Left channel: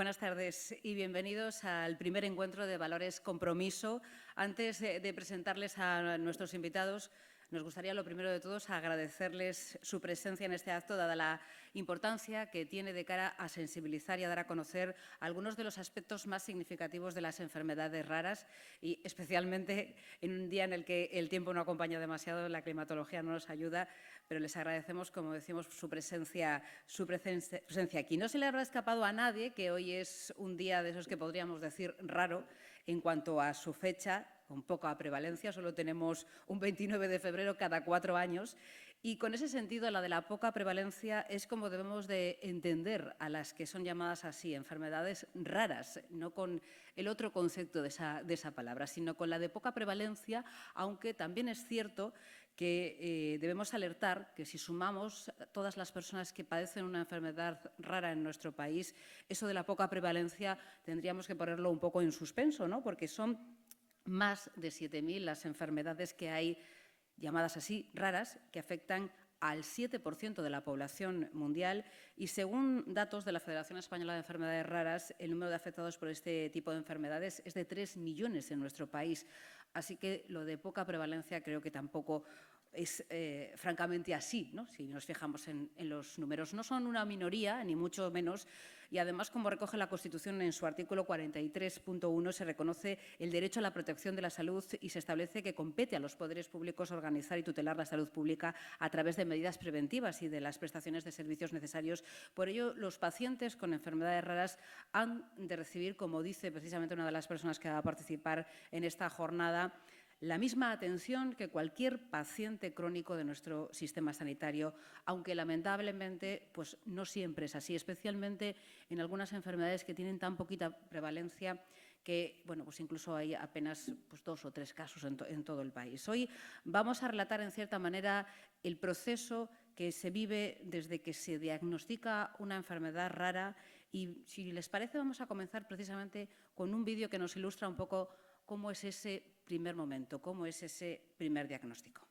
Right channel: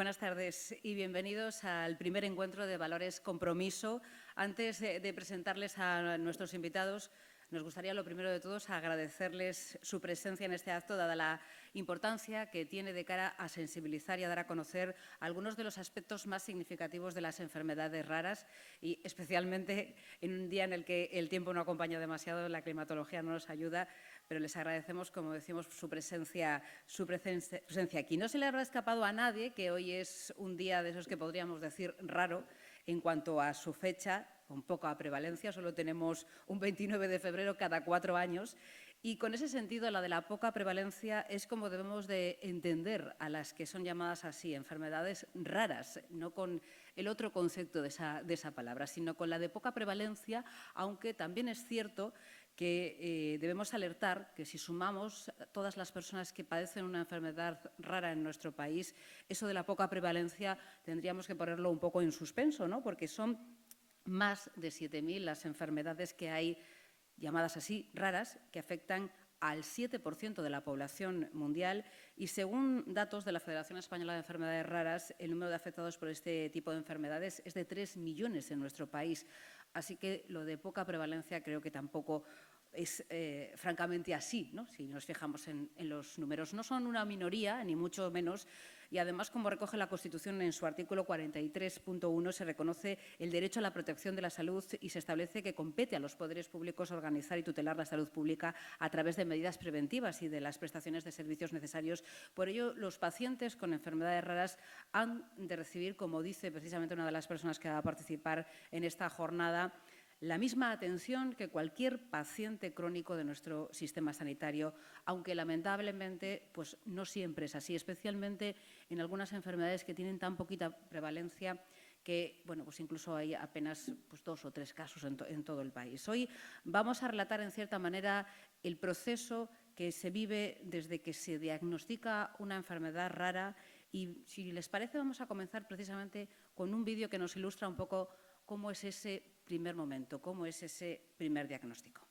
Buenas tardes y bienvenidos al primer encuentro de Valores Compromiso. Antes de presentarles a nuestros invitados, nos gustaría, lo primero de todos, agradecerles su presencia en este acto, dada la importancia que tiene de cara a sensibilizar y a dar a conocer algunos de los aspectos más significativos de las enfermedades raras y, especialmente, en un día en el que el tiempo no acompaña demasiado, la climatología no nos ayuda, pero les agradecemos, como decimos, su presencia aquí. No se le habrá escapado a nadie que hoy es un día de esos que podríamos decir raro en cuanto a su fecha, con poca prevalencia. Solo tenemos un 29 de febrero cada 4 años. Y con ese sentido, la de la poca prevalencia es como debemos de entender a las que son llamadas así, enfermedades raras, no con el otro concepto de esa palabra, sino con la de poca prevalencia, aunque también es cierto que debemos alertar que si sumamos todas las personas que padecen una enfermedad rara en nuestro país, eso de la poca prevalencia tendríamos que ponerlo un poco en suspenso, ¿no? Porque son más de 7.000 las enfermedades que hay, llamadas así, raras, que afectan al 7% de la población mundial y, según datos de la Federación Española de Enfermedades Raras, el número de afectados por este tipo de enfermedades es de 3 millones en nuestro país. Así que lo de poca prevalencia creo que tampoco es francamente así, ¿no? Si nos fijamos en los números. No son una minoría, ni mucho menos, y además, como recoge la Constitución en su artículo 43.1, se reconoce el derecho a la protección de la salud y se establece que compete a los poderes públicos organizar y tutelar la salud pública a través de medidas preventivas y de las prestaciones de servicios necesarios. Por ello, los pacientes con enfermedades raras han de recibir, como dice precisamente una de las personas que va a participar en esta jornada, la misma atención que cualquier paciente crónico de nuestro sistema sanitario, aunque lamentablemente pues no siempre es así, especialmente en algunas enfermedades que tienen tan poquita prevalencia que, bueno, pues incluso hay apenas 2 o 3 casos en todo el país. Hoy vamos a relatar, en cierta manera, el proceso que se vive desde que se diagnostica una enfermedad rara y, si les parece, vamos a comenzar precisamente con un vídeo que nos ilustra un poco cómo es ese primer momento, cómo es ese primer diagnóstico.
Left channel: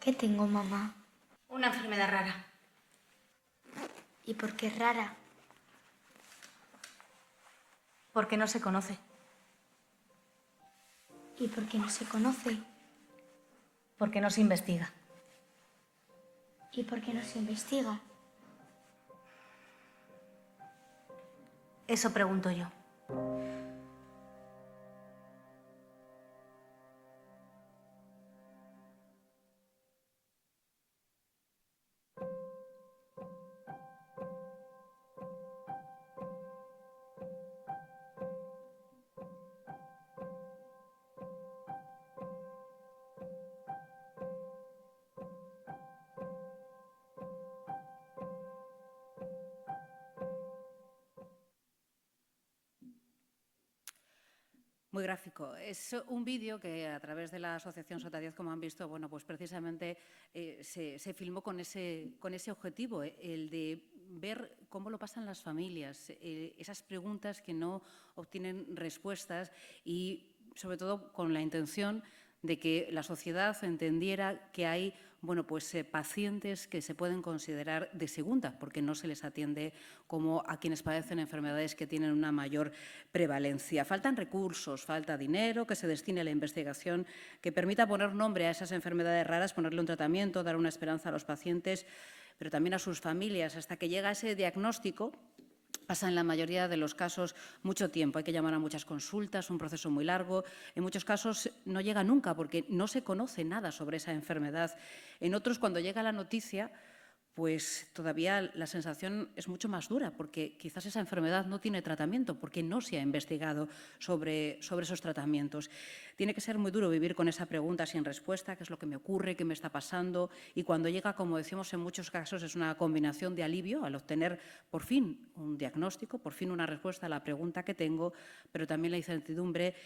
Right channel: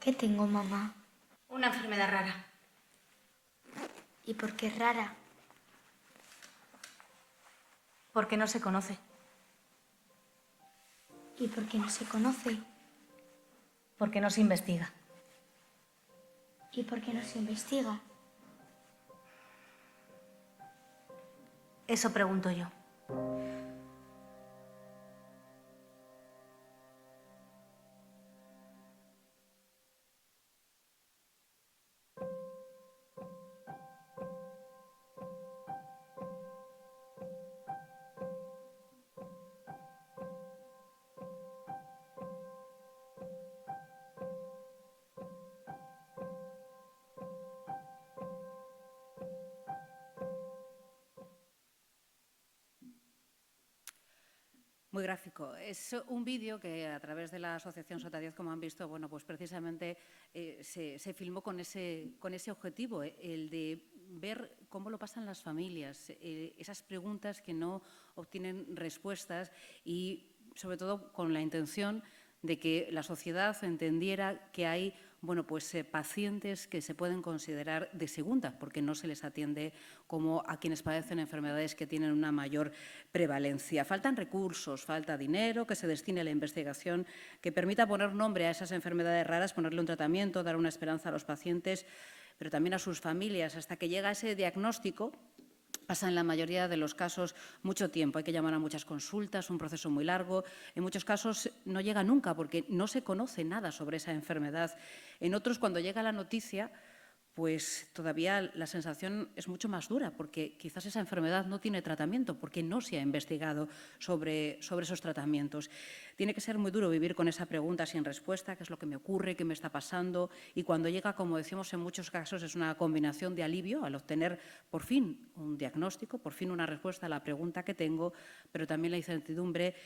¿Qué tengo, mamá? Una enfermedad rara. ¿Y por qué es rara? Porque no se conoce. ¿Y por qué no se conoce? Porque no se investiga. ¿Y por qué no se investiga? Eso pregunto yo. Muy gráfico. Es un vídeo que a través de la Asociación Sota 10, como han visto, bueno, pues precisamente se filmó con ese objetivo, el de ver cómo lo pasan las familias, esas preguntas que no obtienen respuestas y, sobre todo, con la intención de que la sociedad entendiera que hay pacientes que se pueden considerar de segunda, porque no se les atiende como a quienes padecen enfermedades que tienen una mayor prevalencia. Faltan recursos, falta dinero que se destine a la investigación, que permita poner nombre a esas enfermedades raras, ponerle un tratamiento, dar una esperanza a los pacientes, pero también a sus familias, hasta que llega ese diagnóstico. Pasa en la mayoría de los casos mucho tiempo, hay que llamar a muchas consultas, un proceso muy largo. En muchos casos no llega nunca porque no se conoce nada sobre esa enfermedad. En otros, cuando llega la noticia, pues todavía la sensación es mucho más dura porque quizás esa enfermedad no tiene tratamiento porque no se ha investigado sobre esos tratamientos. Tiene que ser muy duro vivir con esa pregunta sin respuesta, qué es lo que me ocurre, qué me está pasando, y cuando llega, como decimos en muchos casos, es una combinación de alivio al obtener por fin un diagnóstico, por fin una respuesta a la pregunta que tengo, pero también la incertidumbre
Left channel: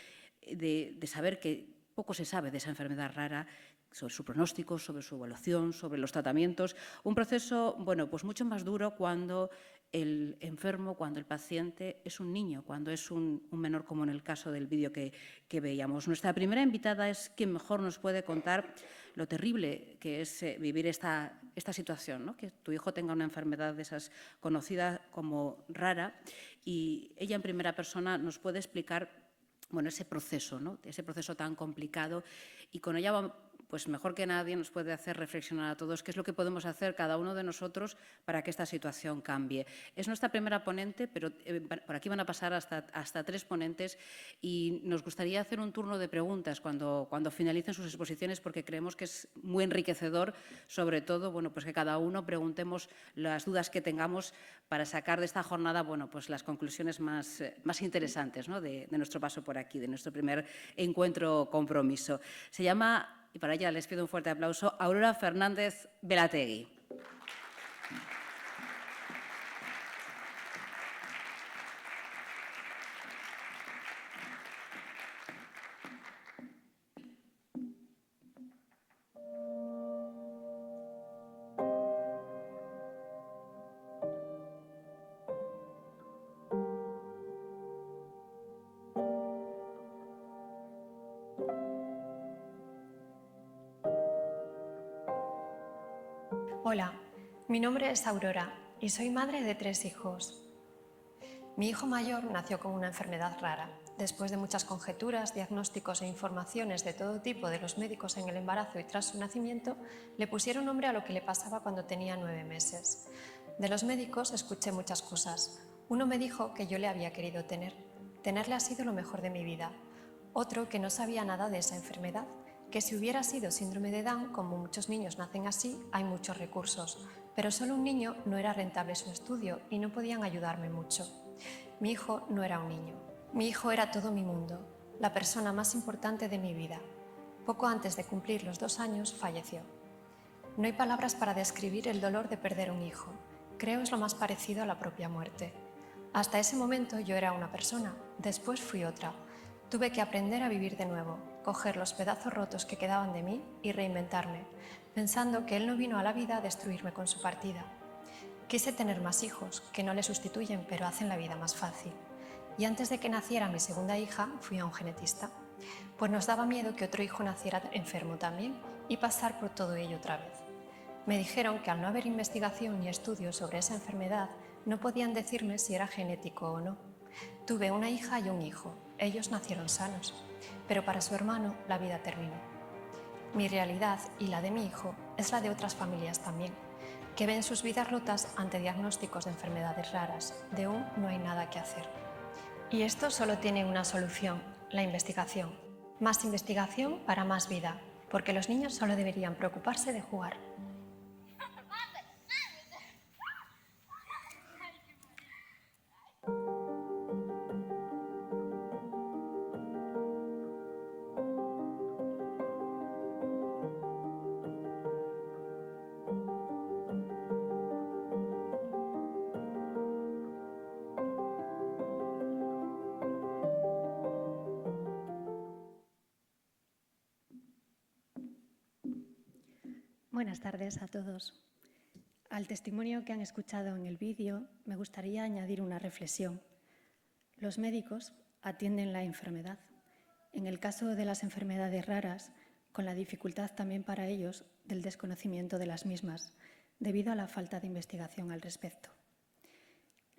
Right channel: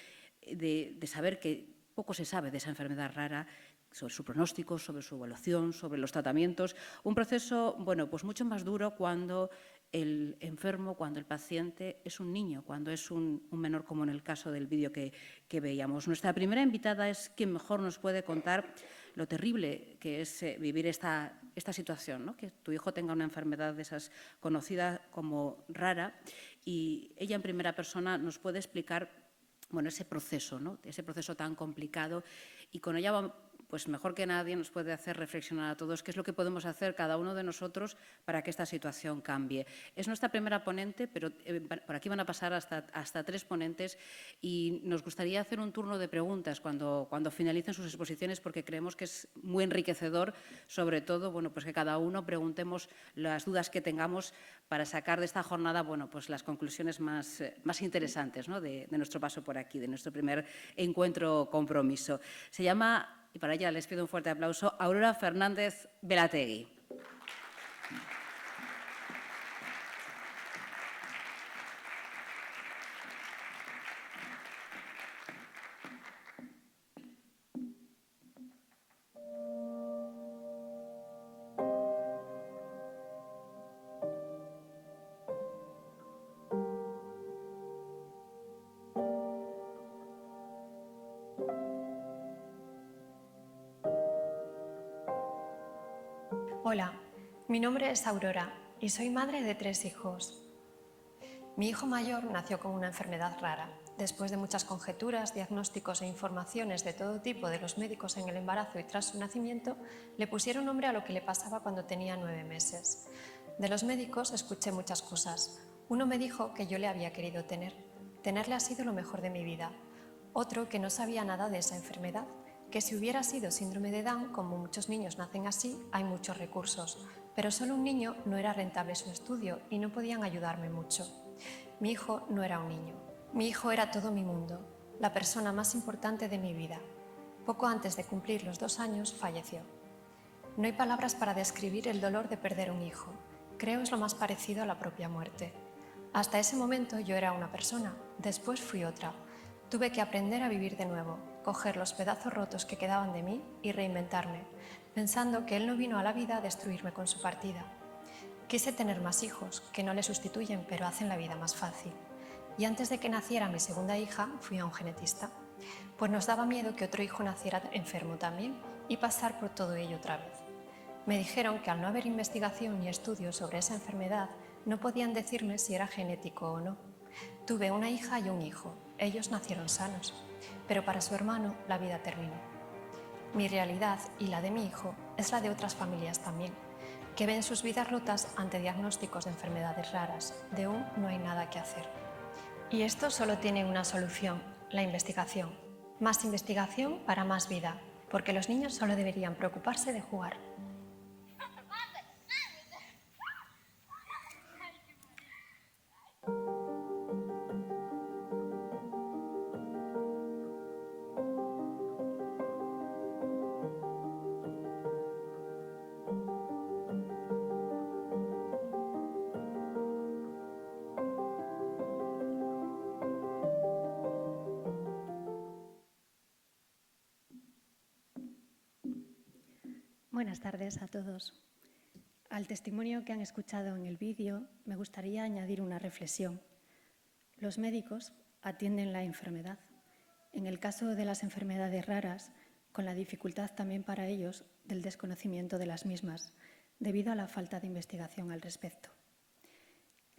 de saber que poco se sabe de esa enfermedad rara, sobre su pronóstico, sobre su evaluación, sobre los tratamientos. Un proceso, pues mucho más duro cuando el enfermo, cuando el paciente es un niño, cuando es un menor, como en el caso del vídeo que veíamos. Nuestra primera invitada es quien mejor nos puede contar lo terrible que es vivir esta situación, ¿no? Que tu hijo tenga una enfermedad de esas conocida como rara, y ella en primera persona nos puede explicar ese proceso, ¿no? Ese proceso tan complicado, y con ella pues mejor que nadie nos puede hacer reflexionar a todos qué es lo que podemos hacer cada uno de nosotros para que esta situación cambie. Es nuestra primera ponente, pero por aquí van a pasar hasta 3 ponentes, y nos gustaría hacer un turno de preguntas cuando finalicen sus exposiciones, porque creemos que es muy enriquecedor, sobre todo, pues que cada uno preguntemos las dudas que tengamos para sacar de esta jornada, pues las conclusiones más interesantes, ¿no? de nuestro paso por aquí, de nuestro primer encuentro compromiso. Se llama, y para ella les pido un fuerte aplauso, Aurora Fernández Velategui. Hola, mi nombre es Aurora y soy madre de 3 hijos. Mi hijo mayor nació con una enfermedad rara. Después de muchas conjeturas, diagnósticos e informaciones de todo tipo de los médicos en el embarazo y tras su nacimiento, le pusieron nombre a lo que le pasaba cuando tenía 9 meses. De los médicos escuché muchas cosas. Uno me dijo que yo le había querido tener. Tenerle ha sido lo mejor de mi vida. Otro que no sabía nada de esa enfermedad, que si hubiera sido síndrome de Down, como muchos niños nacen así, hay muchos recursos, pero solo un niño no era rentable su estudio y no podían ayudarme mucho. Mi hijo no era un niño, mi hijo era todo mi mundo, la persona más importante de mi vida. Poco antes de cumplir los 2 años falleció. No hay palabras para describir el dolor de perder un hijo, creo es lo más parecido a la propia muerte. Hasta ese momento yo era una persona, después fui otra. Tuve que aprender a vivir de nuevo, coger los pedazos rotos que quedaban de mí y reinventarme, pensando que él no vino a la vida a destruirme con su partida. Quise tener más hijos, que no le sustituyen pero hacen la vida más fácil. Y antes de que naciera mi segunda hija, fui a un genetista, pues nos daba miedo que otro hijo naciera enfermo también y pasar por todo ello otra vez. Me dijeron que al no haber investigación ni estudios sobre esa enfermedad, no podían decirme si era genético o no. Tuve una hija y un hijo. Ellos nacieron sanos, pero para su hermano la vida terminó. Mi realidad y la de mi hijo es la de otras familias también, que ven sus vidas rotas ante diagnósticos de enfermedades raras. De un no hay nada que hacer. Y esto solo tiene una solución, la investigación. Más investigación para más vida, porque los niños solo deberían preocuparse de jugar. Buenas tardes a todos. Al testimonio que han escuchado en el vídeo, me gustaría añadir una reflexión. Los médicos atienden la enfermedad. En el caso de las enfermedades raras, con la dificultad también para ellos del desconocimiento de las mismas, debido a la falta de investigación al respecto.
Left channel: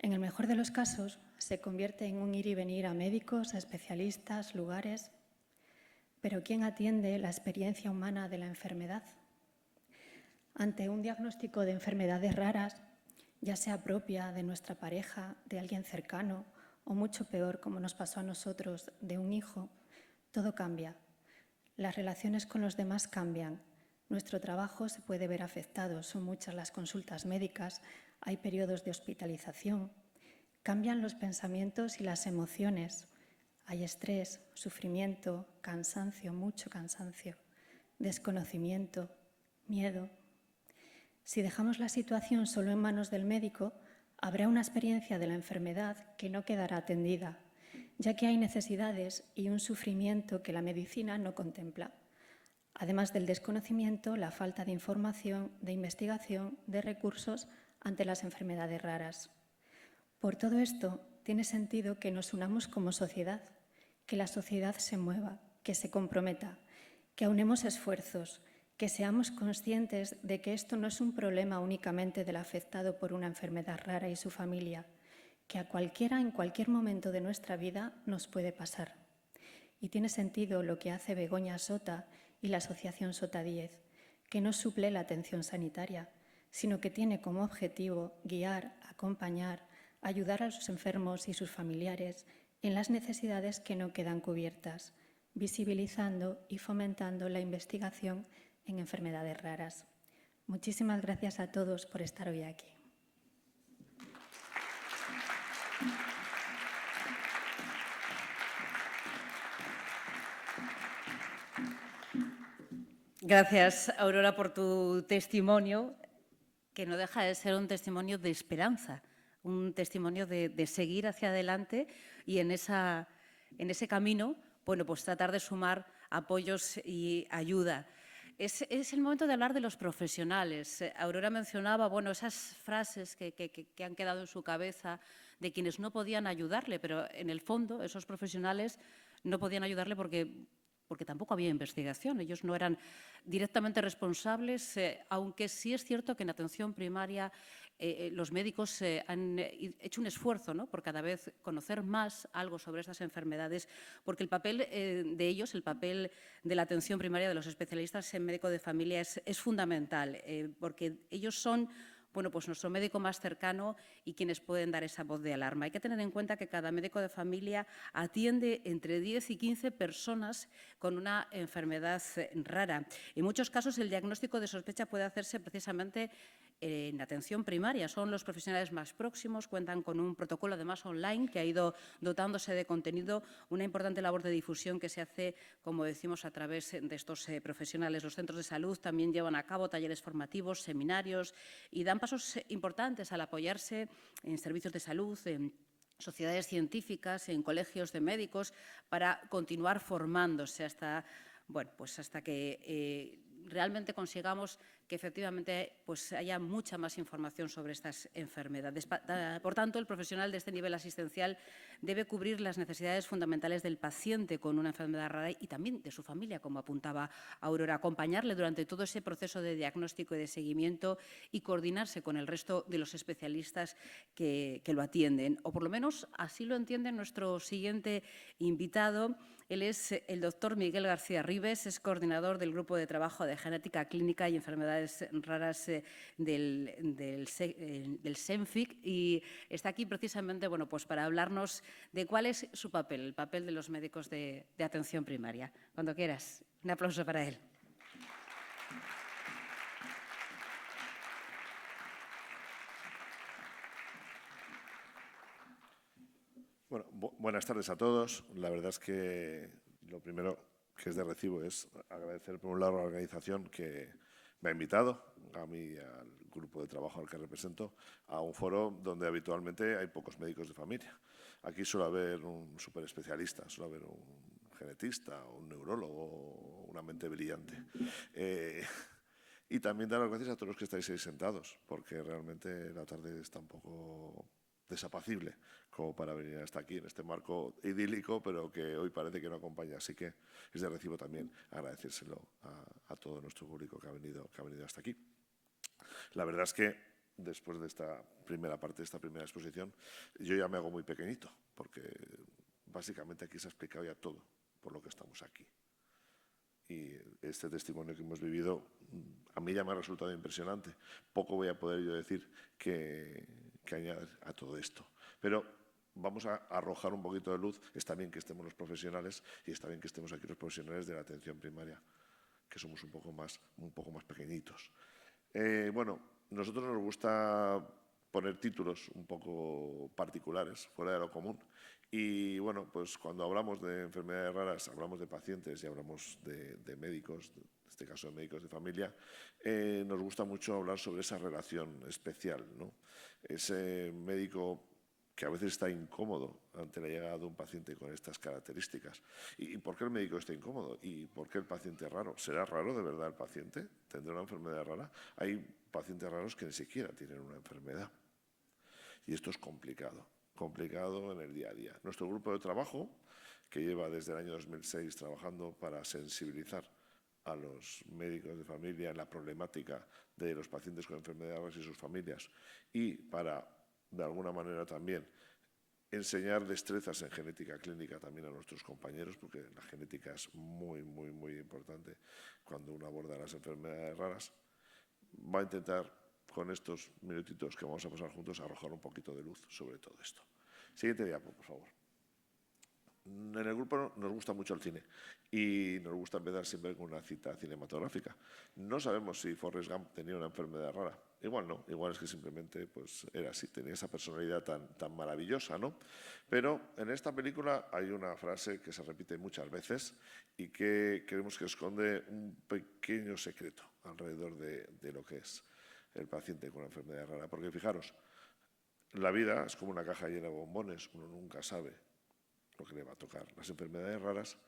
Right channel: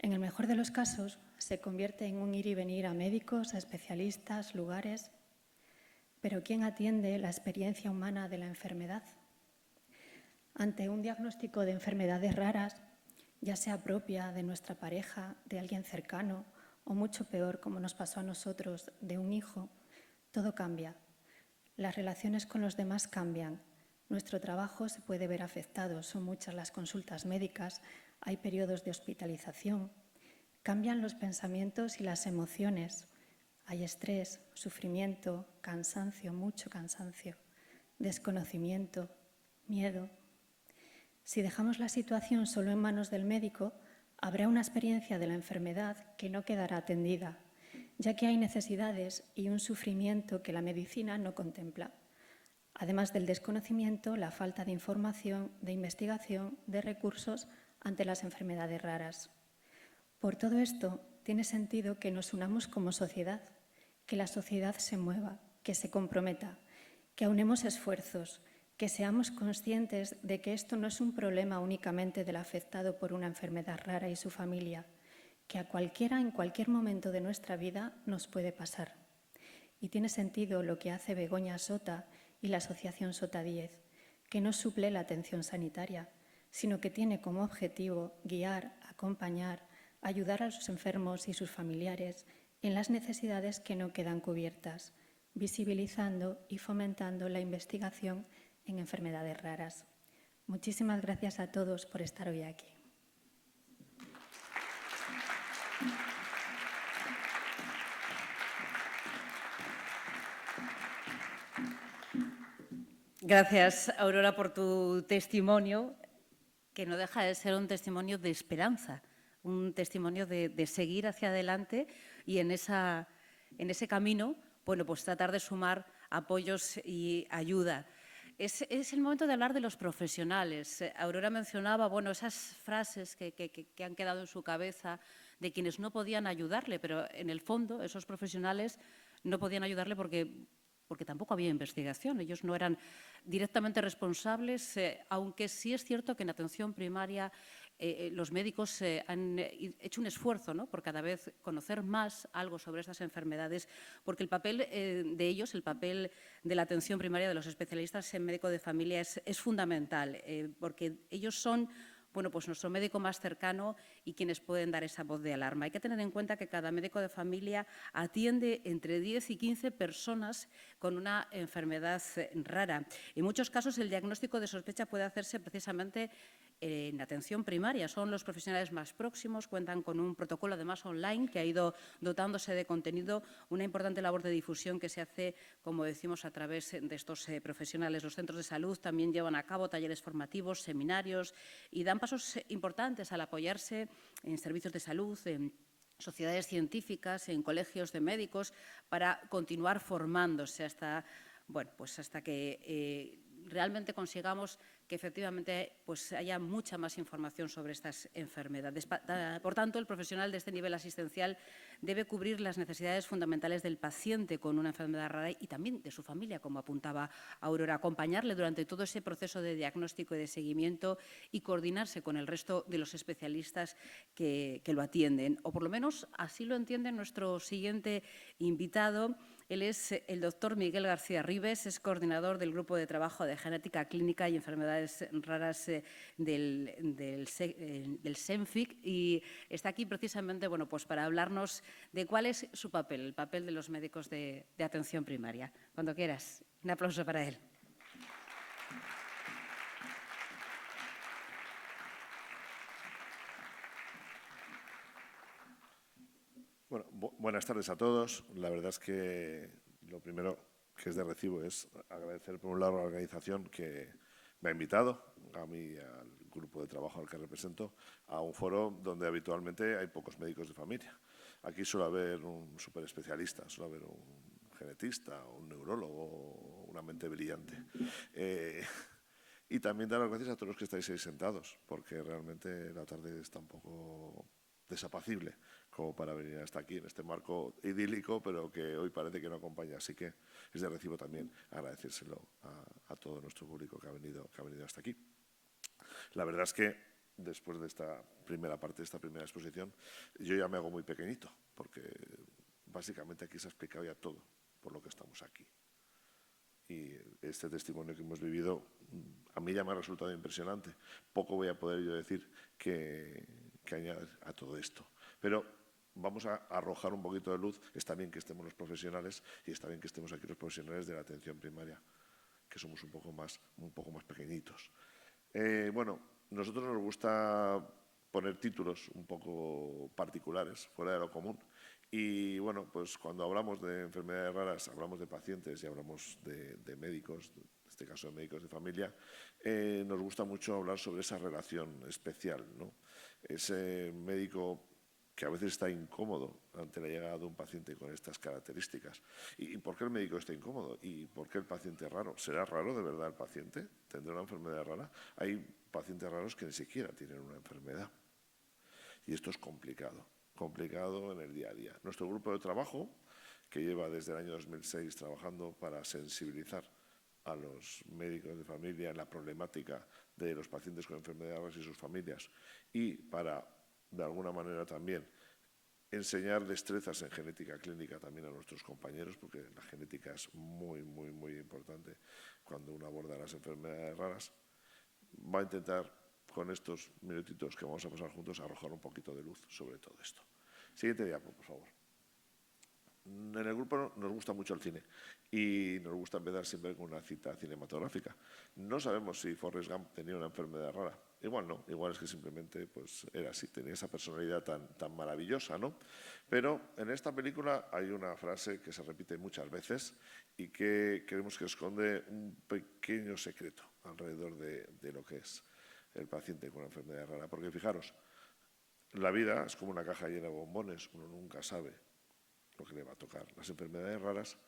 En el mejor de los casos, se convierte en un ir y venir a médicos, a especialistas, lugares. Pero ¿quién atiende la experiencia humana de la enfermedad? Ante un diagnóstico de enfermedades raras, ya sea propia de nuestra pareja, de alguien cercano, o mucho peor, como nos pasó a nosotros, de un hijo, todo cambia. Las relaciones con los demás cambian. Nuestro trabajo se puede ver afectado. Son muchas las consultas médicas, hay periodos de hospitalización. Cambian los pensamientos y las emociones. Hay estrés, sufrimiento, cansancio, mucho cansancio, desconocimiento, miedo. Si dejamos la situación solo en manos del médico, habrá una experiencia de la enfermedad que no quedará atendida, ya que hay necesidades y un sufrimiento que la medicina no contempla. Además del desconocimiento, la falta de información, de investigación, de recursos ante las enfermedades raras. Por todo esto, tiene sentido que nos unamos como sociedad, que la sociedad se mueva, que se comprometa, que aunemos esfuerzos, que seamos conscientes de que esto no es un problema únicamente del afectado por una enfermedad rara y su familia, que a cualquiera en cualquier momento de nuestra vida nos puede pasar. Y tiene sentido lo que hace Begoña Sota y la Asociación Sota 10, que no suple la atención sanitaria, sino que tiene como objetivo guiar, acompañar, ayudar a los enfermos y sus familiares en las necesidades que no quedan cubiertas, visibilizando y fomentando la investigación en enfermedades raras. Muchísimas gracias a todos por estar hoy aquí. Gracias, Aurora, por tu testimonio, que no deja de ser un testimonio de esperanza, un testimonio de seguir hacia adelante y en ese camino, bueno, pues tratar de sumar apoyos y ayuda. Es el momento de hablar de los profesionales. Aurora mencionaba, bueno, esas frases que han quedado en su cabeza de quienes no podían ayudarle, pero en el fondo esos profesionales no podían ayudarle porque tampoco había investigación. Ellos no eran directamente responsables, aunque sí es cierto que en atención primaria los médicos han hecho un esfuerzo, ¿no?, por cada vez conocer más algo sobre estas enfermedades, porque el papel de ellos, el papel de la atención primaria de los especialistas en médico de familia es fundamental, porque ellos son, bueno, pues nuestro médico más cercano y quienes pueden dar esa voz de alarma. Hay que tener en cuenta que cada médico de familia atiende entre 10 y 15 personas con una enfermedad rara. En muchos casos, el diagnóstico de sospecha puede hacerse precisamente en atención primaria. Son los profesionales más próximos, cuentan con un protocolo además online que ha ido dotándose de contenido, una importante labor de difusión que se hace, como decimos, a través de estos profesionales. Los centros de salud también llevan a cabo talleres formativos, seminarios y dan pasos importantes al apoyarse en servicios de salud, en sociedades científicas, en colegios de médicos, para continuar formándose hasta, bueno, pues hasta que realmente consigamos que efectivamente pues, haya mucha más información sobre estas enfermedades. Por tanto, el profesional de este nivel asistencial debe cubrir las necesidades fundamentales del paciente con una enfermedad rara y también de su familia, como apuntaba Aurora, acompañarle durante todo ese proceso de diagnóstico y de seguimiento y coordinarse con el resto de los especialistas que lo atienden. O por lo menos así lo entiende nuestro siguiente invitado. Él es el doctor Miguel García Ribes, es coordinador del Grupo de Trabajo de Genética Clínica y Enfermedades Raras del SENFIC y está aquí precisamente bueno, pues para hablarnos de cuál es su papel, el papel de los médicos de atención primaria. Cuando quieras, un aplauso para él. Bueno, buenas tardes a todos. La verdad es que lo primero que es de recibo es agradecer por un lado a la organización que me ha invitado, a mí y al grupo de trabajo al que represento, a un foro donde habitualmente hay pocos médicos de familia. Aquí suele haber un superespecialista, suele haber un genetista, un neurólogo, una mente brillante. Y también dar las gracias a todos los que estáis ahí sentados, porque realmente la tarde está un poco desapacible como para venir hasta aquí, en este marco idílico, pero que hoy parece que no acompaña. Así que es de recibo también agradecérselo a todo nuestro público que ha venido hasta aquí. La verdad es que después de esta primera parte, de esta primera exposición, yo ya me hago muy pequeñito, porque básicamente aquí se ha explicado ya todo por lo que estamos aquí. Y este testimonio que hemos vivido a mí ya me ha resultado impresionante. Poco voy a poder yo decir que añadir a todo esto. Pero vamos a arrojar un poquito de luz. Está bien que estemos los profesionales y está bien que estemos aquí los profesionales de la atención primaria, que somos un poco más pequeñitos. Bueno, nosotros nos gusta poner títulos un poco particulares, fuera de lo común. Y bueno, pues cuando hablamos de enfermedades raras, hablamos de pacientes y hablamos de médicos, en este caso de médicos de familia, nos gusta mucho hablar sobre esa relación especial, ¿no? Ese médico que a veces está incómodo ante la llegada de un paciente con estas características. ¿Y por qué el médico está incómodo? ¿Y por qué el paciente es raro? ¿Será raro de verdad el paciente? ¿Tendrá una enfermedad rara? Hay pacientes raros que ni siquiera tienen una enfermedad. Y esto es complicado en el día a día. Nuestro grupo de trabajo, que lleva desde el año 2006 trabajando para sensibilizar a los médicos de familia en la problemática de los pacientes con enfermedades raras y sus familias y para, de alguna manera también, enseñar destrezas en genética clínica también a nuestros compañeros, porque la genética es muy importante cuando uno aborda las enfermedades raras, va a intentar con estos minutitos que vamos a pasar juntos arrojar un poquito de luz sobre todo esto. Siguiente diapo, por favor. En el grupo nos gusta mucho el cine y nos gusta empezar siempre con una cita cinematográfica. No sabemos si Forrest Gump tenía una enfermedad rara. Igual no, igual es que simplemente pues, era así, tenía esa personalidad tan maravillosa, ¿no? Pero en esta película hay una frase que se repite muchas veces y que creemos que esconde un pequeño secreto alrededor de lo que es el paciente con una enfermedad rara. Porque fijaros, la vida es como una caja llena de bombones, uno nunca sabe lo que le va a tocar. Las enfermedades raras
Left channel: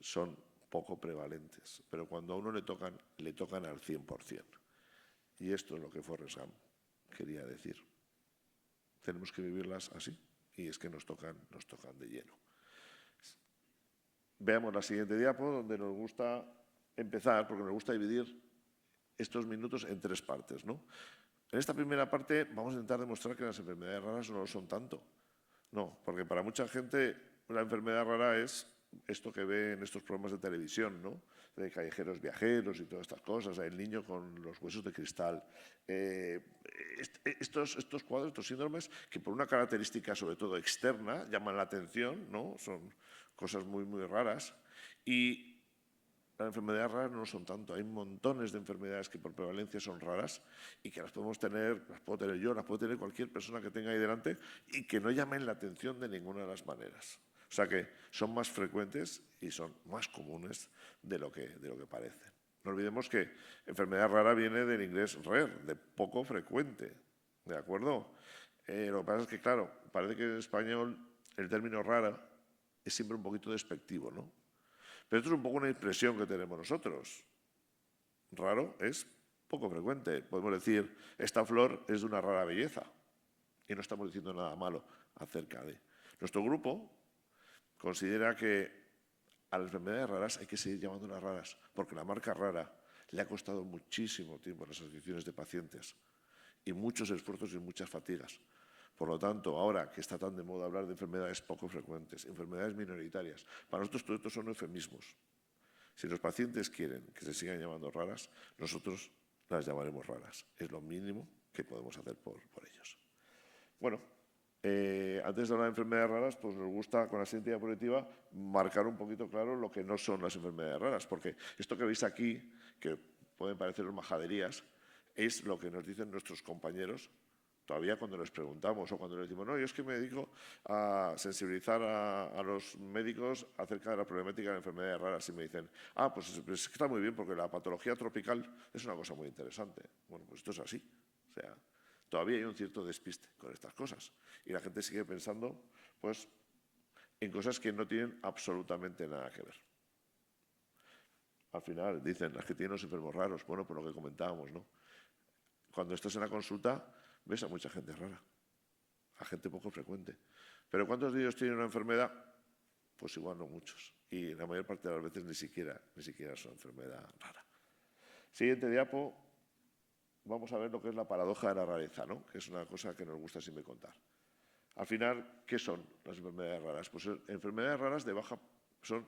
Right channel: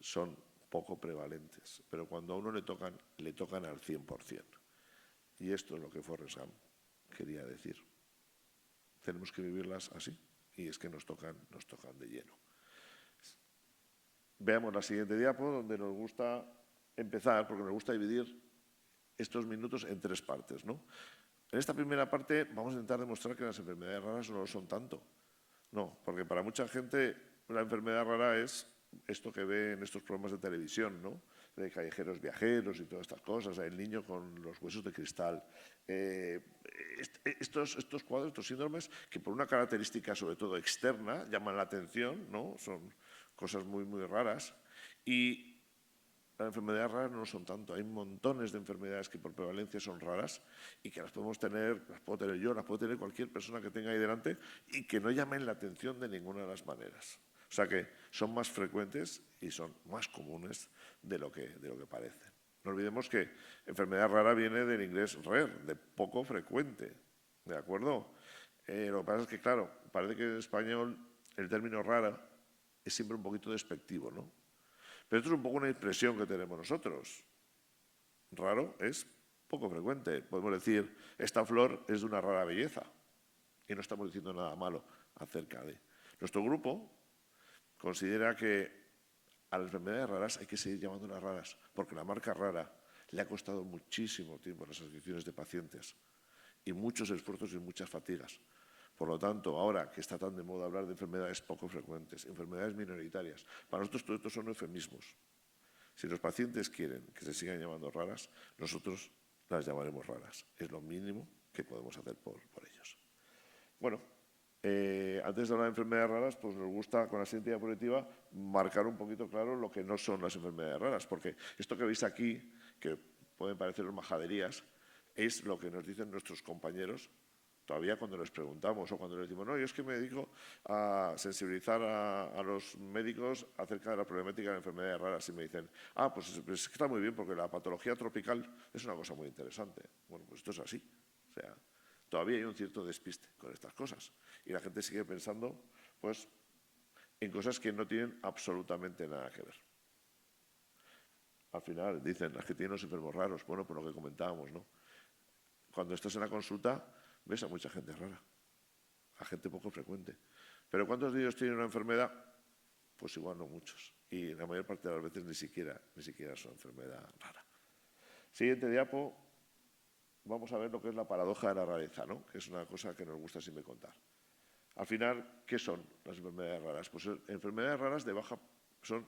son poco prevalentes, pero cuando a uno le tocan al 100%. Y esto es lo que Forrest Gump quería decir. Tenemos que vivirlas así, y es que nos tocan de lleno. Veamos la siguiente diapo, donde nos gusta empezar, porque nos gusta dividir estos minutos en tres partes, ¿no? En esta primera parte vamos a intentar demostrar que las enfermedades raras no lo son tanto. No, porque para mucha gente la enfermedad rara es esto que ve en estos programas de televisión, ¿no? De callejeros viajeros y todas estas cosas, el niño con los huesos de cristal. Estos cuadros, estos síndromes, que por una característica sobre todo externa llaman la atención, ¿no? Son cosas muy raras. Y las enfermedades raras no son tanto. Hay montones de enfermedades que por prevalencia son raras y que las podemos tener, las puedo tener yo, las puede tener cualquier persona que tenga ahí delante y que no llamen la atención de ninguna de las maneras. O sea que son más frecuentes y son más comunes de lo que parece. No olvidemos que enfermedad rara viene del inglés rare, de poco frecuente, ¿de acuerdo? Lo que pasa es que, claro, parece que en español el término rara es siempre un poquito despectivo, ¿no? Pero esto es un poco una impresión que tenemos nosotros. Raro es poco frecuente. Podemos decir, esta flor es de una rara belleza y no estamos diciendo nada malo acerca de. Nuestro grupo considera que a las enfermedades raras hay que seguir llamándolas raras, porque la marca rara le ha costado muchísimo tiempo a las asociaciones de pacientes y muchos esfuerzos y muchas fatigas. Por lo tanto, ahora que está tan de moda hablar de enfermedades poco frecuentes, enfermedades minoritarias, para nosotros todos estos son eufemismos. Si los pacientes quieren que se sigan llamando raras, nosotros las llamaremos raras. Es lo mínimo que podemos hacer por ellos. Bueno, antes de hablar de enfermedades raras, pues nos gusta con la siguiente diapositiva marcar un poquito claro lo que no son las enfermedades raras, porque esto que veis aquí, que pueden parecer majaderías, es lo que nos dicen nuestros compañeros todavía cuando les preguntamos o cuando les decimos, no, yo es que me dedico a sensibilizar a los médicos acerca de la problemática de enfermedades raras y me dicen, pues es que está muy bien porque la patología tropical es una cosa muy interesante. Bueno, pues esto es así. O sea, todavía hay un cierto despiste con estas cosas y la gente sigue pensando, pues, en cosas que no tienen absolutamente nada que ver. Al final dicen, las que tienen los enfermos raros, bueno, por lo que comentábamos, ¿no? Cuando estás en la consulta, ves a mucha gente rara, a gente poco frecuente. Pero ¿cuántos de ellos tienen una enfermedad? Pues igual no muchos. Y la mayor parte de las veces ni siquiera es una enfermedad rara. Siguiente diapo, vamos a ver lo que es la paradoja de la rareza, ¿no? Que es una cosa que nos gusta siempre contar. Al final, ¿qué son las enfermedades raras? Pues enfermedades raras de baja son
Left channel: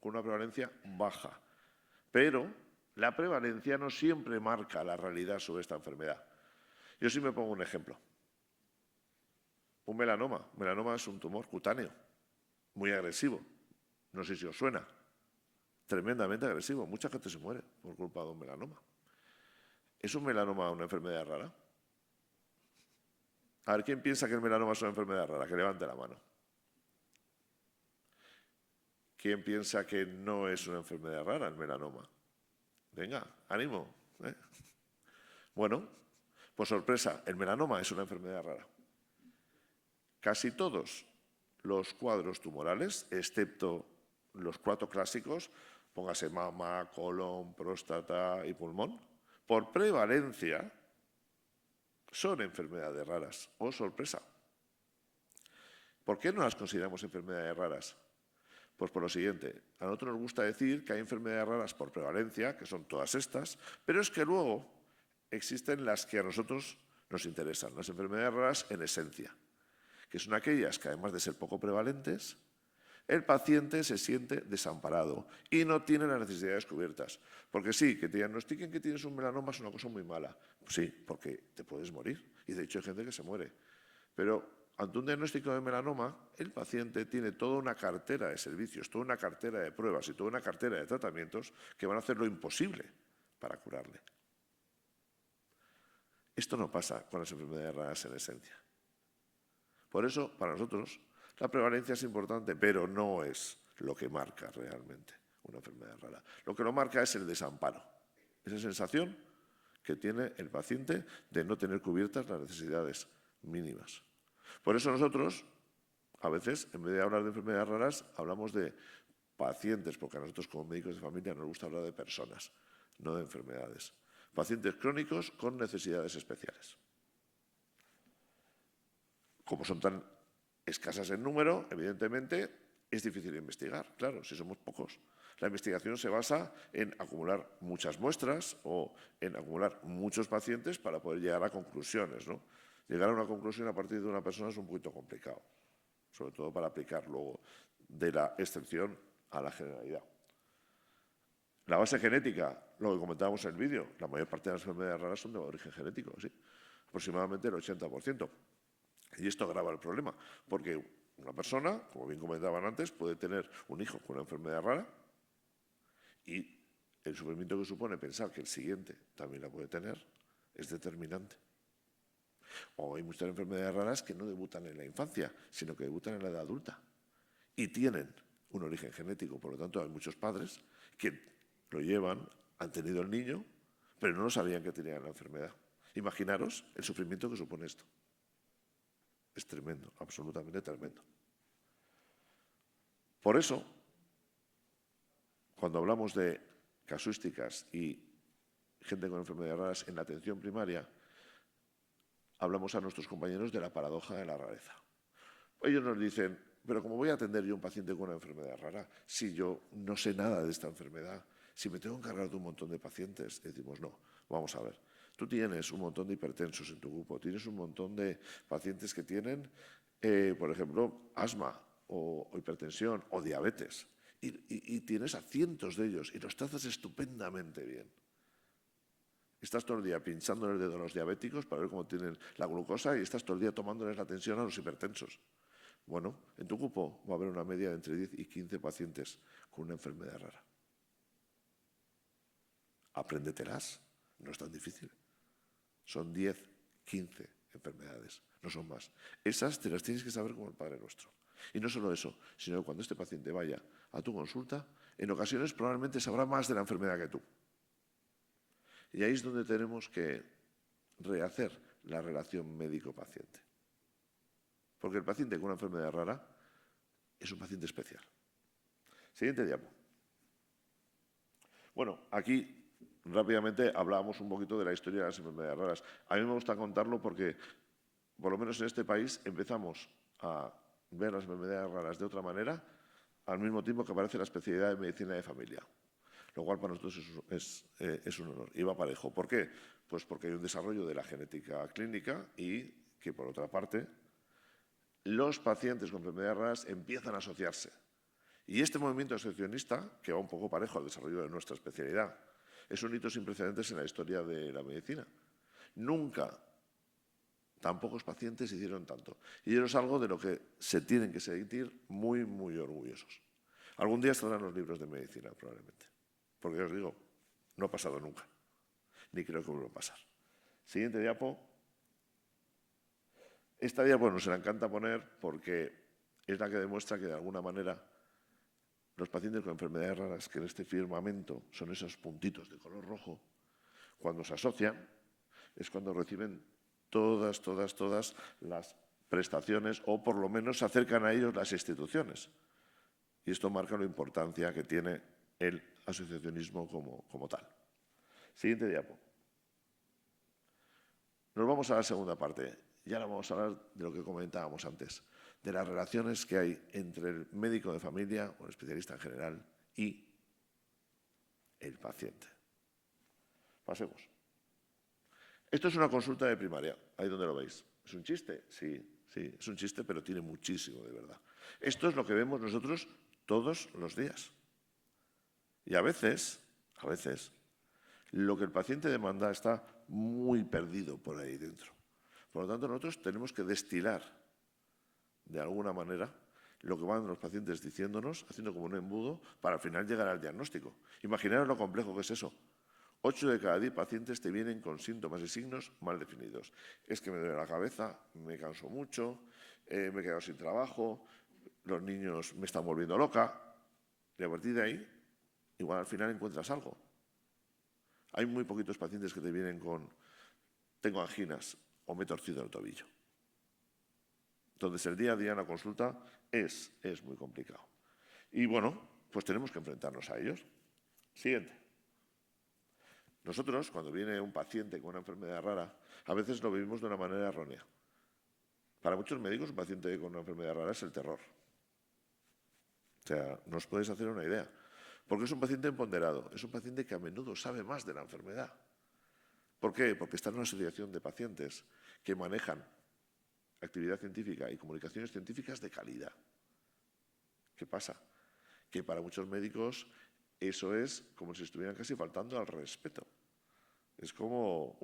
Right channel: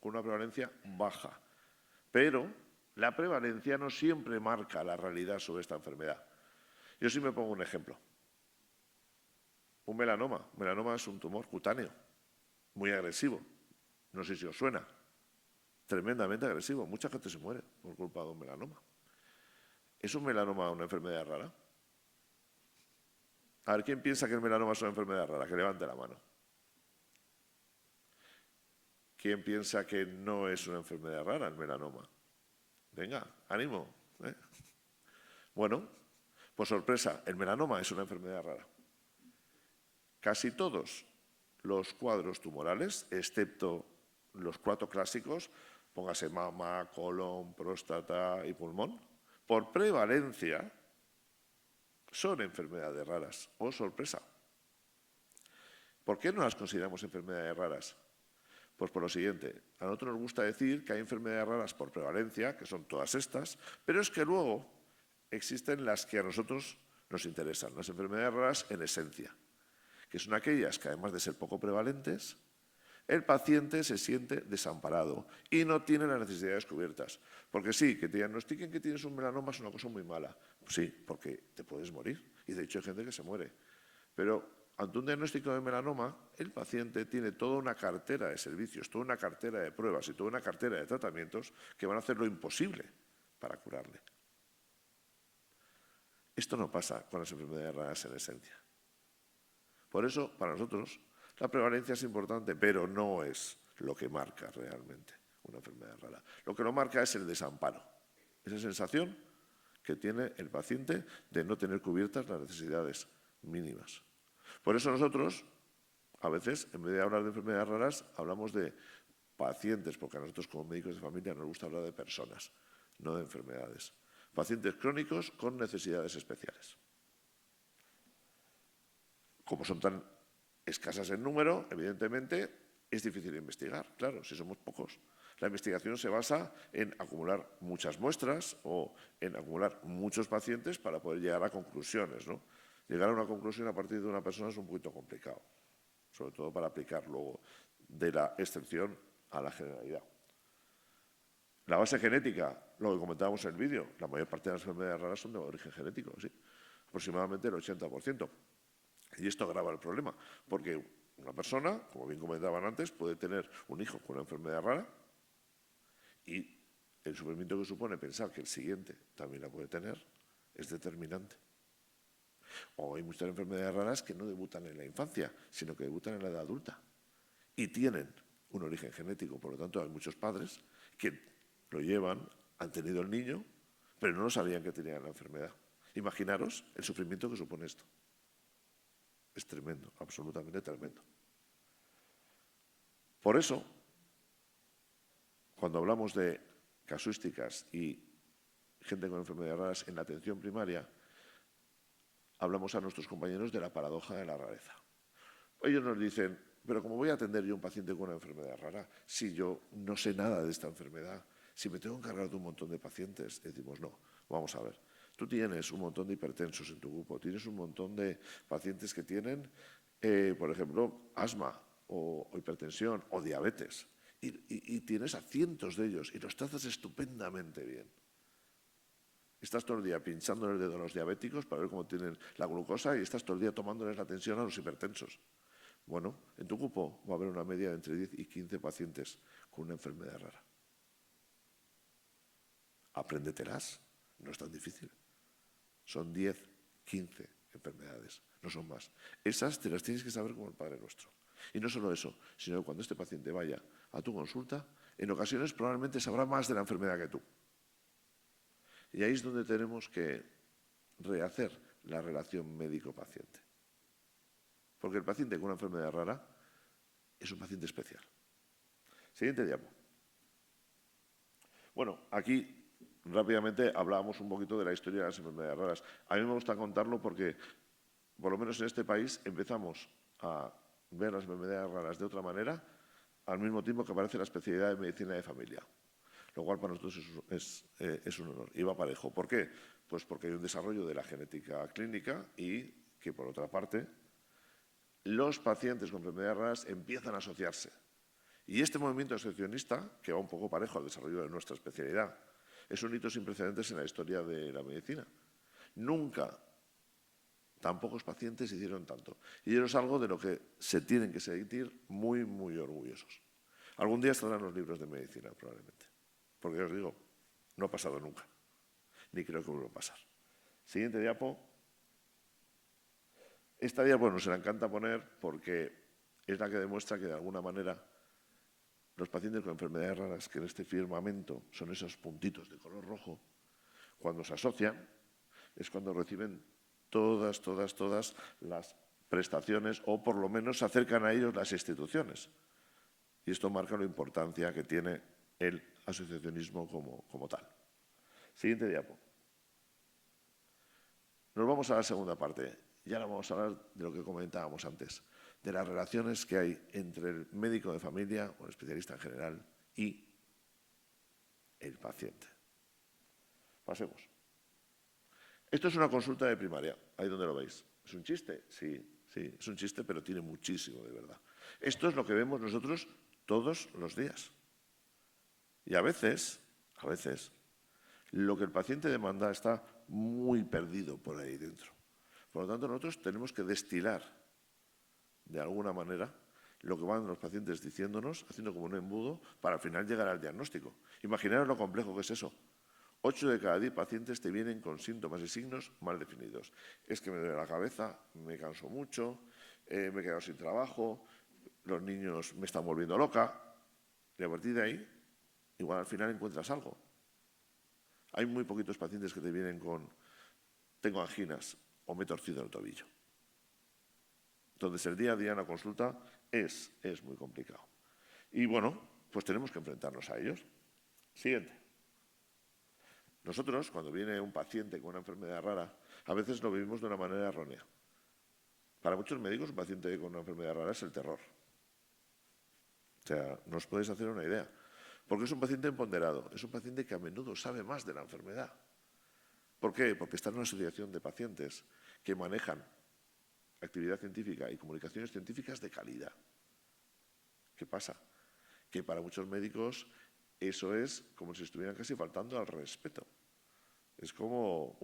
con una prevalencia baja. Pero la prevalencia no siempre marca la realidad sobre esta enfermedad. Yo sí me pongo un ejemplo. Un melanoma. Melanoma es un tumor cutáneo, muy agresivo. No sé si os suena. Tremendamente agresivo. Mucha gente se muere por culpa de un melanoma. ¿Es un melanoma una enfermedad rara? A ver, ¿quién piensa que el melanoma es una enfermedad rara? Que levante la mano. ¿Quién piensa que no es una enfermedad rara el melanoma? Venga, ánimo. Bueno, pues sorpresa, el melanoma es una enfermedad rara. Casi todos los cuadros tumorales, excepto los 4 clásicos, póngase mama, colon, próstata y pulmón, por prevalencia son enfermedades raras. ¡Oh, sorpresa! ¿Por qué no las consideramos enfermedades raras? Pues por lo siguiente, a nosotros nos gusta decir que hay enfermedades raras por prevalencia, que son todas estas, pero es que luego existen las que a nosotros nos interesan, las enfermedades raras en esencia, que son aquellas que además de ser poco prevalentes, el paciente se siente desamparado y no tiene las necesidades cubiertas. Porque sí, que te diagnostiquen que tienes un melanoma es una cosa muy mala. Pues sí, porque te puedes morir. Y de hecho hay gente que se muere. Pero ante un diagnóstico de melanoma, el paciente tiene toda una cartera de servicios, toda una cartera de pruebas y toda una cartera de tratamientos que van a hacer lo imposible para curarle. Esto no pasa con las enfermedades raras en esencia. Por eso, para nosotros, la prevalencia es importante, pero no es lo que marca realmente una enfermedad rara. Lo que lo marca es el desamparo, esa sensación que tiene el paciente de no tener cubiertas las necesidades mínimas. Por eso nosotros, a veces, en vez de hablar de enfermedades raras, hablamos de pacientes, porque a nosotros como médicos de familia nos gusta hablar de personas, no de enfermedades. Pacientes crónicos con necesidades especiales. Como son tan escasas en número, evidentemente es difícil investigar. Claro, si somos pocos. La investigación se basa en acumular muchas muestras o en acumular muchos pacientes para poder llegar a conclusiones, ¿no? Llegar a una conclusión a partir de una persona es un poquito complicado, sobre todo para aplicar luego de la excepción a la generalidad. La base genética, lo que comentábamos en el vídeo, la mayor parte de las enfermedades raras son de origen genético, sí, aproximadamente el 80%. Y esto agrava el problema, porque una persona, como bien comentaban antes, puede tener un hijo con una enfermedad rara y el sufrimiento que supone pensar que el siguiente también la puede tener es determinante. O hay muchas enfermedades raras que no debutan en la infancia, sino que debutan en la edad adulta y tienen un origen genético. Por lo tanto, hay muchos padres que lo llevan, han tenido el niño, pero no sabían que tenían la enfermedad. Imaginaros el sufrimiento que supone esto. Es tremendo, absolutamente tremendo. Por eso, cuando hablamos de casuísticas y gente con enfermedades raras en la atención primaria, hablamos a nuestros compañeros de la paradoja de la rareza. Ellos nos dicen, pero ¿cómo voy a atender yo a un paciente con una enfermedad rara si yo no sé nada de esta enfermedad? Si me tengo que encargar de un montón de pacientes. Decimos, no, vamos a ver. Tú tienes un montón de hipertensos en tu grupo, tienes un montón de pacientes que tienen, por ejemplo, asma o hipertensión o diabetes. Y tienes a cientos de ellos y los tratas estupendamente bien. Estás todo el día pinchando el dedo a los diabéticos para ver cómo tienen la glucosa y estás todo el día tomándoles la tensión a los hipertensos. Bueno, en tu grupo va a haber una media de entre 10 y 15 pacientes con una enfermedad rara. Apréndetelas, no es tan difícil. Son 10, 15 enfermedades, no son más. Esas te las tienes que saber como el Padre Nuestro. Y no solo eso, sino que cuando este paciente vaya a tu consulta, en ocasiones probablemente sabrá más de la enfermedad que tú. Y ahí es donde tenemos que rehacer la relación médico-paciente. Porque el paciente con una enfermedad rara es un paciente especial. Siguiente diapo. Bueno, aquí rápidamente hablábamos un poquito de la historia de las enfermedades raras. A mí me gusta contarlo porque, por lo menos en este país, empezamos a ver las enfermedades raras de otra manera al mismo tiempo que aparece la especialidad de medicina de familia. Lo cual para nosotros es un honor. Y va parejo. ¿Por qué? Pues porque hay un desarrollo de la genética clínica y que, por otra parte, los pacientes con enfermedades raras empiezan a asociarse. Y este movimiento asociacionista, que va un poco parejo al desarrollo de nuestra especialidad, es un hito sin precedentes en la historia de la medicina. Nunca tan pocos pacientes hicieron tanto. Y eso es algo de lo que se tienen que sentir muy, muy orgullosos. Algún día estarán los libros de medicina, probablemente. Porque os digo, no ha pasado nunca. Ni creo que vuelva a pasar. Siguiente diapo. Esta diapo nos la encanta poner porque es la que demuestra que de alguna manera los pacientes con enfermedades raras, que en este firmamento son esos puntitos de color rojo, cuando se asocian es cuando reciben todas las prestaciones o por lo menos se acercan a ellos las instituciones. Y esto marca la importancia que tiene el asociacionismo como tal. Siguiente diapo. Nos vamos a la segunda parte. Y ahora vamos a hablar de lo que comentábamos antes, de las relaciones que hay entre el médico de familia o el especialista en general y el paciente. Pasemos. Esto es una consulta de primaria, ahí donde lo veis. ¿Es un chiste? Sí, es un chiste, pero tiene muchísimo de verdad. Esto es lo que vemos nosotros todos los días. Y a veces, lo que el paciente demanda está muy perdido por ahí dentro. Por lo tanto, nosotros tenemos que destilar, de alguna manera, lo que van los pacientes diciéndonos, haciendo como un embudo, para al final llegar al diagnóstico. Imaginaros lo complejo que es eso. 8 de cada 10 pacientes te vienen con síntomas y signos mal definidos. Es que me duele la cabeza, me canso mucho, me he quedado sin trabajo, los niños me están volviendo loca. Y a partir de ahí, igual al final encuentras algo. Hay muy poquitos pacientes que te vienen con tengo anginas o me he torcido el tobillo. Entonces el día a día en la consulta es muy complicado. Y bueno, pues tenemos que enfrentarnos a ellos. Siguiente. Nosotros, cuando viene un paciente con una enfermedad rara, a veces lo vivimos de una manera errónea. Para muchos médicos, un paciente con una enfermedad rara es el terror. O sea, no os podéis hacer una idea. Porque es un paciente empoderado, es un paciente que a menudo sabe más de la enfermedad. ¿Por qué? Porque está en una asociación de pacientes que manejan actividad científica y comunicaciones científicas de calidad. ¿Qué pasa? Que para muchos médicos eso es como si estuvieran casi faltando al respeto. Es como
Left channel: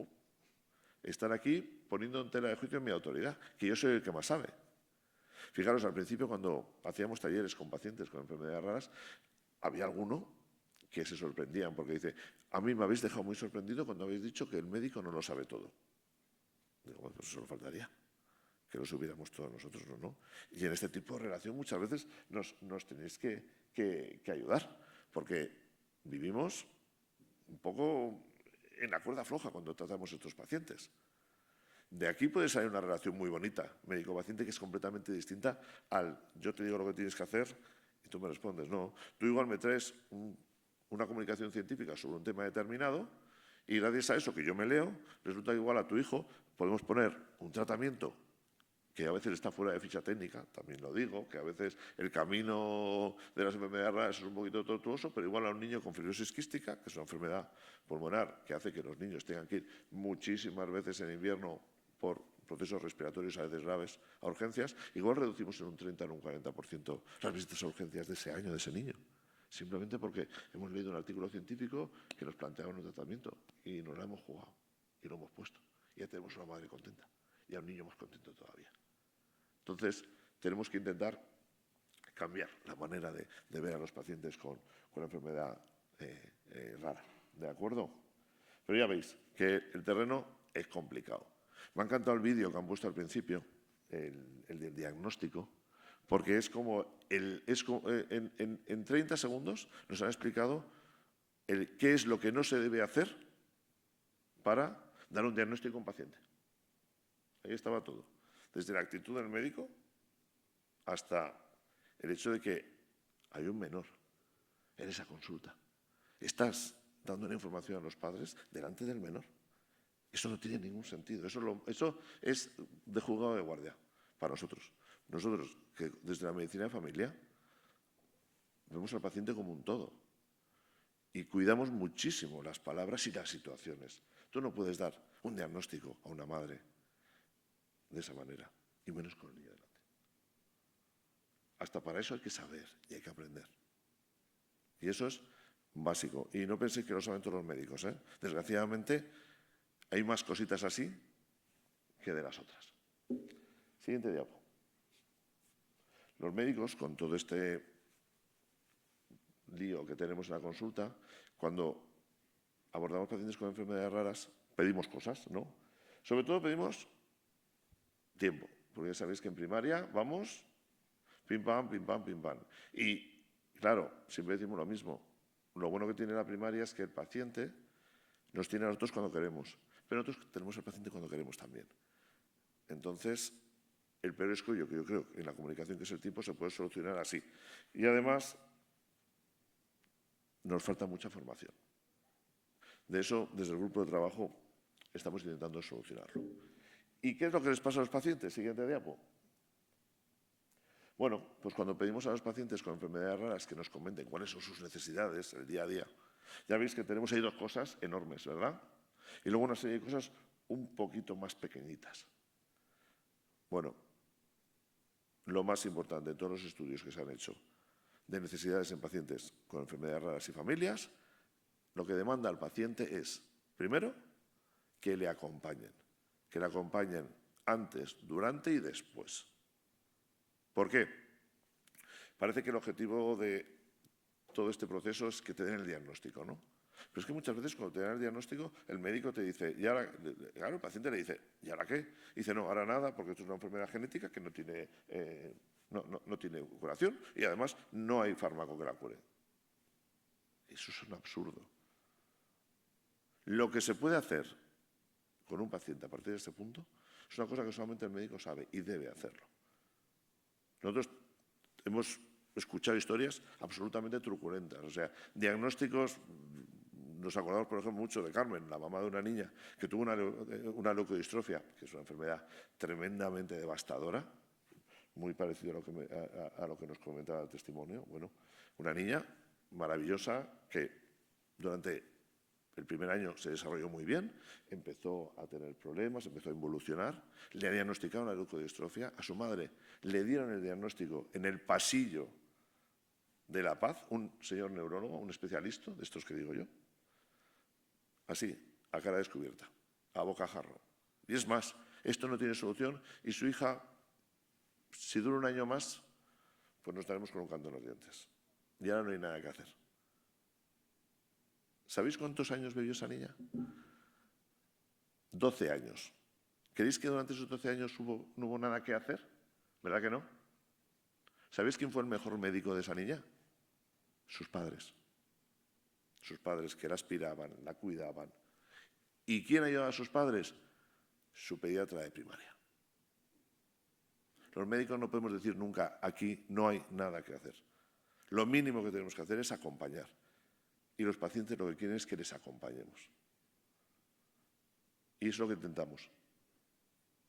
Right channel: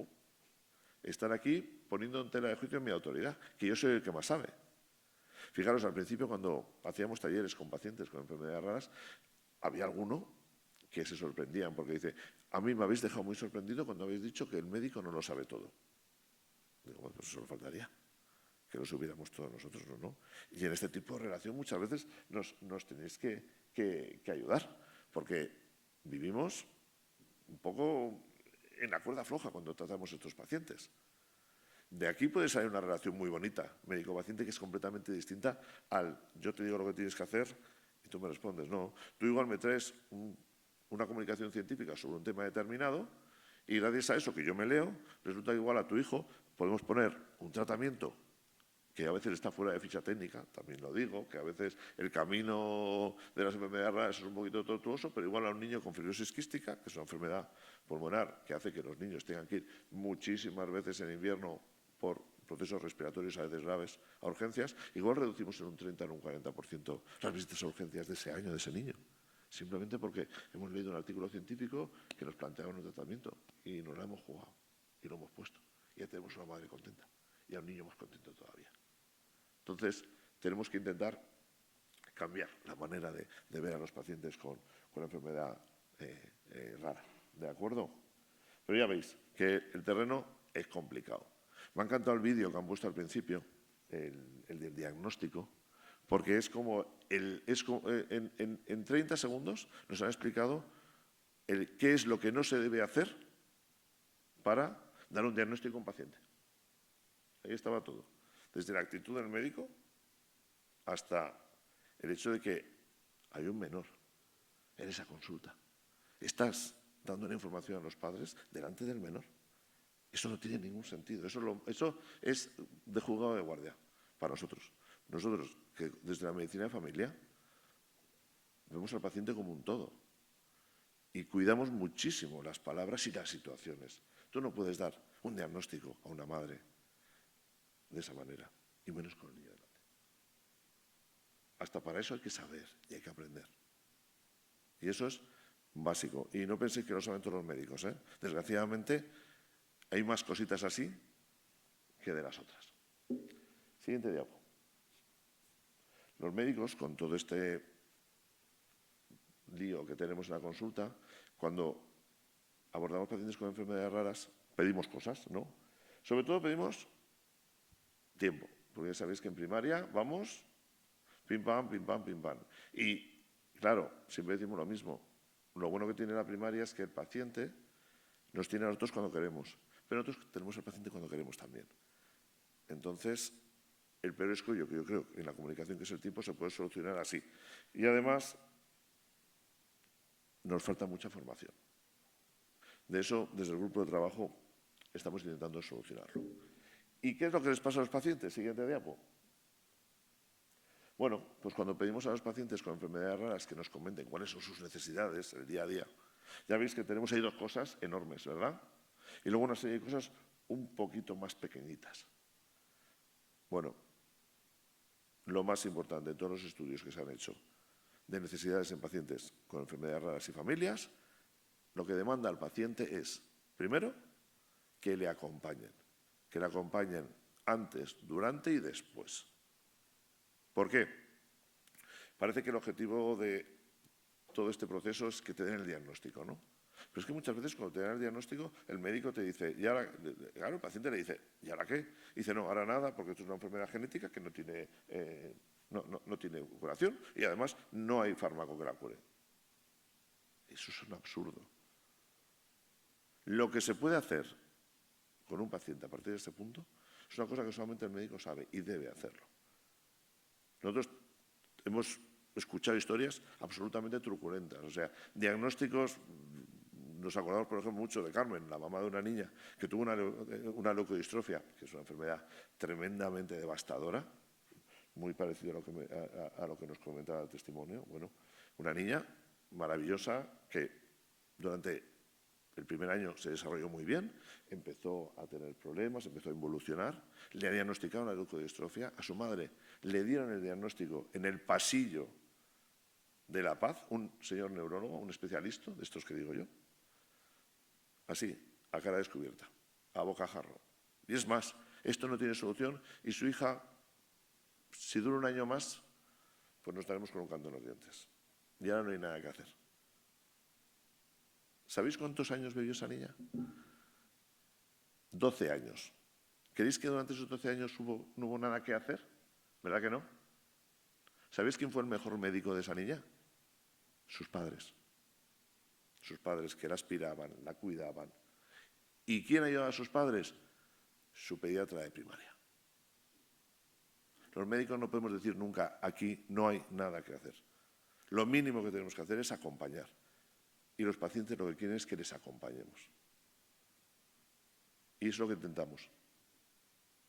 estar aquí poniendo en tela de juicio mi autoridad, que yo soy el que más sabe. Fijaros, al principio cuando hacíamos talleres con pacientes con enfermedades raras, había alguno que se sorprendían porque dice, a mí me habéis dejado muy sorprendido cuando habéis dicho que el médico no lo sabe todo. Digo, bueno, pues eso solo faltaría, que lo supiéramos todos nosotros, ¿no? Y en este tipo de relación muchas veces nos tenéis que ayudar, porque vivimos un poco en la cuerda floja cuando tratamos a estos pacientes. De aquí puede salir una relación muy bonita, médico-paciente, que es completamente distinta al yo te digo lo que tienes que hacer y tú me respondes. No, tú igual me traes una comunicación científica sobre un tema determinado Y gracias a eso que yo me leo, resulta que igual a tu hijo podemos poner un tratamiento que a veces está fuera de ficha técnica, también lo digo, que a veces el camino de las enfermedades raras es un poquito tortuoso, pero igual a un niño con fibrosis quística, que es una enfermedad pulmonar que hace que los niños tengan que ir muchísimas veces en invierno por procesos respiratorios a veces graves a urgencias, igual reducimos en un 30 o en un 40% las visitas a urgencias de ese año, de ese niño. Simplemente porque hemos leído un artículo científico que nos planteaba un tratamiento y nos lo hemos jugado y lo hemos puesto. Y ya tenemos una madre contenta y a un niño más contento todavía. Entonces, tenemos que intentar cambiar la manera de ver a los pacientes con enfermedad rara. ¿De acuerdo? Pero ya veis que el terreno es complicado. Me ha encantado el vídeo que han puesto al principio, el del diagnóstico, porque es como, en 30 segundos nos han explicado qué es lo que no se debe hacer para dar un diagnóstico a un paciente. Ahí estaba todo. Desde la actitud del médico hasta el hecho de que hay un menor en esa consulta. Estás dando la información a los padres delante del menor. Eso no tiene ningún sentido. Eso es de juzgado de guardia para nosotros. Nosotros, que desde la medicina de familia, vemos al paciente como un todo. Y cuidamos muchísimo las palabras y las situaciones. Tú no puedes dar un diagnóstico a una madre de esa manera, y menos con el niño delante. Hasta para eso hay que saber y hay que aprender. Y eso es básico. Y no penséis que lo saben todos los médicos, ¿eh? Desgraciadamente, hay más cositas así que de las otras. Siguiente diapo. Los médicos, con todo este lío que tenemos en la consulta, cuando abordamos pacientes con enfermedades raras, pedimos cosas, ¿no? Sobre todo pedimos tiempo, porque ya sabéis que en primaria vamos pim pam, pim pam, pim pam. Y claro, siempre decimos lo mismo. Lo bueno que tiene la primaria es que el paciente nos tiene a nosotros cuando queremos, pero nosotros tenemos al paciente cuando queremos también. Entonces, el peor escollo que yo creo que en la comunicación, que es el tiempo, se puede solucionar así. Y además, nos falta mucha formación. De eso, desde el grupo de trabajo, estamos intentando solucionarlo. ¿Y qué es lo que les pasa a los pacientes? Siguiente diapo. Bueno, pues cuando pedimos a los pacientes con enfermedades raras que nos comenten cuáles son sus necesidades el día a día, ya veis que tenemos ahí dos cosas enormes, ¿verdad? Y luego una serie de cosas un poquito más pequeñitas. Bueno, lo más importante de todos los estudios que se han hecho de necesidades en pacientes con enfermedades raras y familias, lo que demanda al paciente es, primero, que le acompañen antes, durante y después. ¿Por qué? Parece que el objetivo de todo este proceso es que te den el diagnóstico, ¿no? Pero es que muchas veces cuando te dan el diagnóstico, el médico te dice, y ahora, claro, el paciente le dice, ¿y ahora qué? Dice, no, ahora nada, porque esto es una enfermedad genética que no tiene curación y además no hay fármaco que la cure. Eso es un absurdo. Lo que se puede hacer con un paciente a partir de este punto es una cosa que solamente el médico sabe y debe hacerlo. Nosotros hemos escuchado historias absolutamente truculentas, o sea, diagnósticos. Nos acordamos, por ejemplo, mucho de Carmen, la mamá de una niña que tuvo una leucodistrofia, que es una enfermedad tremendamente devastadora, muy parecido a lo que nos comentaba el testimonio. Bueno, una niña maravillosa que durante el primer año se desarrolló muy bien, empezó a tener problemas, empezó a involucionar, le diagnosticaron la leucodistrofia, a su madre le dieron el diagnóstico en el pasillo de La Paz, un señor neurólogo, un especialista de estos que digo yo, así, a cara descubierta, a bocajarro. Y es más, esto no tiene solución y su hija, si dura un año más, pues nos estaremos colocando en los dientes. Y ahora no hay nada que hacer. ¿Sabéis cuántos años vivió esa niña? 12 años. ¿Creéis que durante esos 12 años no hubo nada que hacer? ¿Verdad que no? ¿Sabéis quién fue el mejor médico de esa niña? Sus padres. Sus padres que la aspiraban, la cuidaban. ¿Y quién ayudaba a sus padres? Su pediatra de primaria. Los médicos no podemos decir nunca, aquí no hay nada que hacer. Lo mínimo que tenemos que hacer es acompañar. Y los pacientes lo que quieren es que les acompañemos. Y es lo que intentamos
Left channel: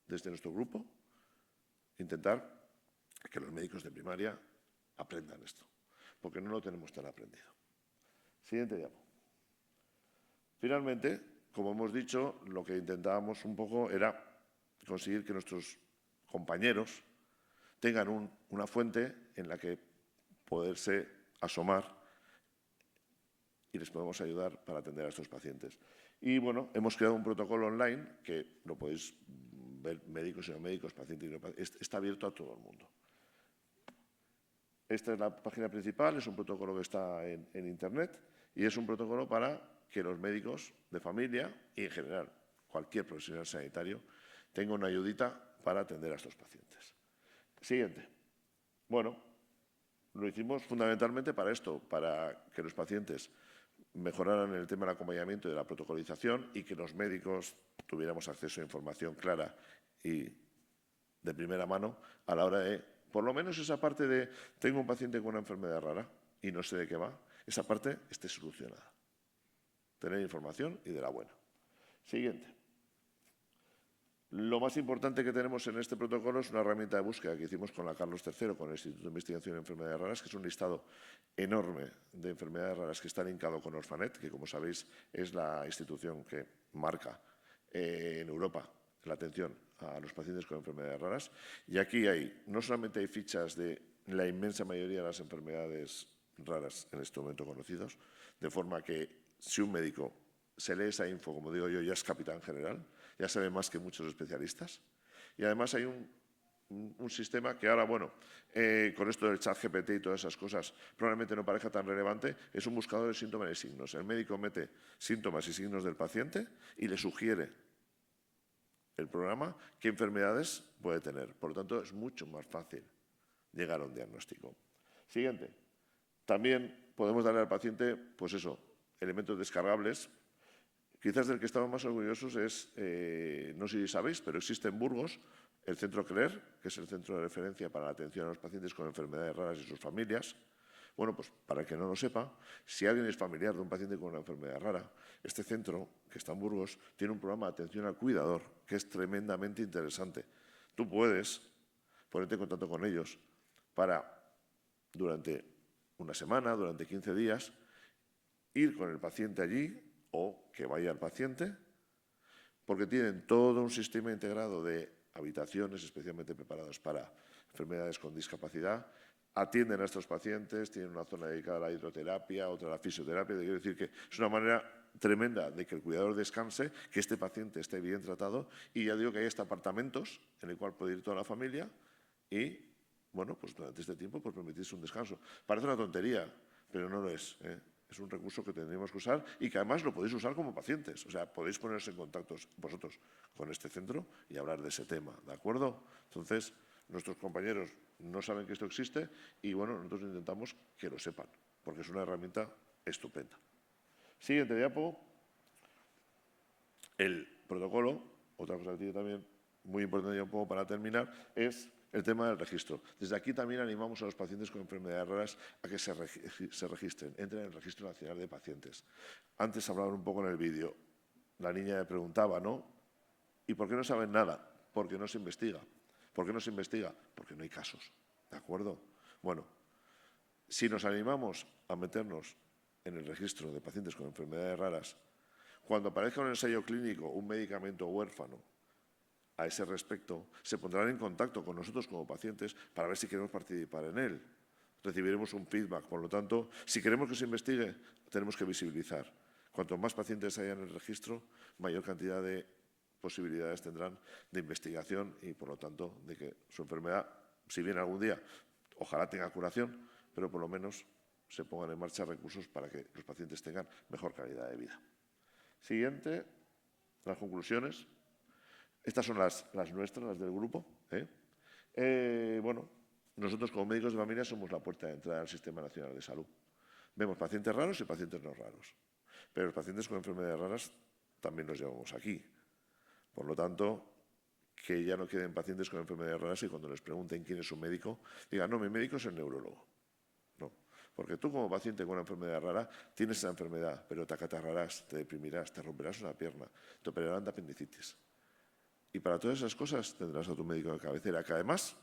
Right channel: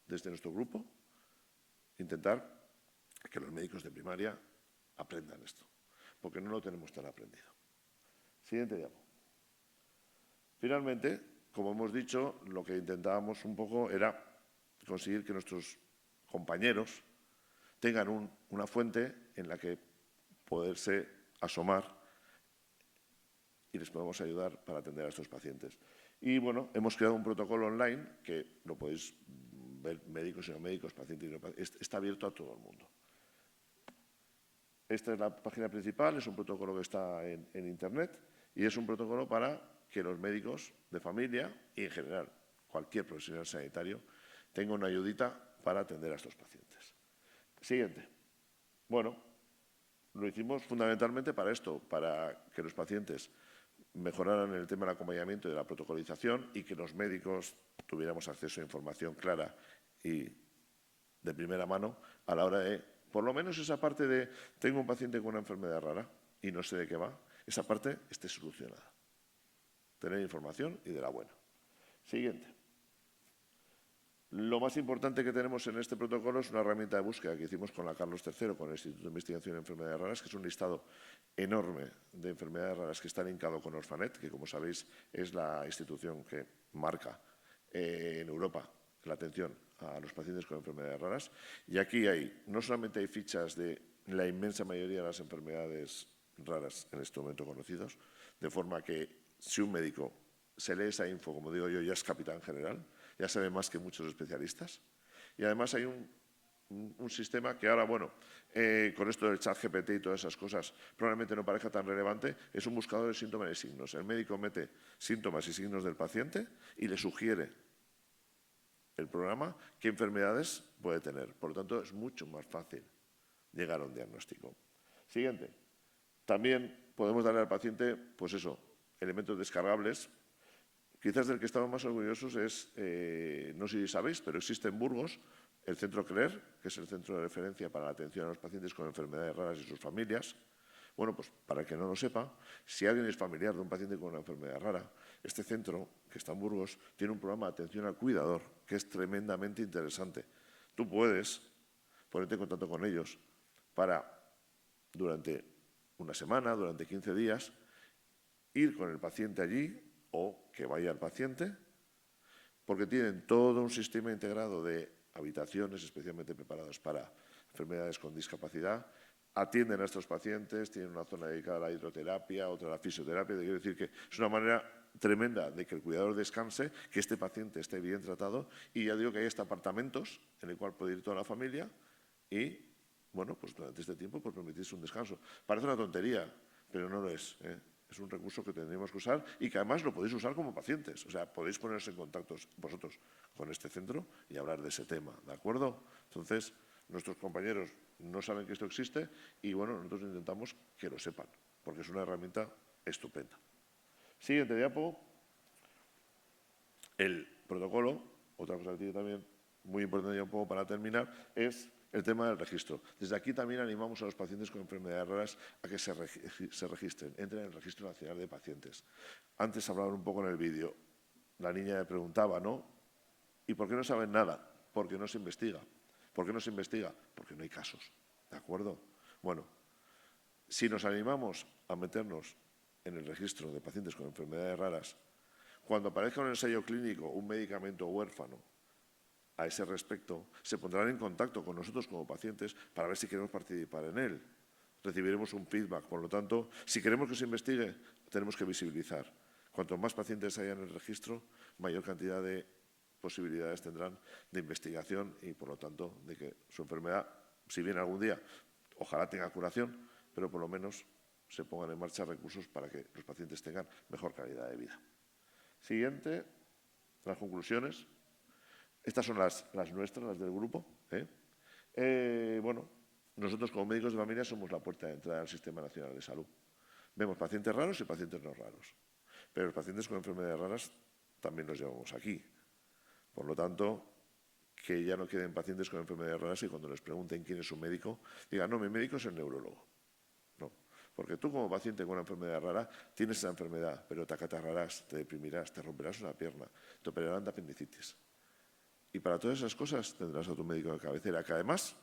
desde nuestro grupo, intentar que los médicos de primaria aprendan esto, porque no lo tenemos tan aprendido. Siguiente diapo. Finalmente, como hemos dicho, lo que intentábamos un poco era conseguir que nuestros compañeros tengan una fuente en la que poderse asomar y les podemos ayudar para atender a estos pacientes. Y bueno, hemos creado un protocolo online que lo podéis ver médicos y no médicos, pacientes y no pacientes, está abierto a todo el mundo. Esta es la página principal, es un protocolo que está en Internet y es un protocolo para que los médicos de familia y en general cualquier profesional sanitario tenga una ayudita para atender a estos pacientes. Siguiente. Bueno, lo hicimos fundamentalmente para esto, para que los pacientes mejoraran el tema del acompañamiento y de la protocolización y que los médicos tuviéramos acceso a información clara y de primera mano a la hora de, por lo menos esa parte de tengo un paciente con una enfermedad rara y no sé de qué va, esa parte esté solucionada. Tener información y de la buena. Siguiente. Lo más importante que tenemos en este protocolo es una herramienta de búsqueda que hicimos con la Carlos III, con el Instituto de Investigación de Enfermedades Raras, que es un listado enorme de enfermedades raras que está linkado con Orfanet, que como sabéis es la institución que marca en Europa la atención a los pacientes con enfermedades raras. Y aquí no solamente hay fichas de la inmensa mayoría de las enfermedades raras en este momento conocidos, de forma que si un médico se lee esa info, como digo yo, ya es capitán general, ya sabe más que muchos especialistas. Y además hay un sistema que ahora, bueno, con esto del chat GPT y todas esas cosas, probablemente no parezca tan relevante, es un buscador de síntomas y signos. El médico mete síntomas y signos del paciente y le sugiere el programa qué enfermedades puede tener. Por lo tanto, es mucho más fácil llegar a un diagnóstico. Siguiente. También podemos darle al paciente, pues eso, elementos descargables. Quizás del que estamos más orgullosos es, no sé si sabéis, pero existe en Burgos el Centro CLER, que es el centro de referencia para la atención a los pacientes con enfermedades raras y sus familias. Bueno, pues para el que no lo sepa, si alguien es familiar de un paciente con una enfermedad rara, este centro, que está en Burgos, tiene un programa de atención al cuidador que es tremendamente interesante. Tú puedes ponerte en contacto con ellos para, durante una semana, durante 15 días, ir con el paciente allí o que vaya el paciente, porque tienen todo un sistema integrado de habitaciones especialmente preparadas para enfermedades con discapacidad, atienden a estos pacientes, tienen una zona dedicada a la hidroterapia, otra a la fisioterapia. Quiero decir que es una manera tremenda de que el cuidador descanse, que este paciente esté bien tratado y ya digo que hay hasta apartamentos en el cual puede ir toda la familia y, bueno, pues durante este tiempo pues permitirse un descanso. Parece una tontería, pero no lo es, ¿eh? Es un recurso que tendríamos que usar y que además lo podéis usar como pacientes. O sea, podéis ponerse en contacto vosotros con este centro y hablar de ese tema, ¿de acuerdo? Entonces, nuestros compañeros no saben que esto existe y, bueno, nosotros intentamos que lo sepan, porque es una herramienta estupenda. Siguiente diapo. El protocolo, otra cosa que tiene también muy importante ya un poco para terminar, es el tema del registro. Desde aquí también animamos a los pacientes con enfermedades raras a que se registren, entren en el Registro Nacional de Pacientes. Antes hablaban un poco en el vídeo, la niña me preguntaba, ¿no? ¿Y por qué no saben nada? Porque no se investiga. ¿Por qué no se investiga? Porque no hay casos, ¿de acuerdo? Bueno, si nos animamos a meternos en el registro de pacientes con enfermedades raras, cuando aparezca un ensayo clínico, un medicamento huérfano, a ese respecto, se pondrán en contacto con nosotros como pacientes para ver si queremos participar en él. Recibiremos un feedback. Por lo tanto, si queremos que se investigue, tenemos que visibilizar. Cuanto más pacientes haya en el registro, mayor cantidad de posibilidades tendrán de investigación y, por lo tanto, de que su enfermedad, si bien algún día, ojalá tenga curación, pero por lo menos se pongan en marcha recursos para que los pacientes tengan mejor calidad de vida. Siguiente, las conclusiones. Estas son las nuestras, las del grupo. Bueno, nosotros como médicos de familia somos la puerta de entrada al Sistema Nacional de Salud. Vemos pacientes raros y pacientes no raros. Pero los pacientes con enfermedades raras también los llevamos aquí. Por lo tanto, que ya no queden pacientes con enfermedades raras y cuando les pregunten quién es su médico, digan, no, mi médico es el neurólogo. No, Porque tú como paciente con una enfermedad rara tienes esa enfermedad, pero te acatarrarás, te deprimirás, te romperás una pierna, te operarán de apendicitis. Y para todas esas cosas tendrás a tu médico de cabecera, que además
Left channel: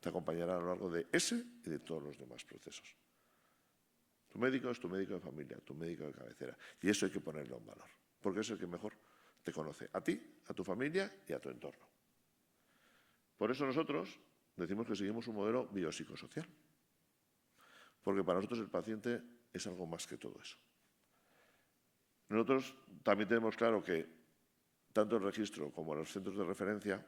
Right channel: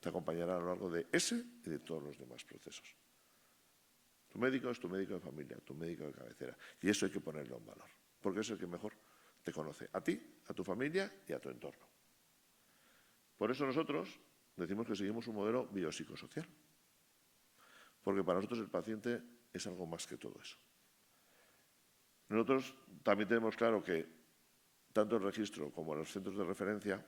te acompañará a lo largo de ese y de todos los demás procesos. Tu médico es tu médico de familia, tu médico de cabecera. Y eso hay que ponerlo en valor, porque es el que mejor te conoce, a ti, a tu familia y a tu entorno. Por eso nosotros decimos que seguimos un modelo biopsicosocial, porque para nosotros el paciente es algo más que todo eso. Nosotros también tenemos claro que tanto el registro como los centros de referencia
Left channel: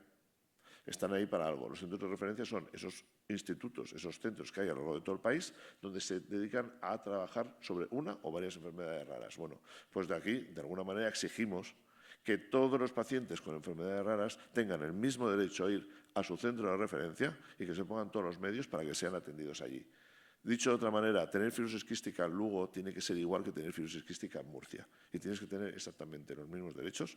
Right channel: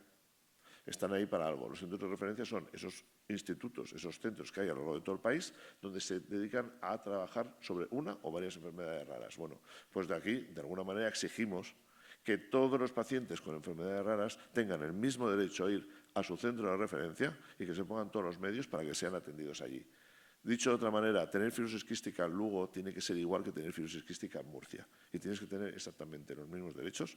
están ahí para algo. Los centros de referencia son esos institutos, esos centros que hay a lo largo de todo el país, donde se dedican a trabajar sobre una o varias enfermedades raras. Bueno, pues de aquí, de alguna manera, exigimos que todos los pacientes con enfermedades raras tengan el mismo derecho a ir a su centro de referencia y que se pongan todos los medios para que sean atendidos allí. Dicho de otra manera, tener fibrosis quística en Lugo tiene que ser igual que tener fibrosis quística en Murcia. Y tienes que tener exactamente los mismos derechos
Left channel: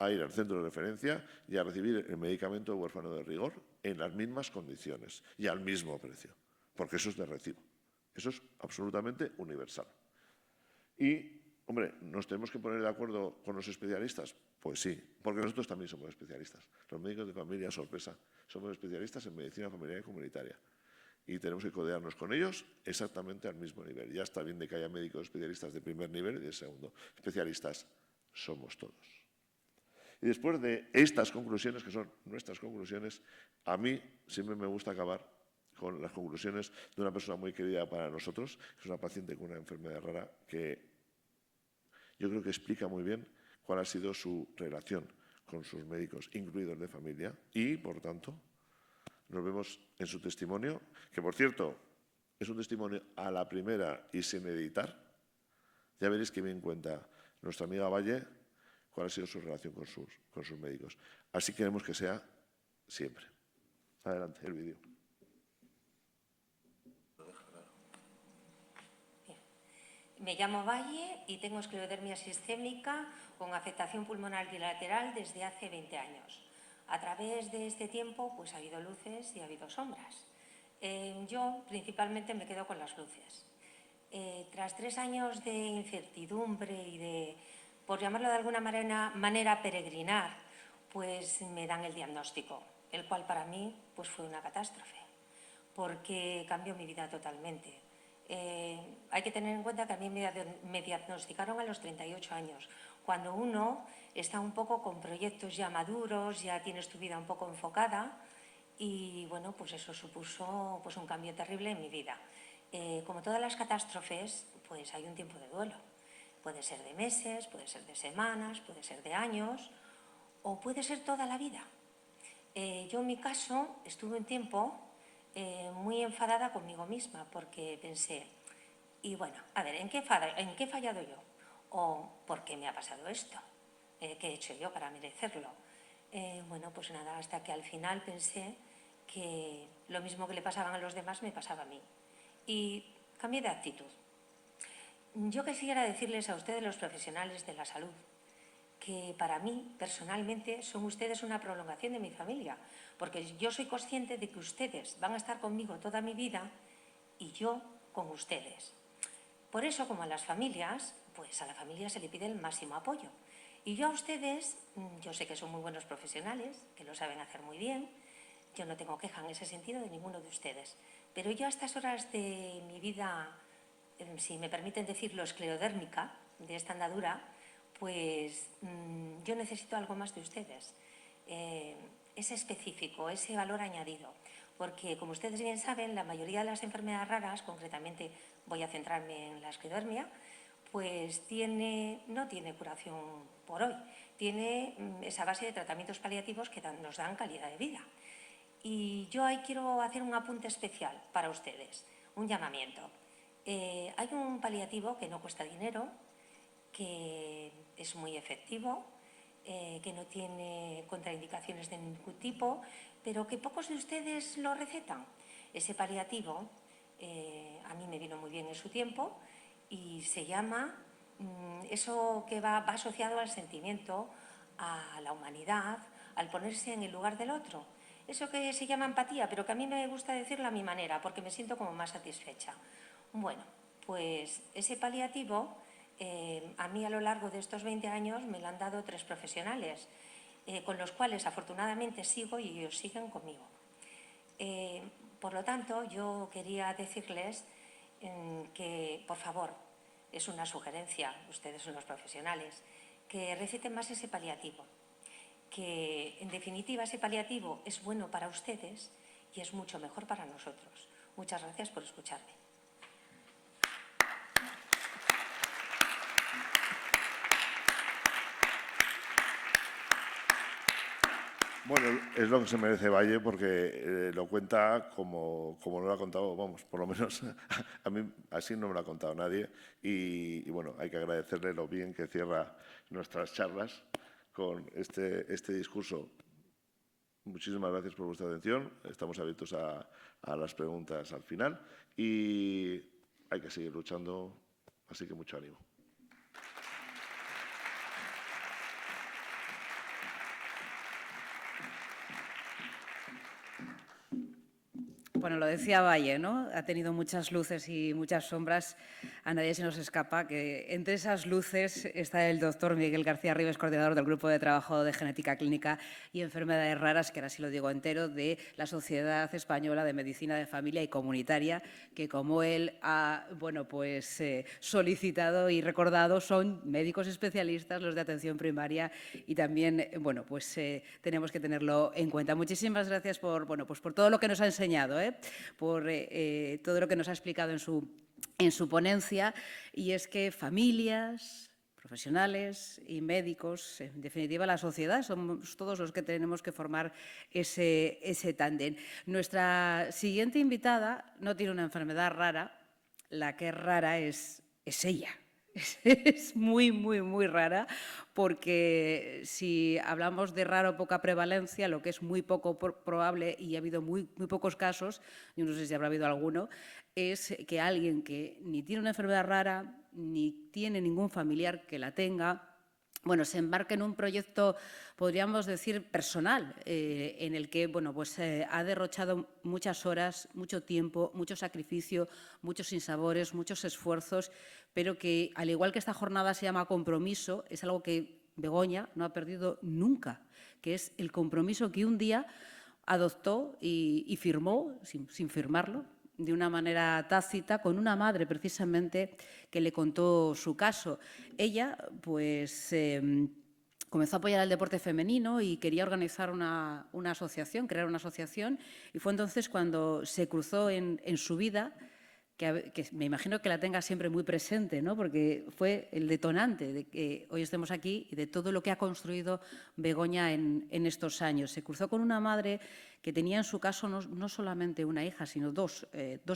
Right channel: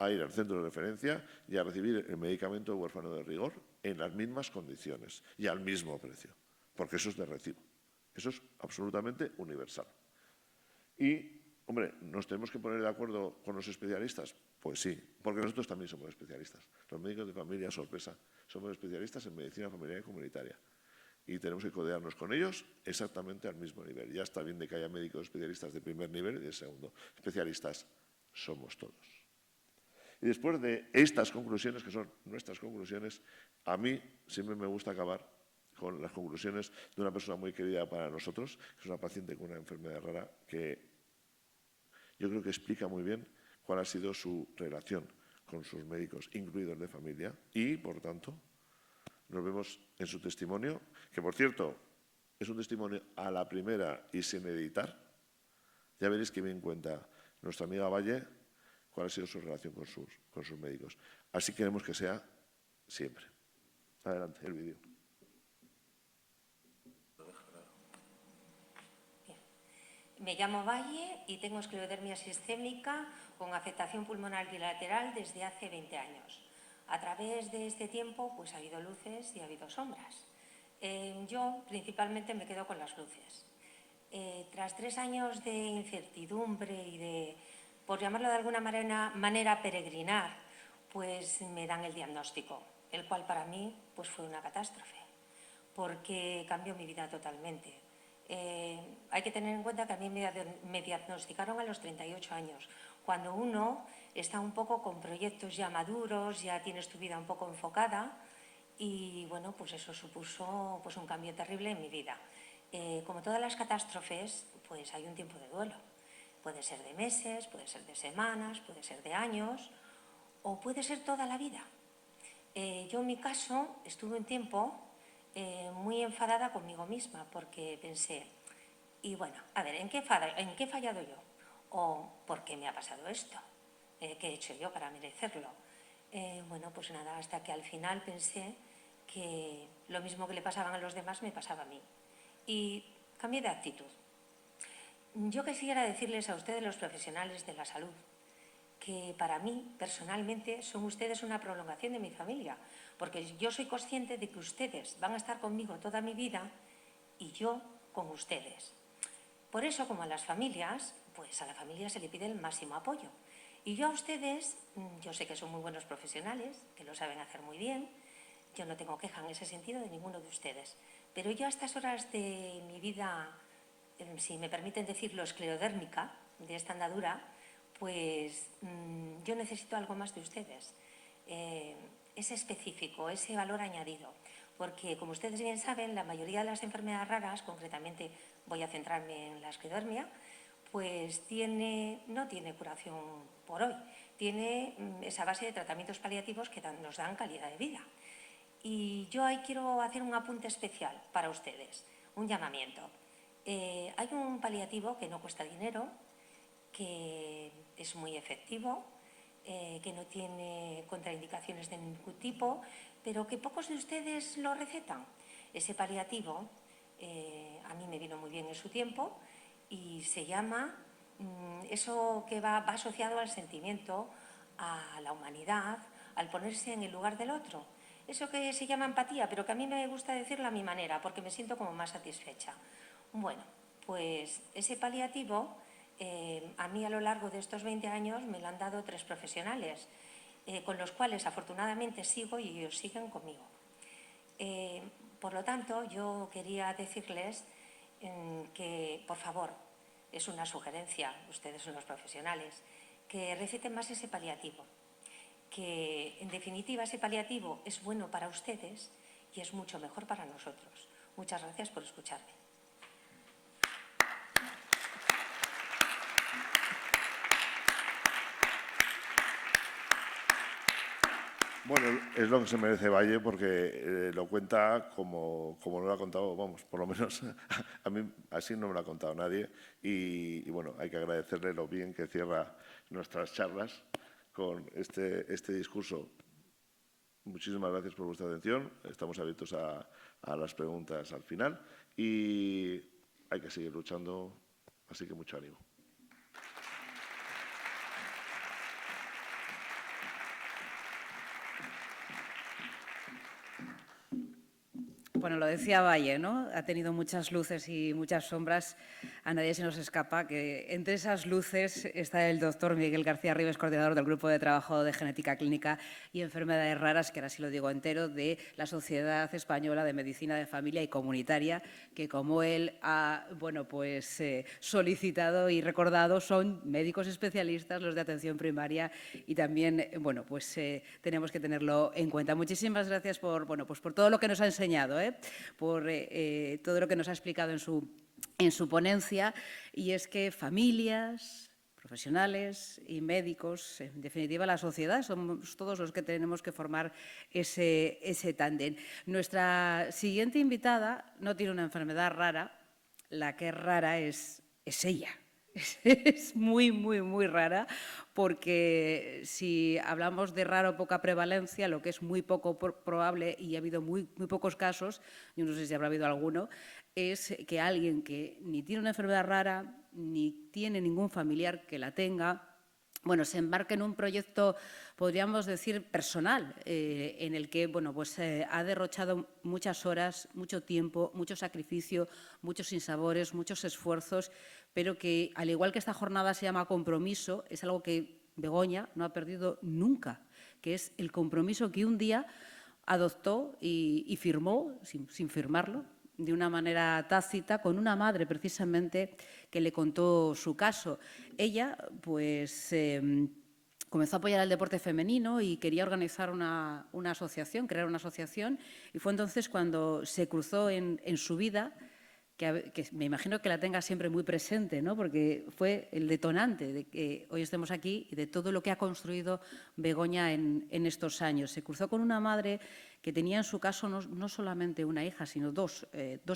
a ir al centro de referencia y a recibir el medicamento huérfano de rigor en las mismas condiciones y al mismo precio, porque eso es de recibo. Eso es absolutamente universal. Y, hombre, ¿nos tenemos que poner de acuerdo con los especialistas? Pues sí, porque nosotros también somos especialistas. Los médicos de familia, sorpresa, somos especialistas en medicina familiar y comunitaria. Y tenemos que codearnos con ellos exactamente al mismo nivel. Ya está bien de que haya médicos especialistas de primer nivel y de segundo. Especialistas somos todos. Y después de estas conclusiones, que son nuestras conclusiones, a mí siempre me gusta acabar con las conclusiones de una persona muy querida para nosotros, que es una paciente con una enfermedad rara, que yo creo que explica muy bien cuál ha sido su relación con sus médicos, incluidos de familia, y, por tanto, nos vemos en su testimonio, que, por cierto, es un testimonio a la primera y sin editar. Ya veréis que bien cuenta nuestra amiga Valle cuál ha sido su relación con sus médicos. Así queremos que sea siempre. Adelante, el vídeo. Me llamo Valle y tengo esclerodermia sistémica con afectación pulmonar bilateral desde hace 20 años. A través de este tiempo pues ha habido luces y ha habido sombras. Yo principalmente me quedo con las luces. Tras 3 años de incertidumbre y de, por llamarlo de alguna manera, peregrinar, pues me dan el diagnóstico, el cual para mí pues fue una catástrofe, porque cambió mi vida totalmente. Hay que tener en cuenta que a mí me diagnosticaron a los 38 años, cuando uno está un poco con proyectos ya maduros, ya tienes tu vida un poco enfocada y bueno, pues eso supuso pues un cambio terrible en mi vida. Como todas las catástrofes, pues hay un tiempo de duelo. Puede ser de meses, puede ser de semanas, puede ser de años o puede ser toda la vida. Yo en mi caso estuve un tiempo muy enfadada conmigo misma porque pensé, y bueno, a ver, ¿en qué he fallado yo? ¿O por qué me ha pasado esto? ¿Qué he hecho yo para merecerlo? Bueno, pues nada, hasta que al final pensé que lo mismo que le pasaban a los demás me pasaba a mí. Y cambié de actitud. Yo quisiera decirles a ustedes, los profesionales de la salud, que para mí, personalmente, son ustedes una prolongación de mi familia, porque yo soy consciente de que ustedes van a estar conmigo toda mi vida y yo con ustedes. Por eso, como a las familias, pues a la familia se le pide el máximo apoyo. Y yo a ustedes, yo sé que son muy buenos profesionales, que lo saben hacer muy bien, yo no tengo queja en ese sentido de ninguno de ustedes, pero yo a estas horas de mi vida, si me permiten decirlo, esclerodérmica, de esta andadura, pues yo necesito algo más de ustedes, ese específico, ese valor añadido, porque como ustedes bien saben, la mayoría de las enfermedades raras, concretamente voy a centrarme en la esclerodermia, pues no tiene curación por hoy, tiene esa base de tratamientos paliativos que nos dan calidad de vida. Y yo ahí quiero hacer un apunte especial para ustedes, un llamamiento. Hay un paliativo que no cuesta dinero, que es muy efectivo, que no tiene contraindicaciones de ningún tipo, pero que pocos de ustedes lo recetan. Ese paliativo a mí me vino muy bien en su tiempo y se llama, eso que va asociado al sentimiento, a la humanidad, al ponerse en el lugar del otro. Eso que se llama empatía, pero que a mí me gusta decirlo a mi manera, porque me siento como más satisfecha. Bueno, Pues ese paliativo, a mí a lo largo de estos 20 años me lo han dado 3 profesionales, con los cuales afortunadamente sigo y ellos siguen conmigo. Por lo tanto, yo quería decirles que, por favor, es una sugerencia, ustedes son los profesionales, que receten más ese paliativo, que en definitiva ese paliativo es bueno para ustedes y es mucho mejor para nosotros. Muchas gracias por escucharme. Bueno, es lo que se merece Valle porque lo cuenta como no lo ha contado, vamos, por lo menos a mí así no me lo ha contado nadie y bueno, hay que agradecerle lo bien que cierra nuestras charlas con este discurso. Muchísimas gracias por vuestra atención, estamos abiertos a las preguntas al final y hay que seguir luchando, así que mucho ánimo. Bueno, lo decía Valle, ¿no? Ha tenido muchas luces y muchas sombras. A nadie se nos escapa que entre esas luces está el doctor Miguel García Ribes, coordinador del Grupo de Trabajo de Genética Clínica y Enfermedades Raras, que ahora sí lo digo entero, de la Sociedad Española de Medicina de Familia y Comunitaria, que como él ha solicitado y recordado, son médicos especialistas, los de atención primaria y también, tenemos que tenerlo en cuenta. Muchísimas gracias por todo lo que nos ha enseñado, por todo lo que nos ha explicado en su ponencia, y es que familias, profesionales y médicos, en definitiva la sociedad, somos todos los que tenemos que formar ese tándem. Nuestra siguiente invitada no tiene una enfermedad rara, la que es rara es ella. Es muy, muy, muy rara, porque si hablamos de rara o poca prevalencia, lo que es muy poco probable, y ha habido muy pocos casos, yo no sé si habrá habido alguno, es que alguien que ni tiene una enfermedad rara, ni tiene ningún familiar que la tenga, se embarque en un proyecto, podríamos decir, personal, en el que ha derrochado muchas horas, mucho tiempo, mucho sacrificio, muchos sinsabores, muchos esfuerzos, pero que, al igual que esta jornada se llama compromiso, es algo que Begoña no ha perdido nunca, que es el compromiso que un día adoptó y firmó, sin firmarlo, de una manera tácita, con una madre precisamente que le contó su caso. Ella, comenzó a apoyar el deporte femenino y quería organizar una asociación, crear una asociación, y fue entonces cuando se cruzó en su vida, que me imagino que la tenga siempre muy presente, ¿no? Porque fue el detonante de que hoy estemos aquí y de todo lo que ha construido Begoña en estos años. Se cruzó con una madre que tenía en su caso no solamente una hija, sino dos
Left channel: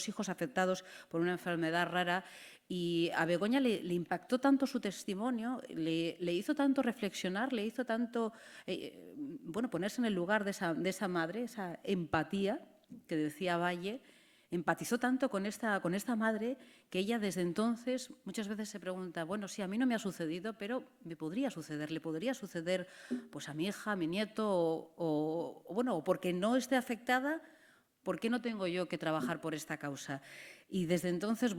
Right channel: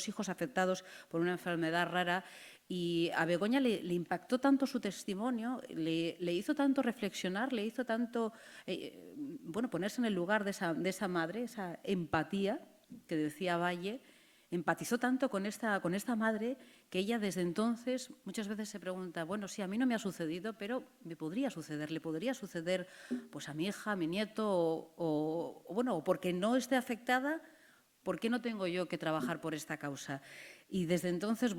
hijos afectados por una enfermedad rara, y a Begoña le impactó tanto su testimonio, le hizo tanto reflexionar, le hizo tanto ponerse en el lugar de esa madre, esa empatía que decía Valle. Empatizó tanto con esta madre que ella desde entonces muchas veces se pregunta, bueno, sí, a mí no me ha sucedido, pero me podría suceder, le podría suceder pues a mi hija, a mi nieto, o porque no esté afectada, ¿por qué no tengo yo que trabajar por esta causa? Y desde entonces,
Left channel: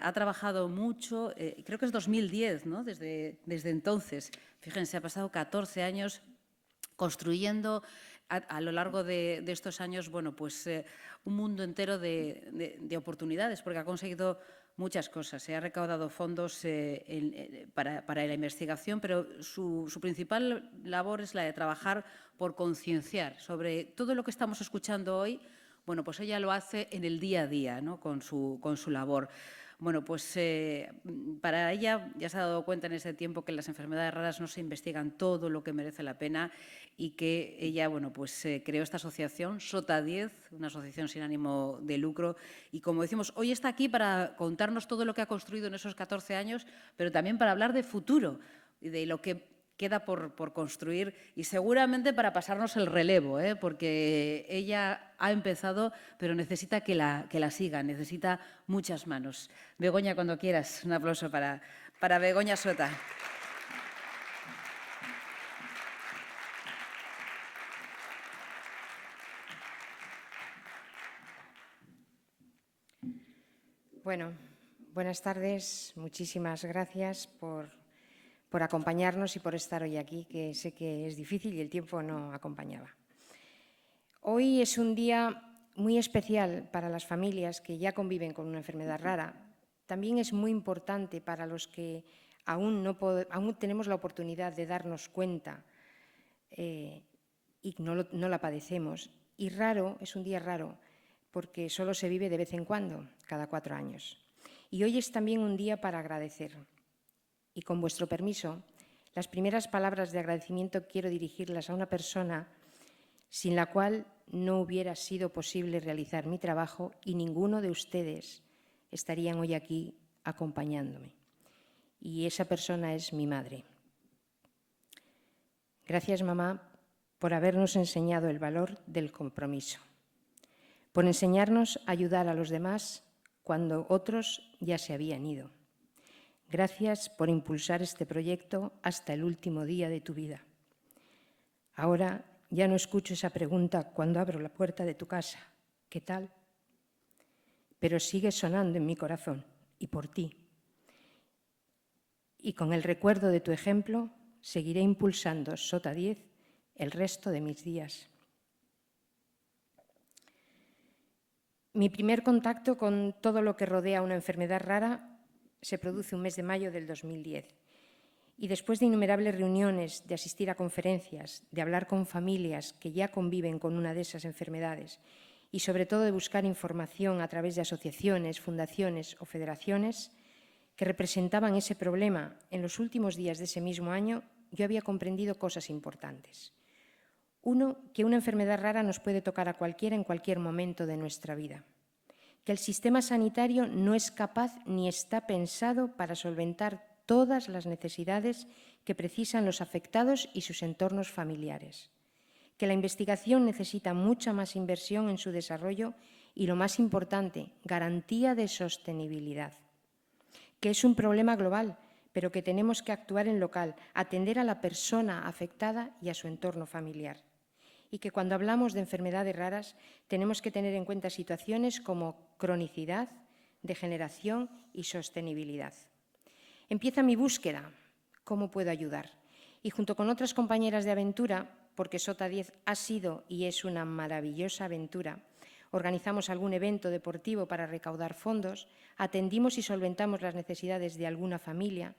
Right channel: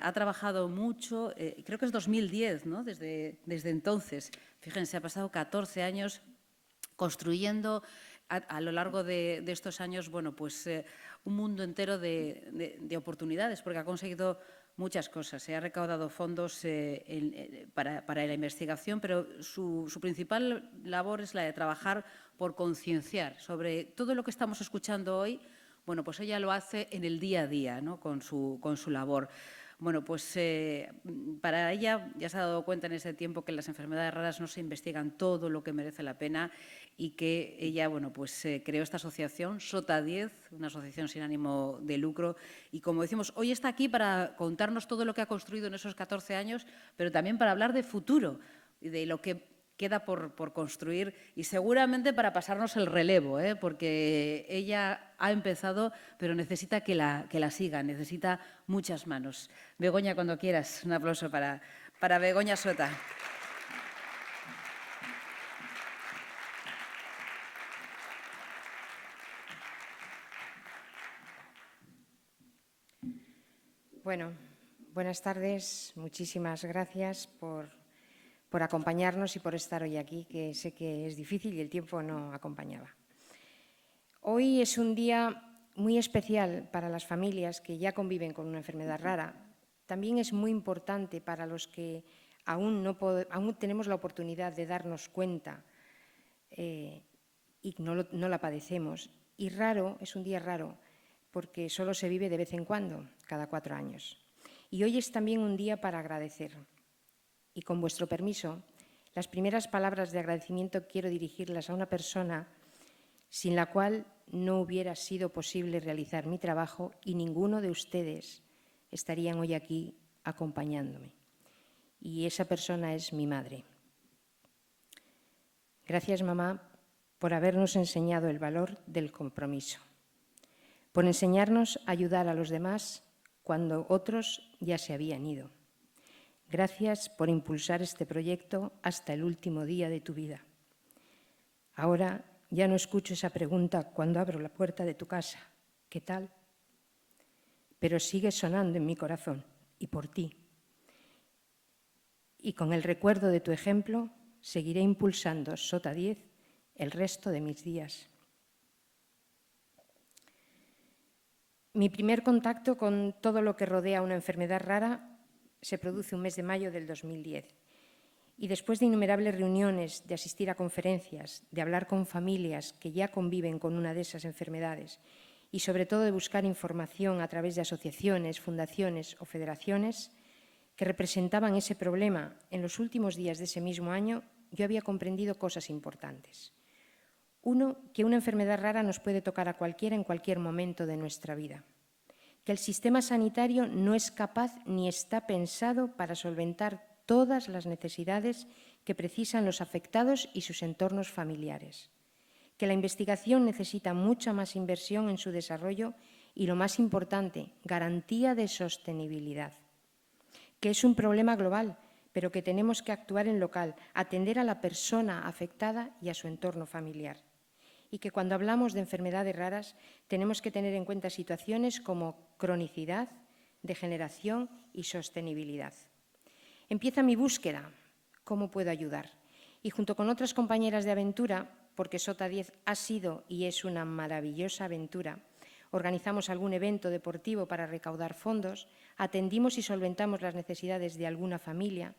ha trabajado mucho, creo que es 2010, ¿no? Desde entonces, fíjense, ha pasado 14 años construyendo a lo largo de estos años, un mundo entero de oportunidades, porque ha conseguido muchas cosas. Se ha recaudado fondos para la investigación, pero su principal labor es la de trabajar por concienciar sobre todo lo que estamos escuchando hoy. Ella lo hace en el día a día, ¿no? con su labor. Para ella ya se ha dado cuenta en ese tiempo que las enfermedades raras no se investigan todo lo que merece la pena, y que ella creó esta asociación, SOTA 10, una asociación sin ánimo de lucro, y como decimos, hoy está aquí para contarnos todo lo que ha construido en esos 14 años, pero también para hablar de futuro y de lo que queda por construir, y seguramente para pasarnos el relevo, porque ella ha empezado, pero necesita que la sigan, necesita muchas manos. Begoña, cuando quieras, un aplauso para Begoña Sota. Bueno, buenas tardes. Muchísimas gracias por acompañarnos y por estar hoy aquí, que sé que es difícil y el tiempo no acompañaba. Hoy es un día muy especial para las familias que ya conviven con una enfermedad rara. También es muy importante para los que aún tenemos la oportunidad de darnos cuenta y no la padecemos. Y es un día raro, porque solo se vive de vez en cuando, cada 4 años. Y hoy es también un día para agradecer. Y con vuestro permiso, las primeras palabras de agradecimiento quiero dirigirlas a una persona sin la cual no hubiera sido posible realizar mi trabajo y ninguno de ustedes estarían hoy aquí acompañándome. Y esa persona es mi madre. Gracias, mamá, por habernos enseñado el valor del compromiso, por enseñarnos a ayudar a los demás cuando otros ya se habían ido. Gracias por impulsar este proyecto hasta el último día de tu vida. Ahora ya no escucho esa pregunta cuando abro la puerta de tu casa. ¿Qué tal? Pero sigue sonando en mi corazón y por ti. Y con el recuerdo de tu ejemplo, seguiré impulsando Sota 10 el resto de mis días. Mi primer contacto con todo lo que rodea una enfermedad rara se produce un mes de mayo del 2010. Y después de innumerables reuniones, de asistir a conferencias, de hablar con familias que ya conviven con una de esas enfermedades y sobre todo de buscar información a través de asociaciones, fundaciones o federaciones que representaban ese problema, en los últimos días de ese mismo año yo había comprendido cosas importantes. Uno, que una enfermedad rara nos puede tocar a cualquiera en cualquier momento de nuestra vida. Que el sistema sanitario no es capaz ni está pensado para solventar todas las necesidades que precisan los afectados y sus entornos familiares. Que la investigación necesita mucha más inversión en su desarrollo y, lo más importante, garantía de sostenibilidad. Que es un problema global, pero que tenemos que actuar en local, atender a la persona afectada y a su entorno familiar. Y que cuando hablamos de enfermedades raras tenemos que tener en cuenta situaciones como cronicidad, degeneración y sostenibilidad. Empieza mi búsqueda. ¿Cómo puedo ayudar? Y junto con otras compañeras de aventura, porque Sota 10 ha sido y es una maravillosa aventura, organizamos algún evento deportivo para recaudar fondos, atendimos y solventamos las necesidades de alguna familia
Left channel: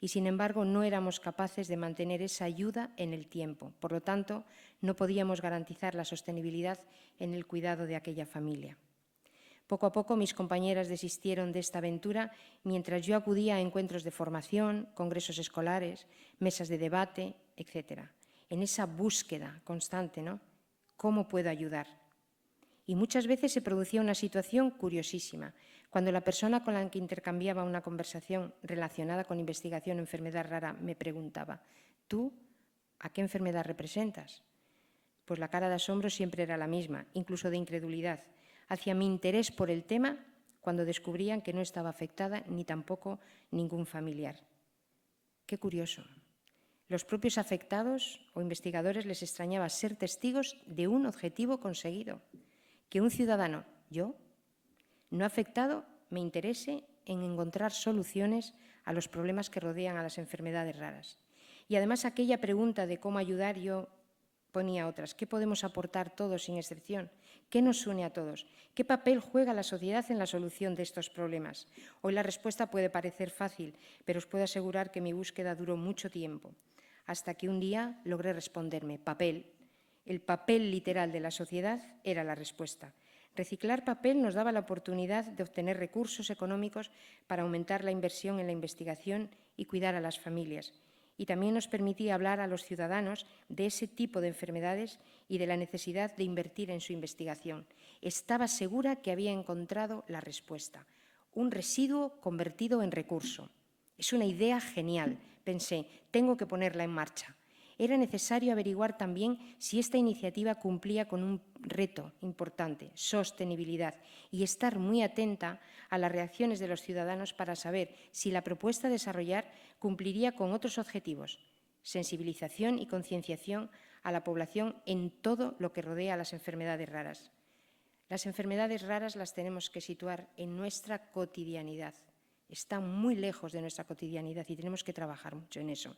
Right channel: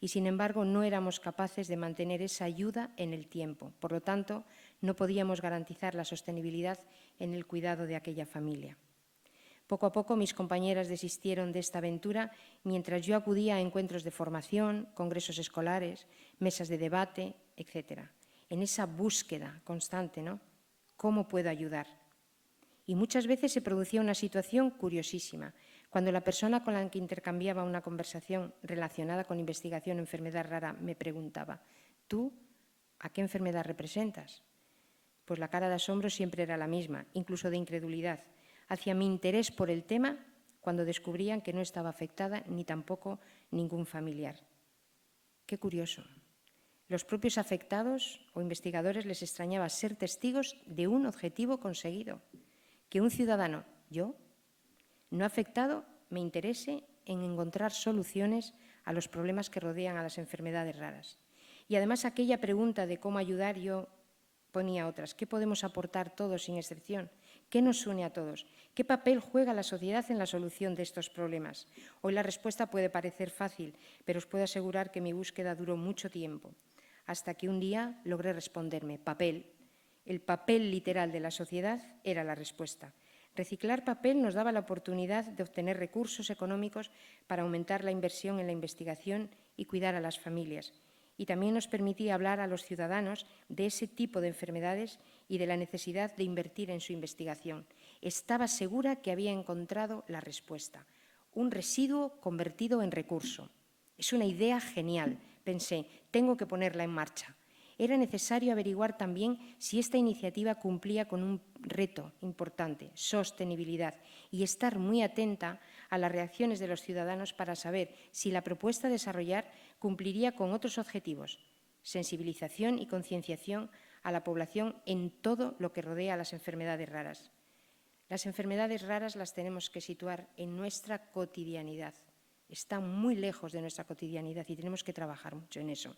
y, sin embargo, no éramos capaces de mantener esa ayuda en el tiempo. Por lo tanto, no podíamos garantizar la sostenibilidad en el cuidado de aquella familia. Poco a poco mis compañeras desistieron de esta aventura mientras yo acudía a encuentros de formación, congresos escolares, mesas de debate, etc. En esa búsqueda constante, ¿no? ¿Cómo puedo ayudar? Y muchas veces se producía una situación curiosísima. Cuando la persona con la que intercambiaba una conversación relacionada con investigación o enfermedad rara me preguntaba: ¿tú a qué enfermedad representas? Pues la cara de asombro siempre era la misma, incluso de incredulidad, hacia mi interés por el tema cuando descubrían que no estaba afectada ni tampoco ningún familiar. Qué curioso. Los propios afectados o investigadores les extrañaba ser testigos de un objetivo conseguido, que un ciudadano, yo, no afectado, me interese en encontrar soluciones a los problemas que rodean a las enfermedades raras. Y además aquella pregunta de cómo ayudar, yo ponía otras. ¿Qué podemos aportar todos sin excepción? ¿Qué nos une a todos? ¿Qué papel juega la sociedad en la solución de estos problemas? Hoy la respuesta puede parecer fácil, pero os puedo asegurar que mi búsqueda duró mucho tiempo, hasta que un día logré responderme: papel. El papel literal de la sociedad era la respuesta. Reciclar papel nos daba la oportunidad de obtener recursos económicos para aumentar la inversión en la investigación y cuidar a las familias. Y también nos permitía hablar a los ciudadanos de ese tipo de enfermedades y de la necesidad de invertir en su investigación. Estaba segura que había encontrado la respuesta: un residuo convertido en recurso. Es una idea genial. Pensé, tengo que ponerla en marcha. Era necesario averiguar también si esta iniciativa cumplía con un reto importante, sostenibilidad, y estar muy atenta a las reacciones de los ciudadanos para saber si la propuesta a desarrollar cumpliría con otros objetivos: sensibilización y concienciación a la población en todo lo que rodea a las enfermedades raras. Las enfermedades raras las tenemos que situar en nuestra cotidianidad. Están muy lejos de nuestra cotidianidad y tenemos que trabajar mucho en eso.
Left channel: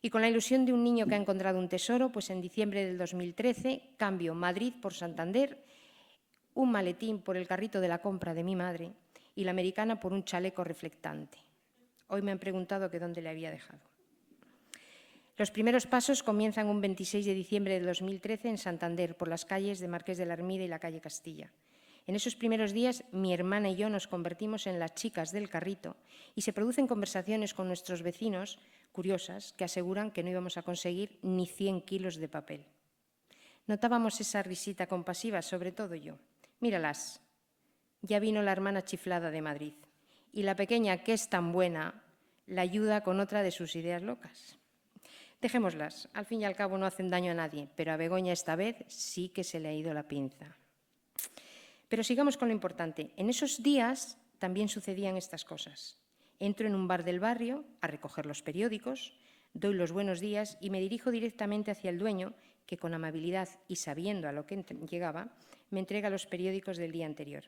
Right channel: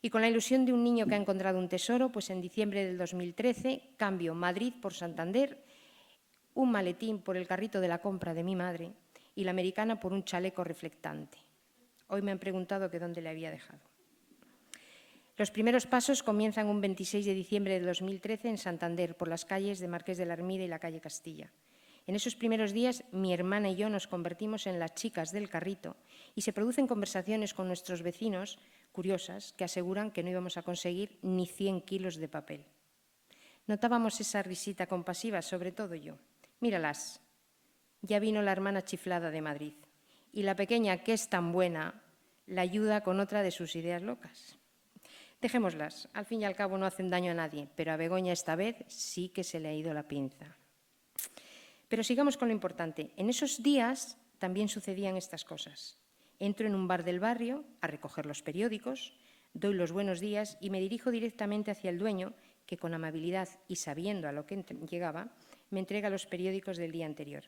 Y con la ilusión de un niño que ha encontrado un tesoro, pues en diciembre del 2013 cambio Madrid por Santander, un maletín por el carrito de la compra de mi madre y la americana por un chaleco reflectante. Hoy me han preguntado que dónde le había dejado. Los primeros pasos comienzan un 26 de diciembre de 2013 en Santander, por las calles de Marqués de la Ermida y la calle Castilla. En esos primeros días, mi hermana y yo nos convertimos en las chicas del carrito y se producen conversaciones con nuestros vecinos, curiosas, que aseguran que no íbamos a conseguir ni 100 kilos de papel. Notábamos esa risita compasiva, sobre todo yo. Míralas, ya vino la hermana chiflada de Madrid y la pequeña, que es tan buena, la ayuda con otra de sus ideas locas. Dejémoslas, al fin y al cabo no hacen daño a nadie, pero a Begoña esta vez sí que se le ha ido la pinza. Pero sigamos con lo importante. En esos días también sucedían estas cosas. Entro en un bar del barrio a recoger los periódicos, doy los buenos días y me dirijo directamente hacia el dueño, que con amabilidad y sabiendo a lo que llegaba, me entrega los periódicos del día anterior.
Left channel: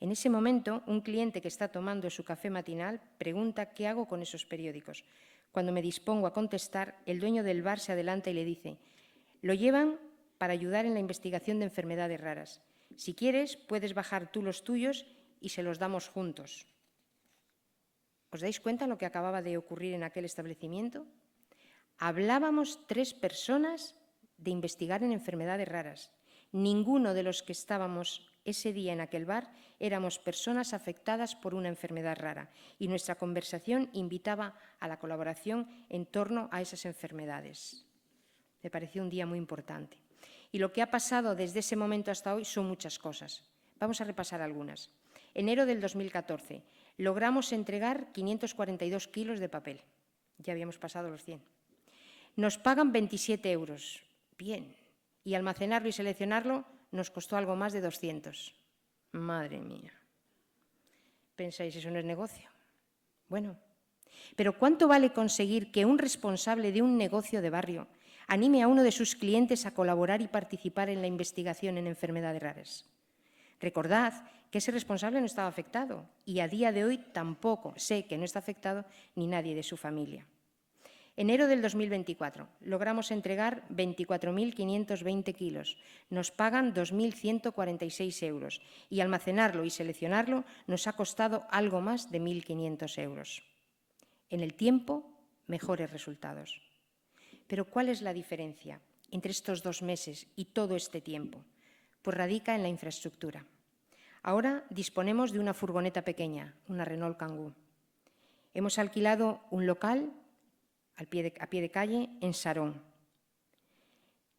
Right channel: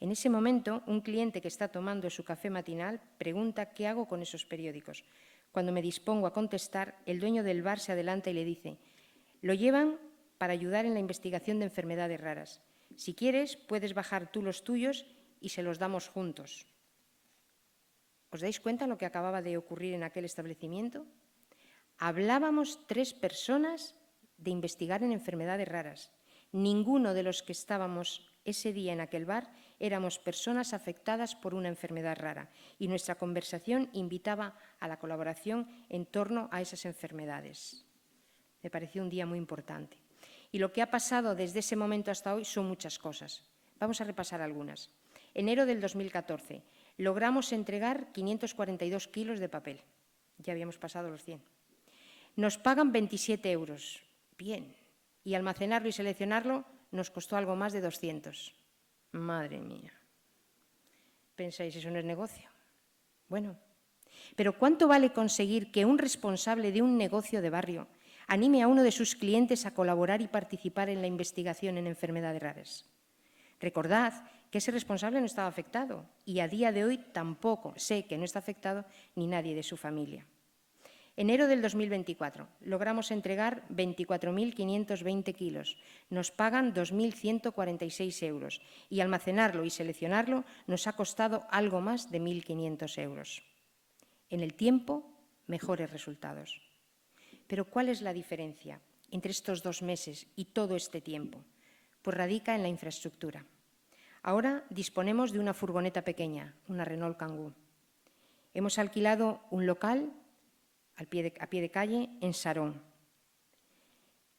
En ese momento, un cliente que está tomando su café matinal pregunta qué hago con esos periódicos. Cuando me dispongo a contestar, el dueño del bar se adelanta y le dice: lo llevan para ayudar en la investigación de enfermedades raras. Si quieres, puedes bajar tú los tuyos y se los damos juntos. ¿Os dais cuenta lo que acababa de ocurrir en aquel establecimiento? Hablábamos 3 personas de investigar en enfermedades raras. Ninguno de los que estábamos ese día en aquel bar éramos personas afectadas por una enfermedad rara y nuestra conversación invitaba a la colaboración en torno a esas enfermedades. Me pareció un día muy importante. Y lo que ha pasado desde ese momento hasta hoy son muchas cosas. Vamos a repasar algunas. Enero del 2014. Logramos entregar 542 kilos de papel. Ya habíamos pasado los 100. Nos pagan 27 euros. Bien. Y almacenarlo y seleccionarlo nos costó algo más de 200. Madre mía. ¿Pensáis, eso no es negocio? Bueno, pero ¿cuánto vale conseguir que un responsable de un negocio de barrio anime a uno de sus clientes a colaborar y participar en la investigación en enfermedades raras? Recordad que ese responsable no estaba afectado y a día de hoy tampoco sé que no está afectado ni nadie de su familia. Enero del 2024. Logramos entregar 24.520 kilos. Nos pagan 2.146 euros y almacenarlo y seleccionarlo nos ha costado algo más de 1.500 euros. En el tiempo, mejores resultados. Pero ¿cuál es la diferencia entre estos 2 meses y todo este tiempo? Pues radica en la infraestructura. Ahora disponemos de una furgoneta pequeña, una Renault Kangoo. Hemos alquilado un local a pie de calle en Sarón.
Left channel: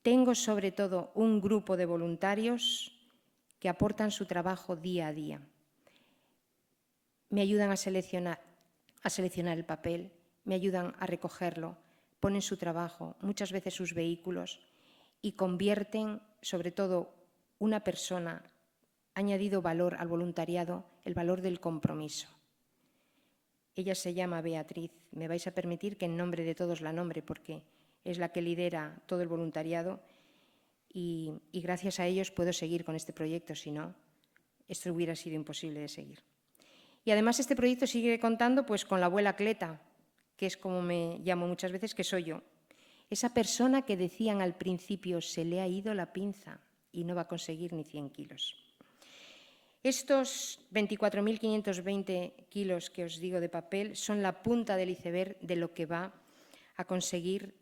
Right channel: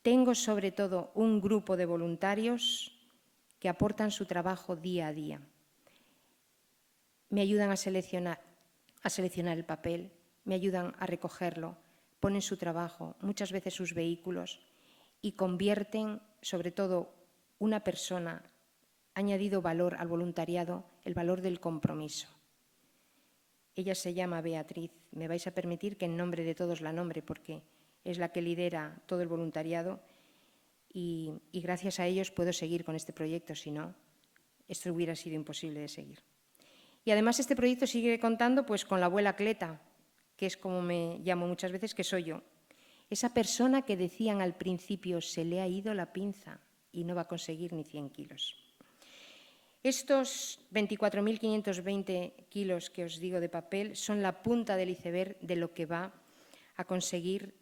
Tengo sobre todo un grupo de voluntarios que aportan su trabajo día a día. Me ayudan a seleccionar el papel, me ayudan a recogerlo, ponen su trabajo, muchas veces sus vehículos y convierten, sobre todo una persona, ha añadido valor al voluntariado, el valor del compromiso. Ella se llama Beatriz. Me vais a permitir que en nombre de todos la nombre porque es la que lidera todo el voluntariado y gracias a ellos puedo seguir con este proyecto, si no, esto hubiera sido imposible de seguir. Y además este proyecto sigue contando pues con la abuela Cleta, que es como me llamo muchas veces, que soy yo. Esa persona que decían al principio se le ha ido la pinza y no va a conseguir ni 100 kilos. Estos 24.520 kilos que os digo de papel son la punta del iceberg de lo que va a conseguir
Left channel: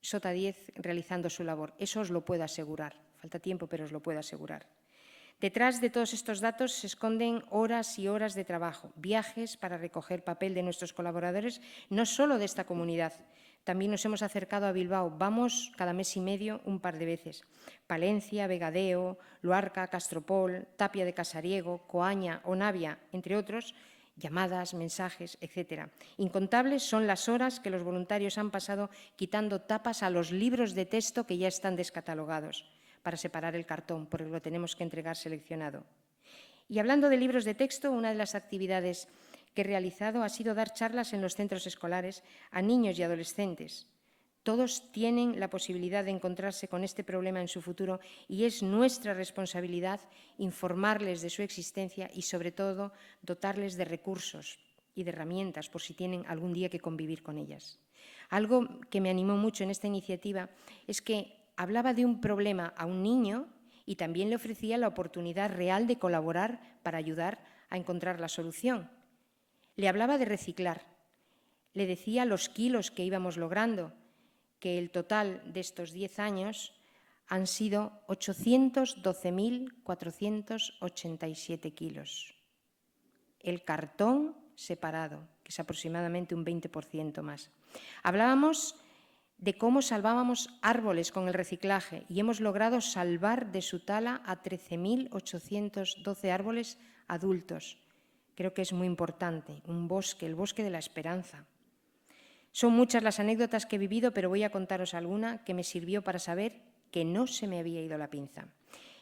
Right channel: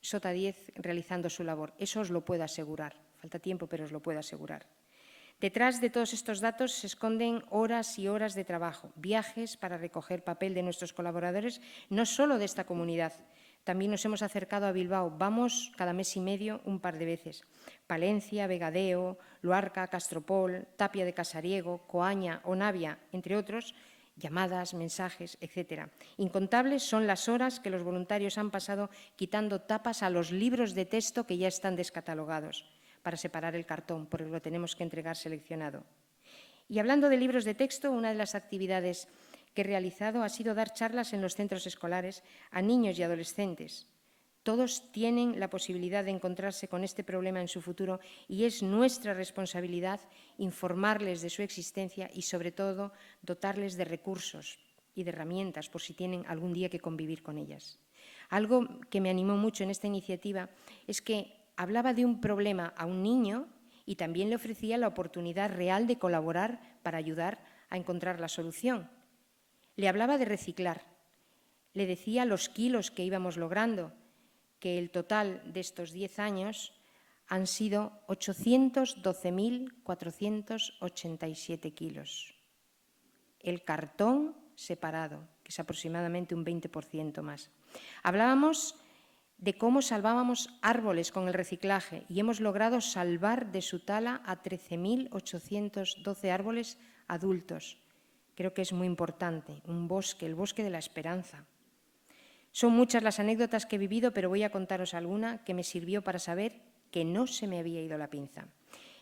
Sota 10 realizando su labor. Eso os lo puedo asegurar. Falta tiempo, pero os lo puedo asegurar. Detrás de todos estos datos se esconden horas y horas de trabajo, viajes para recoger papel de nuestros colaboradores, no solo de esta comunidad. También nos hemos acercado a Bilbao. Vamos cada mes y medio un par de veces. Palencia, Vegadeo, Luarca, Castropol, Tapia de Casariego, Coaña o Navia, entre otros, llamadas, mensajes, etc. Incontables son las horas que los voluntarios han pasado quitando tapas a los libros de texto que ya están descatalogados para separar el cartón, porque lo tenemos que entregar seleccionado. Y hablando de libros de texto, una de las actividades que he realizado ha sido dar charlas en los centros escolares a niños y adolescentes. Todos tienen la posibilidad de encontrarse con este problema en su futuro y es nuestra responsabilidad informarles de su existencia y, sobre todo, dotarles de recursos y de herramientas por si tienen algún día que convivir con ellas. Algo que me animó mucho en esta iniciativa es que hablaba de un problema a un niño y también le ofrecía la oportunidad real de colaborar para ayudar a encontrar la solución. Le hablaba de reciclar, le decía los kilos que íbamos logrando, que el total de estos 10 años han sido 812.487 kilos. El cartón separado, que es aproximadamente un 20% más. Hablábamos de cómo salvábamos árboles con el reciclaje y hemos logrado salvar de su tala a 13.812 árboles adultos. Creo que es muy importante, un bosque, el bosque de la esperanza. Son muchas las anécdotas que he vivido, pero voy a contaros alguna que me sirvió para saber que no se me había ido la pinza.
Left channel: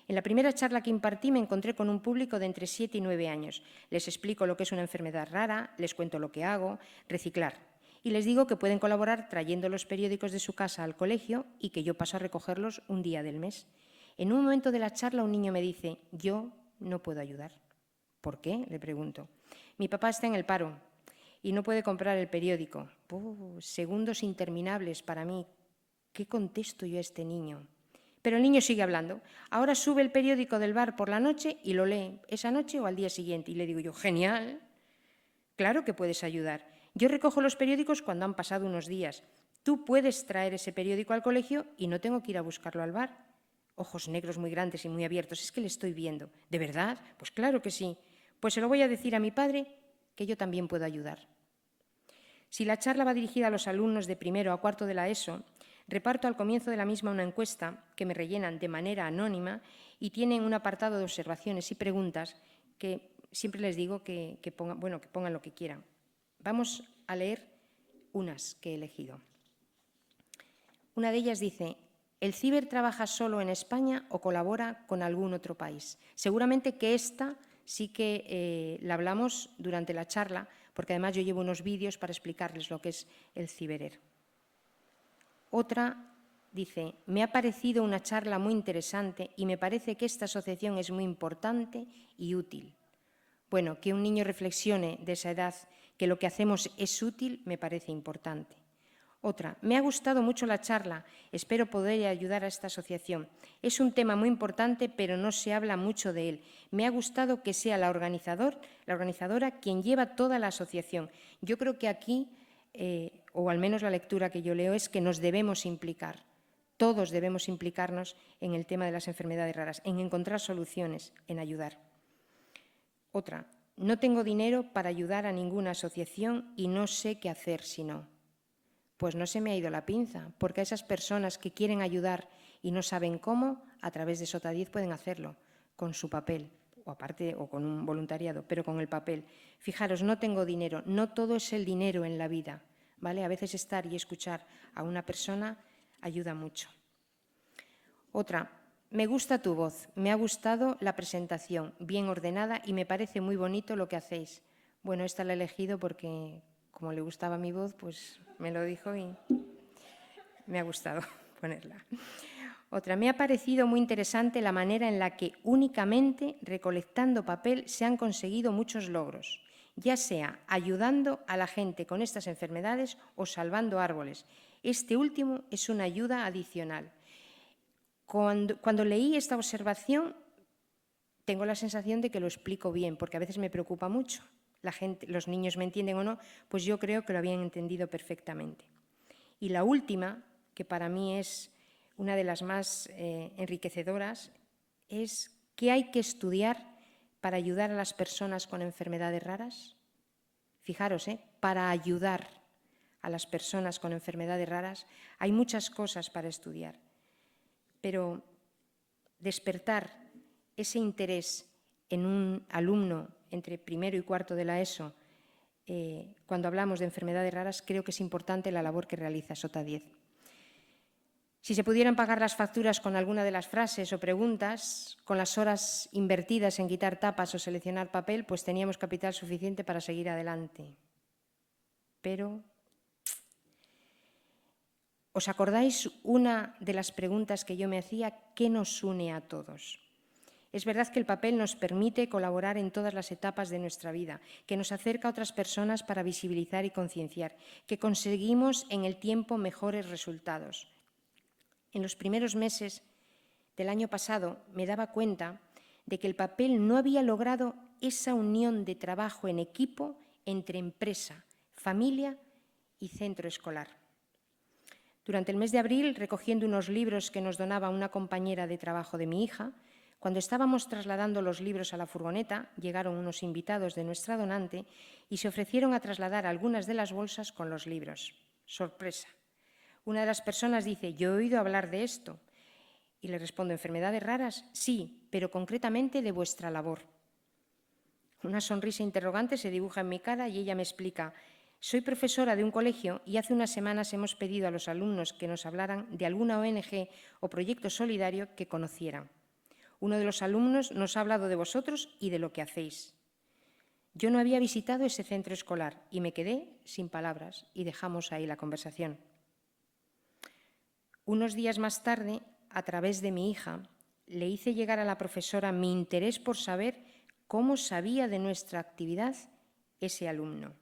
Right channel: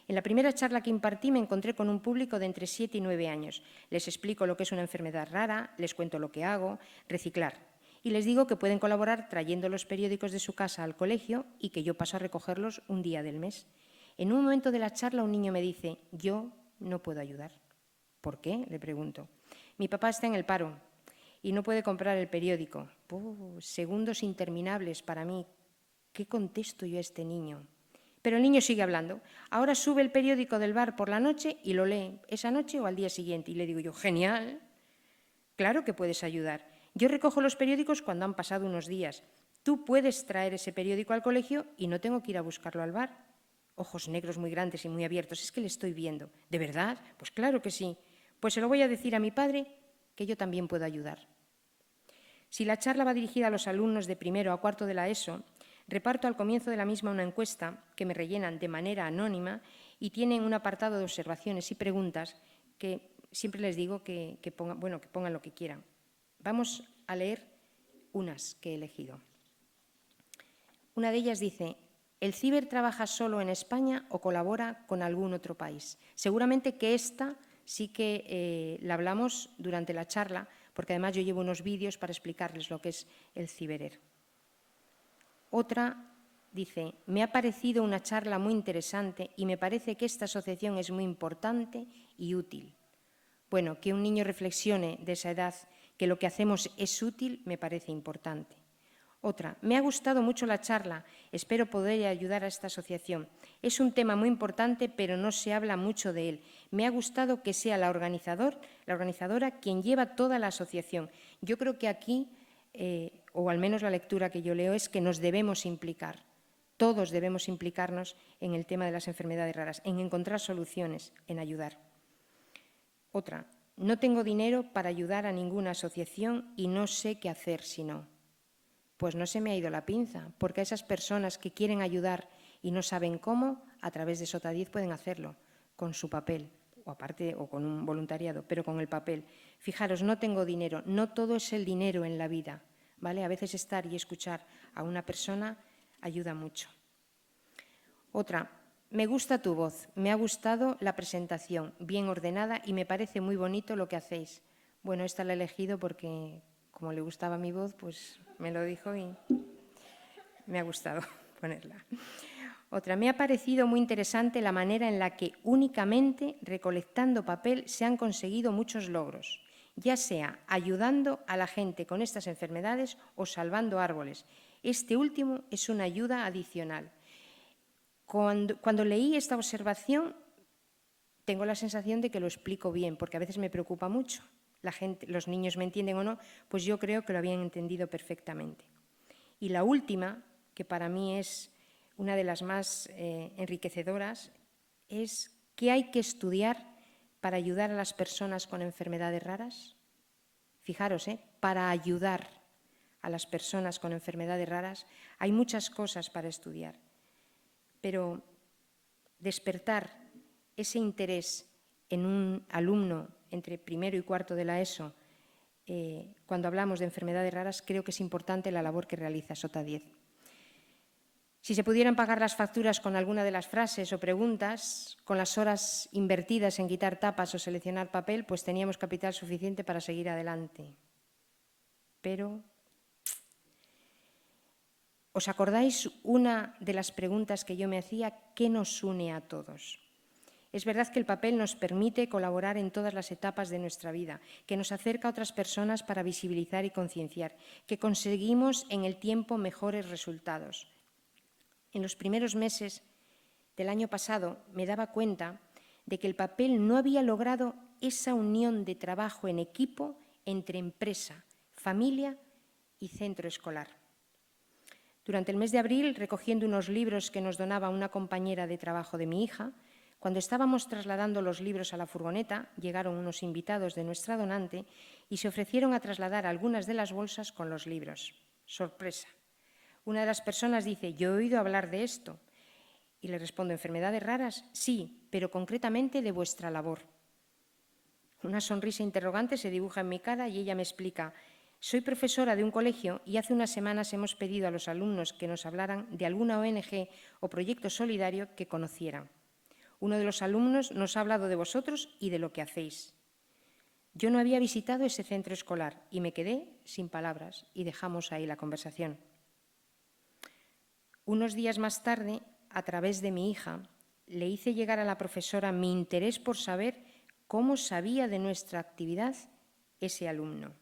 En la primera charla que impartí me encontré con un público de entre 7 y 9 años. Les explico lo que es una enfermedad rara, les cuento lo que hago, reciclar. Y les digo que pueden colaborar trayendo los periódicos de su casa al colegio y que yo paso a recogerlos un día del mes. En un momento de la charla un niño me dice: yo no puedo ayudar. ¿Por qué?, le pregunto. Mi papá está en el paro y no puede comprar el periódico. Segundos interminables para mí. ¿Qué contesto yo a este niño? Pero el niño sigue hablando. Ahora sube el periódico del bar por la noche y lo lee esa noche o al día siguiente. Y le digo yo: genial, claro que puedes ayudar. Yo recojo los periódicos cuando han pasado unos días. Tú puedes traer ese periódico al colegio y no tengo que ir a buscarlo al bar. Ojos negros muy grandes y muy abiertos. Es que le estoy viendo. ¿De verdad? Pues claro que sí. Pues se lo voy a decir a mi padre que yo también puedo ayudar. Si la charla va dirigida a los alumnos de primero a cuarto de la ESO, reparto al comienzo de la misma una encuesta que me rellenan de manera anónima y tienen un apartado de observaciones y preguntas que siempre les digo que pongan lo que quieran. Vamos a leer unas que he elegido. Una de ellas dice: ¿el ciber trabaja solo en España o colabora con algún otro país? Seguramente que esta sí que la hablamos durante la charla, porque además yo llevo unos vídeos para explicarles lo que es el ciberer. Otra dice: me ha parecido una charla muy interesante y me parece que esta asociación es muy importante y útil. Bueno, que un niño reflexione de esa edad que lo que hacemos es útil me parece importante. Otra: me ha gustado mucho la charla, espero poder ayudar a esta asociación. Es un tema muy importante, pero no se habla mucho de él. Me ha gustado que sea la organizadora quien lleva toda la asociación. Yo creo que aquí, o al menos la lectura que yo leo, es que nos debemos implicar. Todos debemos implicarnos en el tema de las enfermedades raras, en encontrar soluciones, en ayudar. Otra: no tengo dinero para ayudar a ninguna asociación y no sé qué hacer si no. Pues no se me ha ido la pinza, porque a esas personas que quieren ayudar y no saben cómo, a través de Sota 10 pueden hacerlo, con su papel, o aparte, o con un voluntariado, pero con el papel. Fijaros, no tengo dinero, no todo es el dinero en la vida, ¿vale? A veces estar y escuchar a una persona ayuda mucho. Otra: me gusta tu voz, me ha gustado la presentación, bien ordenada y me parece muy bonito lo que hacéis. Bueno, esta la he elegido porque, como le gustaba mi voz, pues me lo dijo y me ha gustado ponerla. Otra: me ha parecido muy interesante la manera en la que únicamente recolectando papel se han conseguido muchos logros, ya sea ayudando a la gente con estas enfermedades o salvando árboles. Este último es una ayuda adicional. Cuando leí esta observación, tengo la sensación de que lo explico bien, porque a veces me preocupa mucho. Los niños me entienden o no, pues yo creo que lo habían entendido perfectamente. Y la última, que para mí es una de las más enriquecedoras, es: ¿qué hay que estudiar para ayudar a las personas con enfermedades raras? Fijaros, para ayudar a las personas con enfermedades raras hay muchas cosas para estudiar, pero despertar ese interés en un alumno entre primero y cuarto de la ESO, cuando hablamos de enfermedades raras, creo que es importante la labor que realiza Sota 10. Si se pudieran pagar las facturas con alguna de las frases o preguntas, con las horas invertidas en quitar tapas o seleccionar papel, pues teníamos capital suficiente para seguir adelante. Pero ¿Os acordáis una de las preguntas que yo me hacía? ¿Qué nos une a todos? Es verdad que el papel nos permite colaborar en todas las etapas de nuestra vida, que nos acerca a otras personas para visibilizar y concienciar, que conseguimos en el tiempo mejores resultados. En los primeros meses del año pasado me daba cuenta de que el papel no había logrado esa unión de trabajo en equipo entre empresa, familia y centro escolar. Durante el mes de abril, recogiendo unos libros que nos donaba una compañera de trabajo de mi hija, cuando estábamos trasladando los libros a la furgoneta, llegaron unos invitados de nuestra donante y se ofrecieron a trasladar algunas de las bolsas con los libros. Sorpresa. Una de las personas dice: yo he oído hablar de esto. Y le respondo: ¿enfermedades raras? Sí, pero concretamente de vuestra labor. Una sonrisa interrogante se dibuja en mi cara y ella me explica: soy profesora de un colegio y hace unas semanas hemos pedido a los alumnos que nos hablaran de alguna ONG o proyecto solidario que conocieran. Uno de los alumnos nos ha hablado de vosotros y de lo que hacéis. Yo no había visitado ese centro escolar y me quedé sin palabras y dejamos ahí la conversación. Unos días más tarde, a través de mi hija, le hice llegar a la profesora mi interés por saber cómo sabía de nuestra actividad ese alumno.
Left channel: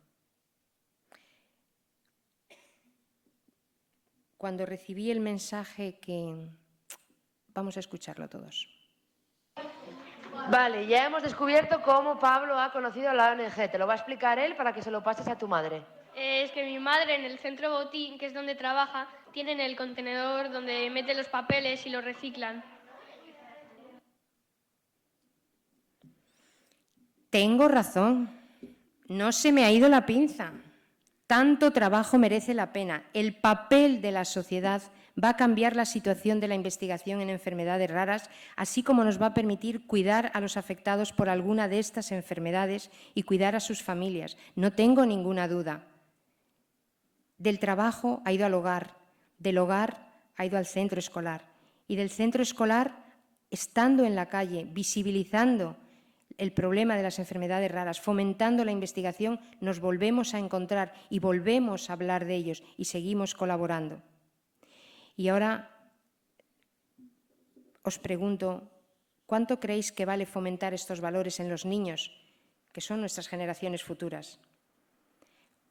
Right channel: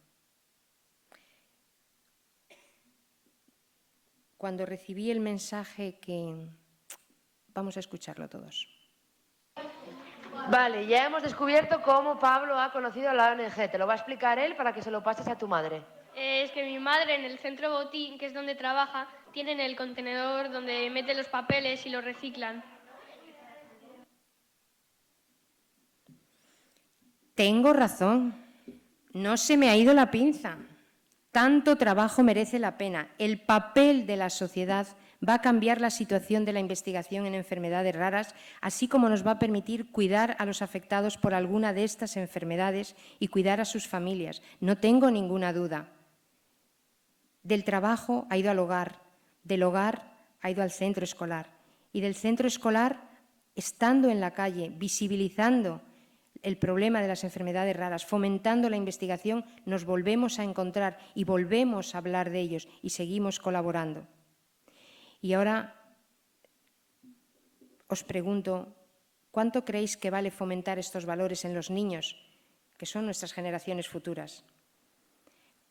Cuando recibí el mensaje que... Vamos a escucharlo todos. Vale, ya hemos descubierto cómo Pablo ha conocido a la ONG. Te lo va a explicar él para que se lo pases a tu madre. Es que mi madre en el centro botín, que es donde trabaja, tienen el contenedor donde meten los papeles y los reciclan. Tengo razón. No se me ha ido la pinza. Tanto trabajo merece la pena. El papel de la sociedad va a cambiar la situación de la investigación en enfermedades raras, así como nos va a permitir cuidar a los afectados por alguna de estas enfermedades y cuidar a sus familias. No tengo ninguna duda. Del trabajo ha ido al hogar, del hogar ha ido al centro escolar y del centro escolar, estando en la calle, visibilizando el problema de las enfermedades raras, fomentando la investigación, nos volvemos a encontrar y volvemos a hablar de ellos y seguimos colaborando. Y ahora os pregunto, ¿cuánto creéis que vale fomentar estos valores en los niños, que son nuestras generaciones futuras?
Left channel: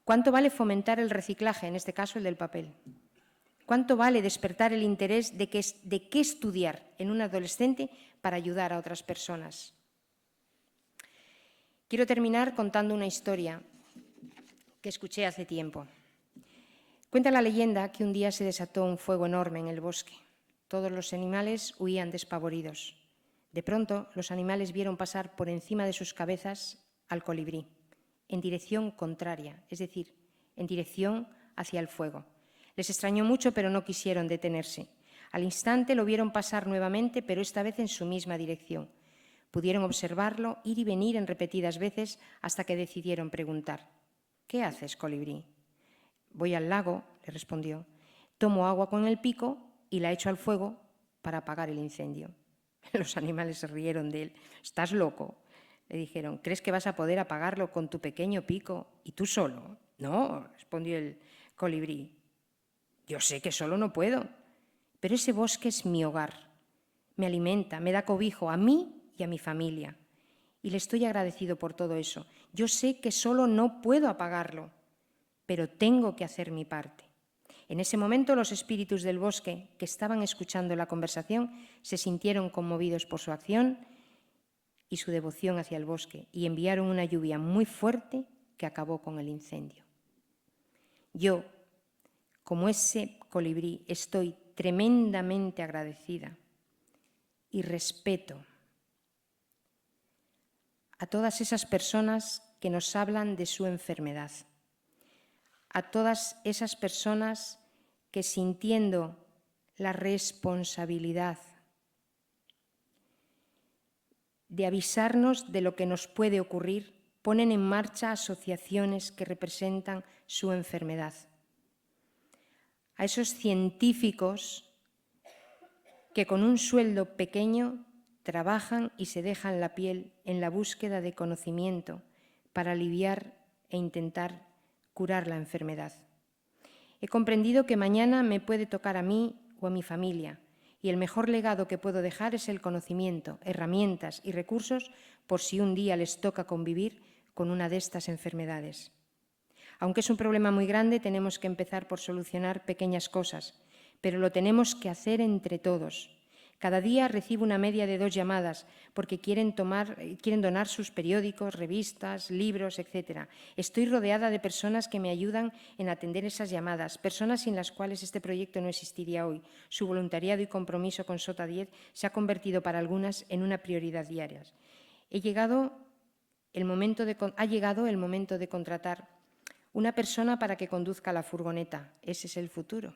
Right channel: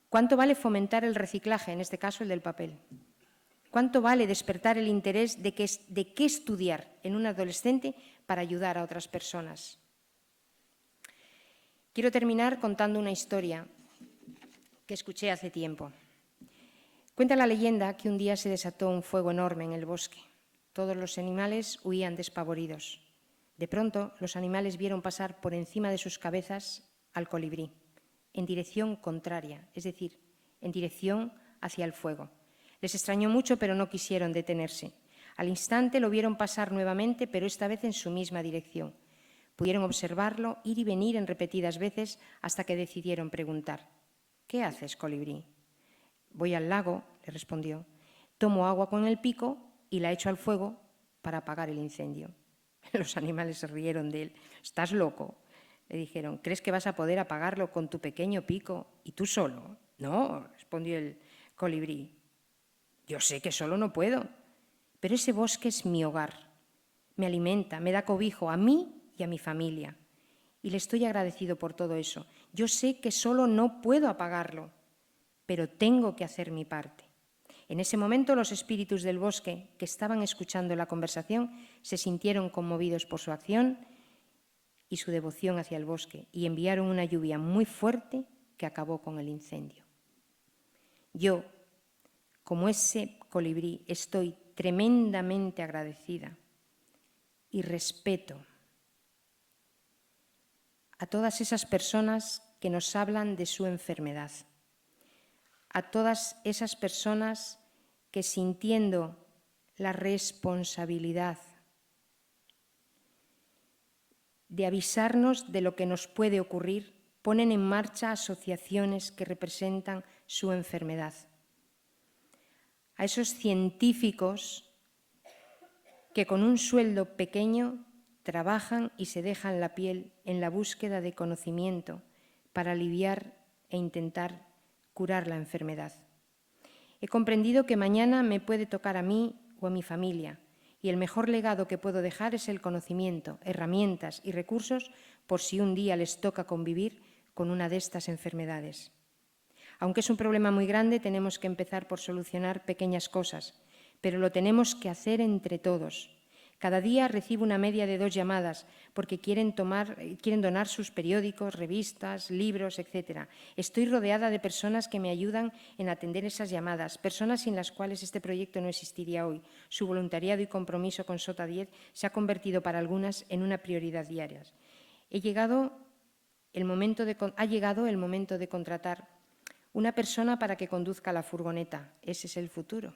¿Cuánto vale fomentar el reciclaje, en este caso el del papel? ¿Cuánto vale despertar el interés de qué estudiar en un adolescente para ayudar a otras personas? Quiero terminar contando una historia que escuché hace tiempo. Cuenta la leyenda que un día se desató un fuego enorme en el bosque. Todos los animales huían despavoridos. De pronto, los animales vieron pasar por encima de sus cabezas al colibrí, en dirección contraria, es decir, en dirección hacia el fuego. Les extrañó mucho, pero no quisieron detenerse. Al instante lo vieron pasar nuevamente, pero esta vez en su misma dirección. Pudieron observarlo ir y venir en repetidas veces hasta que decidieron preguntar: ¿qué haces, colibrí? Voy al lago, le respondió. Tomo agua con el pico y la echo al fuego para apagar el incendio. Los animales se rieron de él. ¿Estás loco?, le dijeron. ¿Crees que vas a poder apagarlo con tu pequeño pico y tú solo? No, respondió el colibrí. Yo sé que solo no puedo, pero ese bosque es mi hogar. Me alimenta, me da cobijo a mí y a mi familia. Y le estoy agradecido por todo eso. Yo sé que solo no puedo apagarlo, pero tengo que hacer mi parte. En ese momento los espíritus del bosque, que estaban escuchando la conversación, se sintieron conmovidos por su acción y su devoción hacia el bosque, y enviaron una lluvia muy fuerte que acabó con el incendio. Yo, como ese colibrí, estoy tremendamente agradecida y respeto a todas esas personas que nos hablan de su enfermedad, a todas esas personas que, sintiendo la responsabilidad de avisarnos de lo que nos puede ocurrir, ponen en marcha asociaciones que representan su enfermedad. A esos científicos que con un sueldo pequeño trabajan y se dejan la piel en la búsqueda de conocimiento para aliviar e intentar curar la enfermedad. He comprendido que mañana me puede tocar a mí o a mi familia, y el mejor legado que puedo dejar es el conocimiento, herramientas y recursos por si un día les toca convivir con una de estas enfermedades. Aunque es un problema muy grande, tenemos que empezar por solucionar pequeñas cosas, pero lo tenemos que hacer entre todos. Cada día recibo una media de 2 llamadas porque quieren donar sus periódicos, revistas, libros, etc. Estoy rodeada de personas que me ayudan en atender esas llamadas, personas sin las cuales este proyecto no existiría hoy. Su voluntariado y compromiso con Sota 10 se ha convertido para algunas en una prioridad diaria. Ha llegado el momento de contratar una persona para que conduzca la furgoneta. Ese es el futuro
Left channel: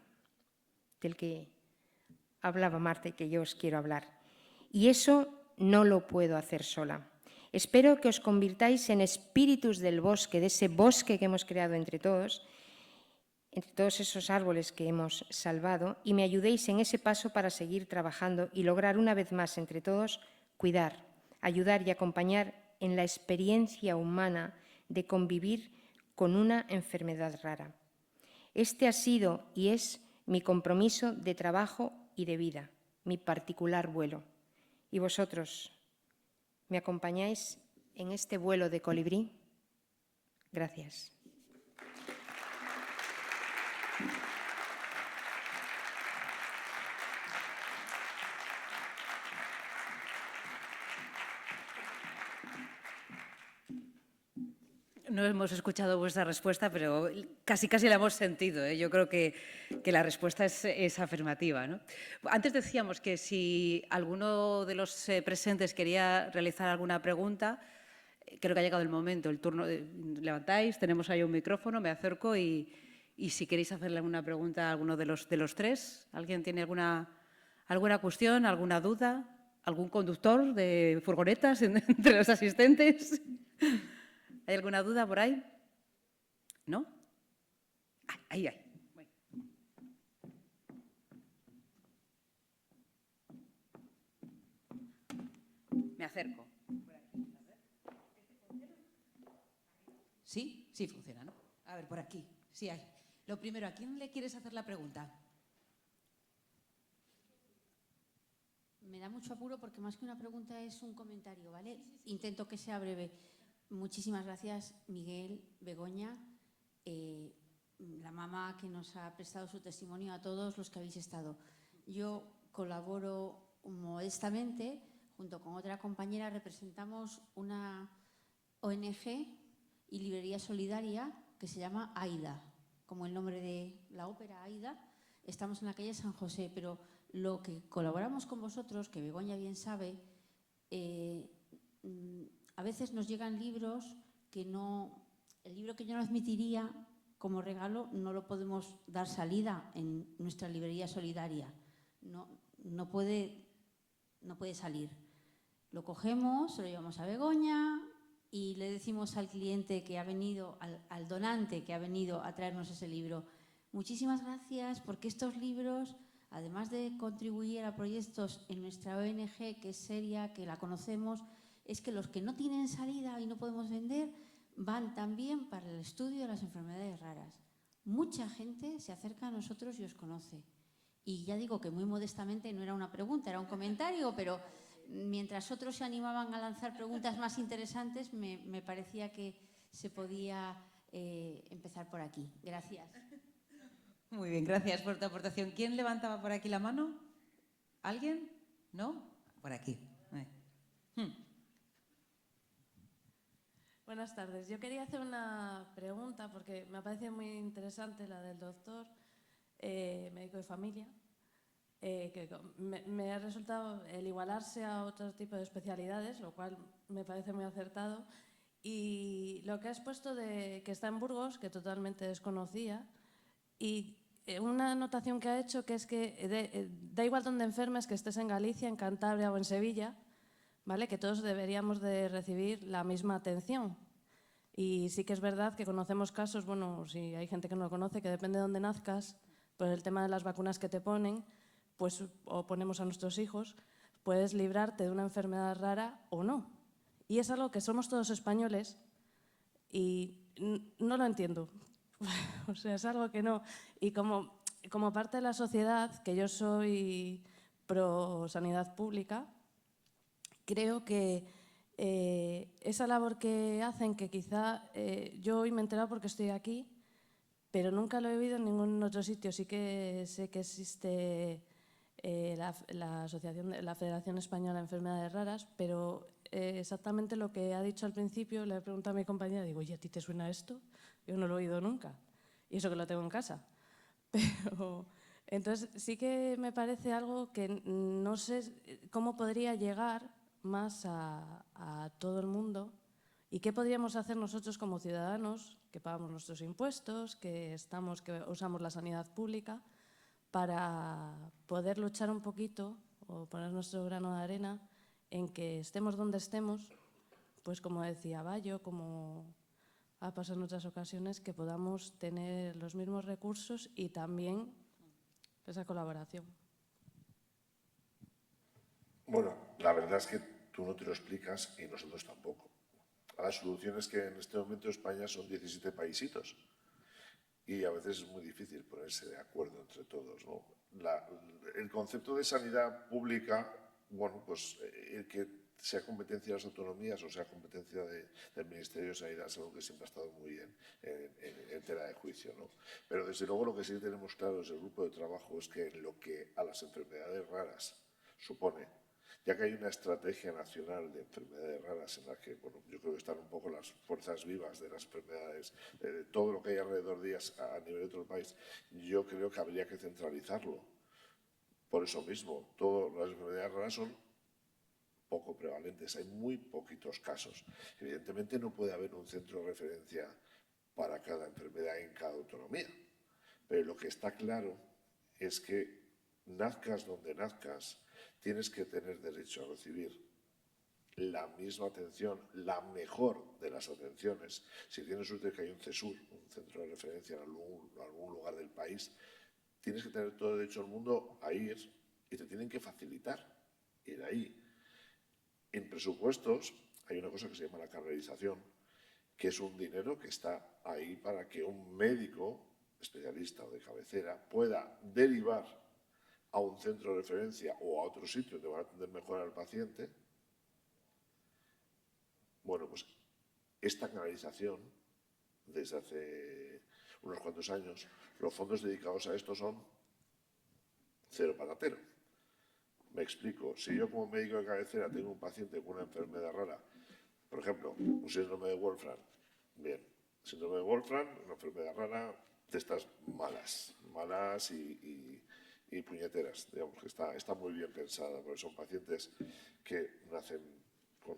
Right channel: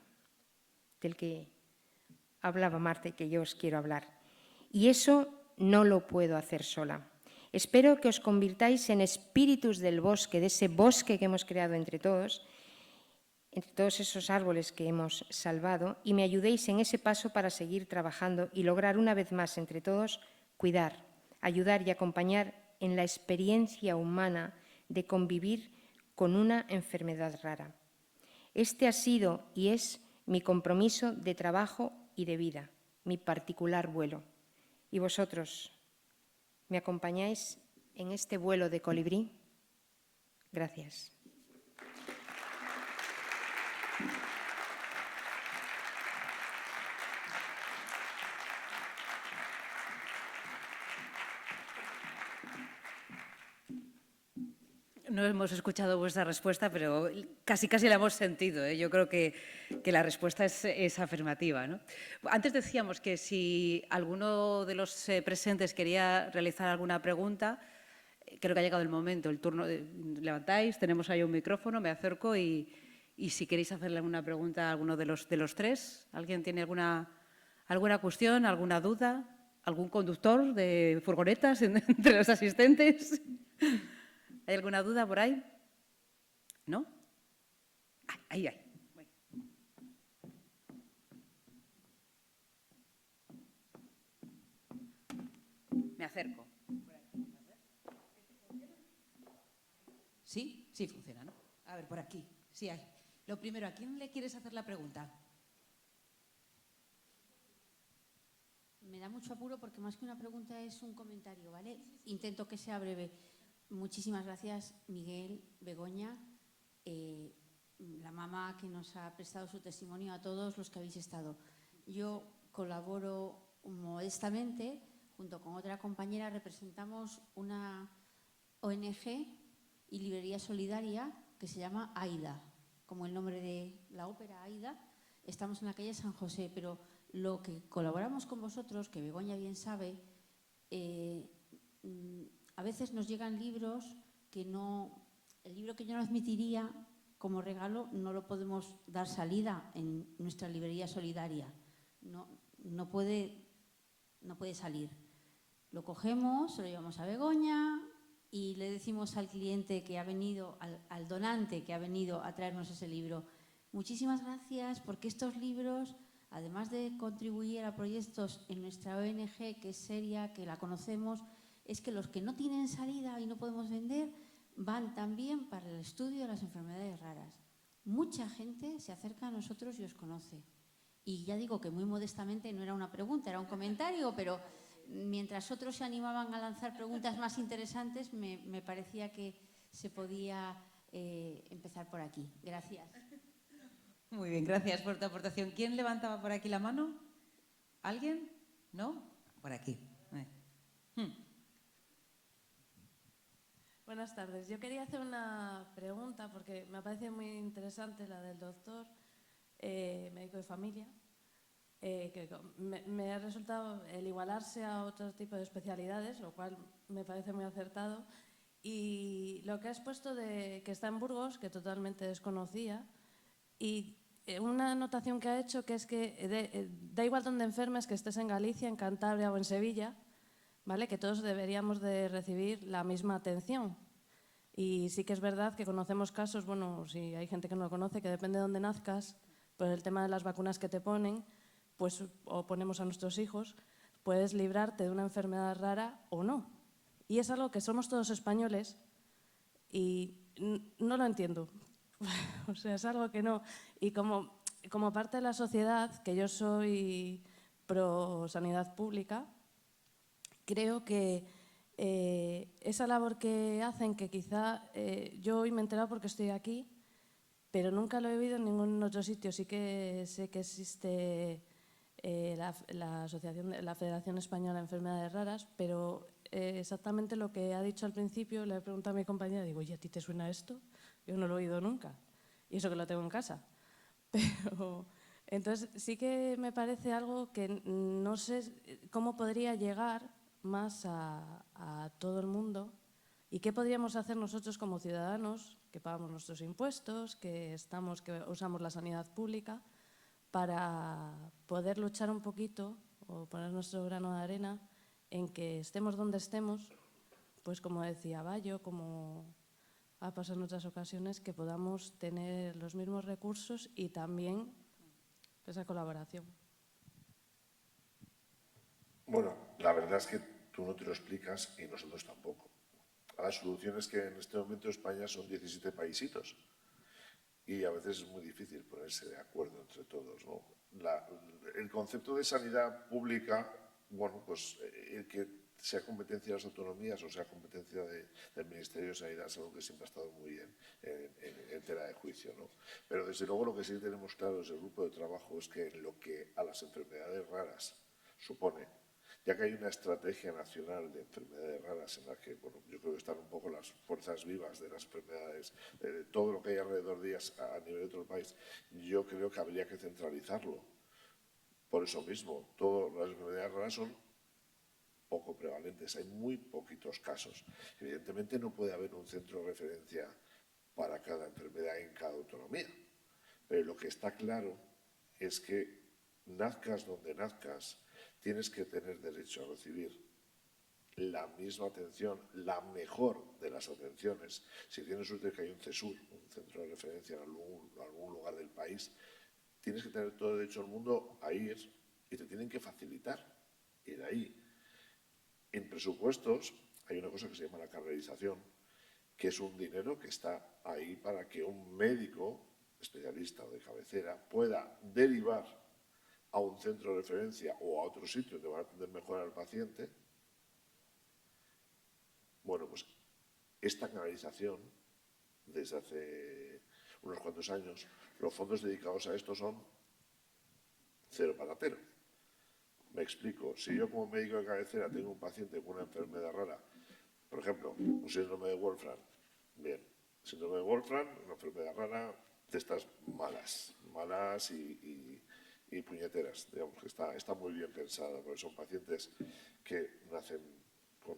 del que hablaba Marta y que yo os quiero hablar. Y eso no lo puedo hacer sola. Espero que os convirtáis en espíritus del bosque, de ese bosque que hemos creado entre todos esos árboles que hemos salvado, y me ayudéis en ese paso para seguir trabajando y lograr una vez más entre todos cuidar, ayudar y acompañar en la experiencia humana de convivir con una enfermedad rara. Este ha sido y es mi compromiso de trabajo y de vida, mi particular vuelo. ¿Y vosotros me acompañáis en este vuelo de colibrí? Gracias. No hemos escuchado vuestra respuesta, pero casi la hemos sentido, ¿eh? Yo creo que la respuesta es afirmativa, ¿no? Antes decíamos que si alguno de los presentes quería realizar alguna pregunta, creo que ha llegado el momento, el turno. Levantáis, tenemos ahí un micrófono, me acerco y si queréis hacerle alguna pregunta a alguno de los tres. ¿Alguien tiene alguna cuestión, alguna duda? ¿Algún conductor de furgonetas entre los asistentes? ¿Hay alguna duda por ahí? ¿No? Ahí hay. Bueno. Me acerco. ¿Sí? Sí funciona, ¿no? A ver, por aquí. Sí hay. Lo primero, ¿a quién le quieres hacer la pregunta? Me da mucho apuro porque más que una pregunta es un comentario, ¿vale? Intento que sea breve. Muchísimas gracias, Miguel, Begoña, la mamá que nos ha prestado su testimonio, a todos los que habéis estado. Yo colaboro modestamente, junto con otra compañera, representamos una ONG y librería solidaria que se llama AIDA, como el nombre de la ópera AIDA. Estamos en la calle San José, pero lo que colaboramos con vosotros, que Begoña bien sabe, a veces nos llegan libros que el libro que yo no admitiría como regalo no lo podemos dar salida en nuestra librería solidaria. No puede salir. Lo cogemos, se lo llevamos a Begoña y le decimos al cliente que ha venido, al donante que ha venido a traernos ese libro: muchísimas gracias, porque estos libros, además de contribuir a proyectos en nuestra ONG, que es seria, que la conocemos, es que los que no tienen salida y no podemos vender van también para el estudio de las enfermedades raras. Mucha gente se acerca a nosotros y os conoce. Y ya digo que muy modestamente, no era una pregunta, era un comentario, pero mientras otros se animaban a lanzar preguntas más interesantes, me parecía que se podía empezar por aquí. Gracias. Muy bien, gracias por tu aportación. ¿Quién levantaba por aquí la mano? ¿Alguien? ¿No? Por aquí. Buenas tardes. Yo quería hacer una pregunta porque me parece muy interesante la del doctor, médico de familia, que me ha resultado el igualarse a otro tipo de especialidades, lo cual me parece muy acertado. Y lo que has puesto de que está en Burgos, que totalmente desconocía, y una anotación que ha hecho, que es que da igual donde enfermes, que estés en Galicia, en Cantabria o en Sevilla, ¿vale? Que todos deberíamos de recibir la misma atención. Y sí que es verdad que conocemos casos, bueno, si hay gente que no lo conoce, que depende de dónde nazcas, por el tema de las vacunas que te ponen, pues, o ponemos a nuestros hijos, puedes librarte de una enfermedad rara o no. Y es algo que somos todos españoles y no lo entiendo. o sea, es algo que no. Y como parte de la sociedad, que yo soy pro sanidad pública, creo que esa labor que hacen, que quizá yo hoy me he enterado porque estoy aquí, pero nunca lo he oído en ningún otro sitio. Sí que sé que existe la Federación Española de Enfermedades Raras, pero exactamente lo que ha dicho al principio, le he preguntado a mi compañera, digo, ¿y a ti te suena esto? Yo no lo he oído nunca, y eso que lo tengo en casa. Pero entonces sí que me parece algo que no sé cómo podría llegar más a todo el mundo y qué podríamos hacer nosotros como ciudadanos que pagamos nuestros impuestos, que usamos la sanidad pública, para poder luchar un poquito o poner nuestro grano de arena en que estemos donde estemos, pues como decía Bayo, como ha pasado en otras ocasiones, que podamos tener los mismos recursos y también esa colaboración. Bueno, la verdad es que tú no te lo explicas y nosotros tampoco. La solución es que en este momento España son 17 paisitos y a veces es muy difícil ponerse de acuerdo entre todos, ¿no? El concepto de sanidad pública, bueno, pues que sea competencia de las autonomías o sea competencia del Ministerio de Sanidad, es algo que siempre ha estado muy en tela de juicio, ¿no? Pero desde luego lo que sí tenemos claro desde el grupo de trabajo es que lo que a las enfermedades raras supone, ya que hay una estrategia nacional de enfermedades raras en la que, bueno, yo creo que están un poco las fuerzas vivas de las enfermedades, de todo lo que hay alrededor de ellas a nivel de todo el país, yo creo que habría que centralizarlo. Por eso mismo, todas las enfermedades raras son poco prevalentes, hay muy poquitos casos. Evidentemente no puede haber un centro de referencia para cada enfermedad en cada autonomía, pero lo que está claro es que nazcas donde nazcas, tienes que tener derecho a recibir la misma atención, la mejor de las atenciones. Si tienes suerte que hay un CESUR, un centro de referencia en algún lugar del país, tienes que tener todo el derecho del mundo a ir y te tienen que facilitar ir ahí. En presupuestos hay una cosa que se llama la carnerización, que es un dinero que está ahí para que un médico especialista o de cabecera pueda derivar a un centro de referencia o a otro sitio donde va a atender mejor al paciente. Bueno, pues esta canalización, desde hace unos cuantos años, los fondos dedicados a esto son cero patatero. Me explico. Si yo como médico de cabecera tengo un paciente con una enfermedad rara, por ejemplo, un síndrome de Wolfram, bien, síndrome de Wolfram, una enfermedad rara, de estas malas y puñeteras, digamos que está muy bien pensada, porque son pacientes que nacen con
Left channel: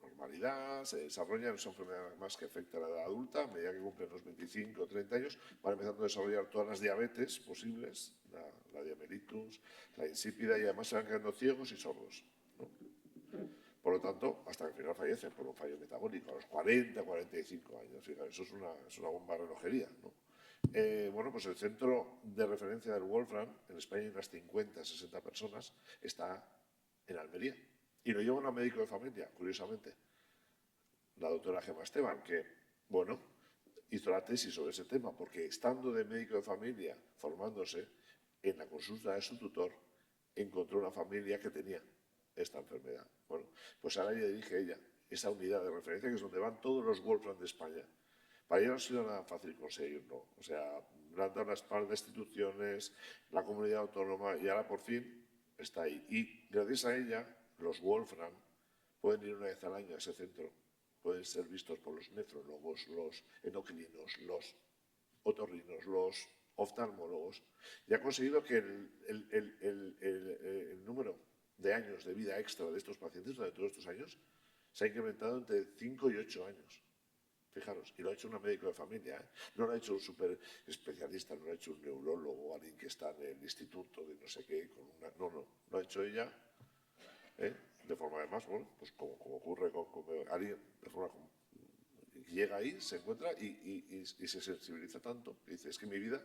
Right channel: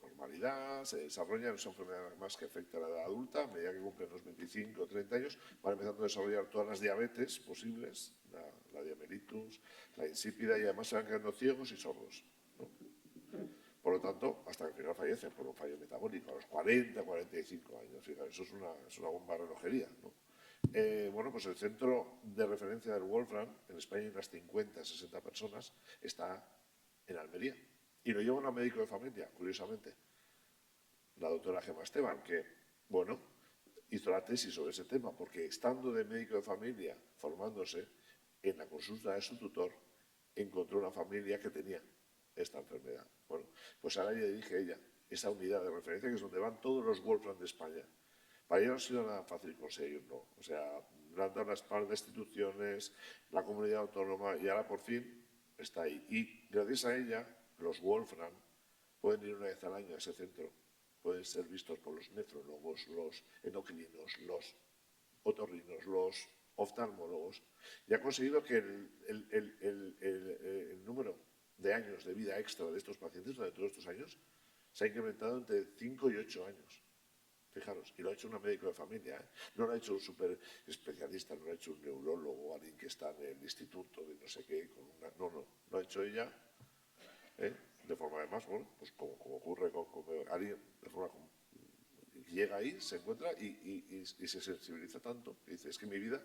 normalidad, se desarrollan, es una enfermedad más que afecta a la edad adulta, a medida que cumplen los 25 o 30 años, van empezando a desarrollar todas las diabetes posibles, la diabetitus, la insípida, y además se van quedando ciegos y sordos, ¿no? Por lo tanto, hasta que al final fallecen por un fallo metabólico, a los 40, 45 años. Fíjate, eso es una bomba de relojería, ¿no? Bueno, pues el centro de referencia del Wolfram, en España hay unas 50, 60 personas, está en Almería. Y lo lleva una médico de familia, curiosamente, la doctora Gemma Esteban, que, bueno, hizo la tesis sobre ese tema, porque estando de médico de familia, formándose, en la consulta de su tutor, encontró una familia que tenía esta enfermedad. Bueno, pues ahora ya dirige ella esa unidad de referencia, que es donde van todos los Wolfram de España. Para ella no ha sido nada fácil conseguirlo. O sea, le han dado las par de instituciones, la comunidad autónoma, y ahora por fin está ahí. Y gracias a ella, los Wolfram pueden ir una vez al año a ese centro. Pueden ser vistos por los nefrólogos, los endocrinos, los otorrinos, los oftalmólogos, y ha conseguido que el número de años de vida extra de estos pacientes durante todos estos años se ha incrementado entre 5 y 8 años. Fijaros, y lo ha hecho una médico de familia, ¿eh? No lo ha hecho un súper especialista, no lo ha hecho un neurólogo, alguien que está en el instituto de no sé qué, no, lo ha hecho ella, de forma además, bueno, pues como ocurre con alguien, de forma como llega ahí, se encuentra y se sensibiliza tanto, y dice, es que mi vida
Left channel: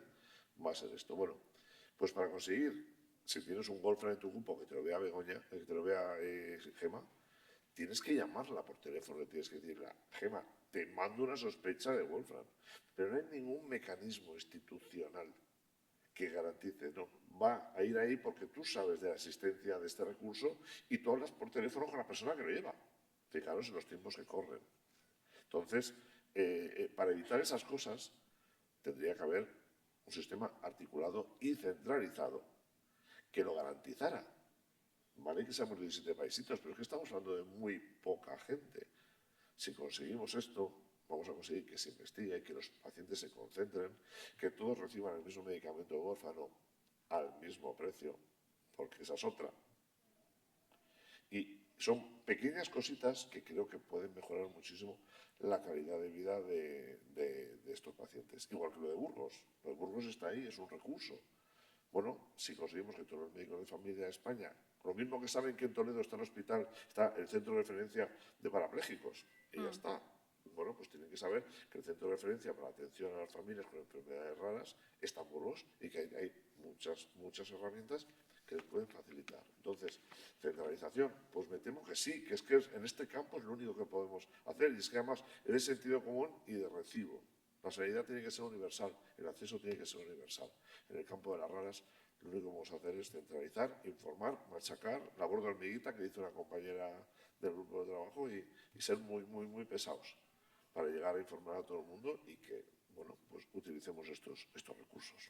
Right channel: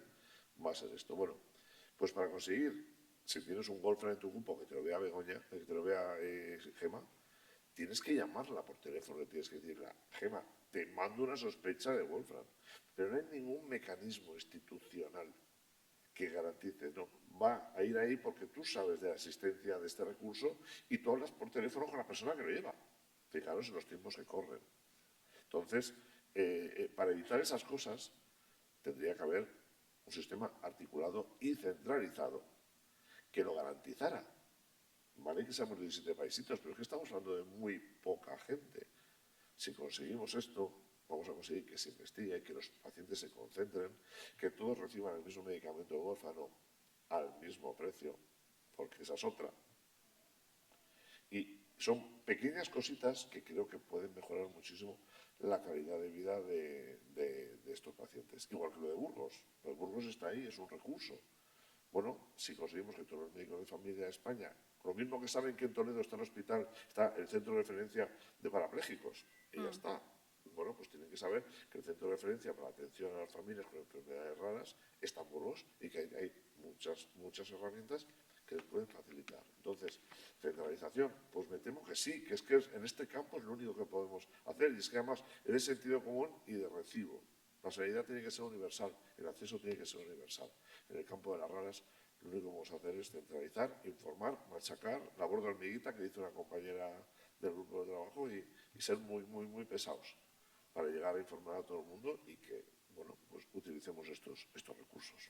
va a ser esto. Bueno, pues para conseguir, si tienes un Wolfram en tu grupo, que te lo vea Begoña, que te lo vea Gemma, tienes que llamarla por teléfono, le tienes que decirle, Gemma, te mando una sospecha de Wolfram, pero no hay ningún mecanismo institucional que garantice, no, va a ir ahí porque tú sabes de la existencia de este recurso y tú hablas por teléfono con la persona que lo lleva. Fijaros en los tiempos que corren. Entonces, para evitar esas cosas, tendría que haber un sistema articulado y centralizado que lo garantizara. Vale que seamos 17 paisitos, pero es que estamos hablando de muy poca gente. Si conseguimos esto, vamos a conseguir que se investigue, que los pacientes se concentren, que todos reciban el mismo medicamento de huérfano al mismo precio, porque esa es otra. Y son pequeñas cositas que creo que pueden mejorar muchísimo la calidad de vida de estos pacientes. Igual que lo de Burgos. Lo de Burgos está ahí, es un recurso. Bueno, si conseguimos que todos los médicos de familia de España, lo mismo que saben que en Toledo está el hospital, está el centro de referencia de parapléjicos, y ya está. Bueno, pues tienen que saber que el centro de referencia para la atención a las familias con enfermedades raras está en Burgos y que hay muchas herramientas que les pueden facilitar. Entonces, centralización, pues me temo que sí, que es que en este campo es lo único que podemos hacer, y es que además es de sentido común y de recibo. La sanidad tiene que ser universal, el acceso tiene que ser universal. En el campo de las raras, lo único que vamos a hacer es centralizar, informar, machacar, labor de hormiguita, que dice una compañera del grupo de trabajo, y ser muy pesados para llegar a informar a todo el mundo y que, bueno, pues utilicemos estos recursos.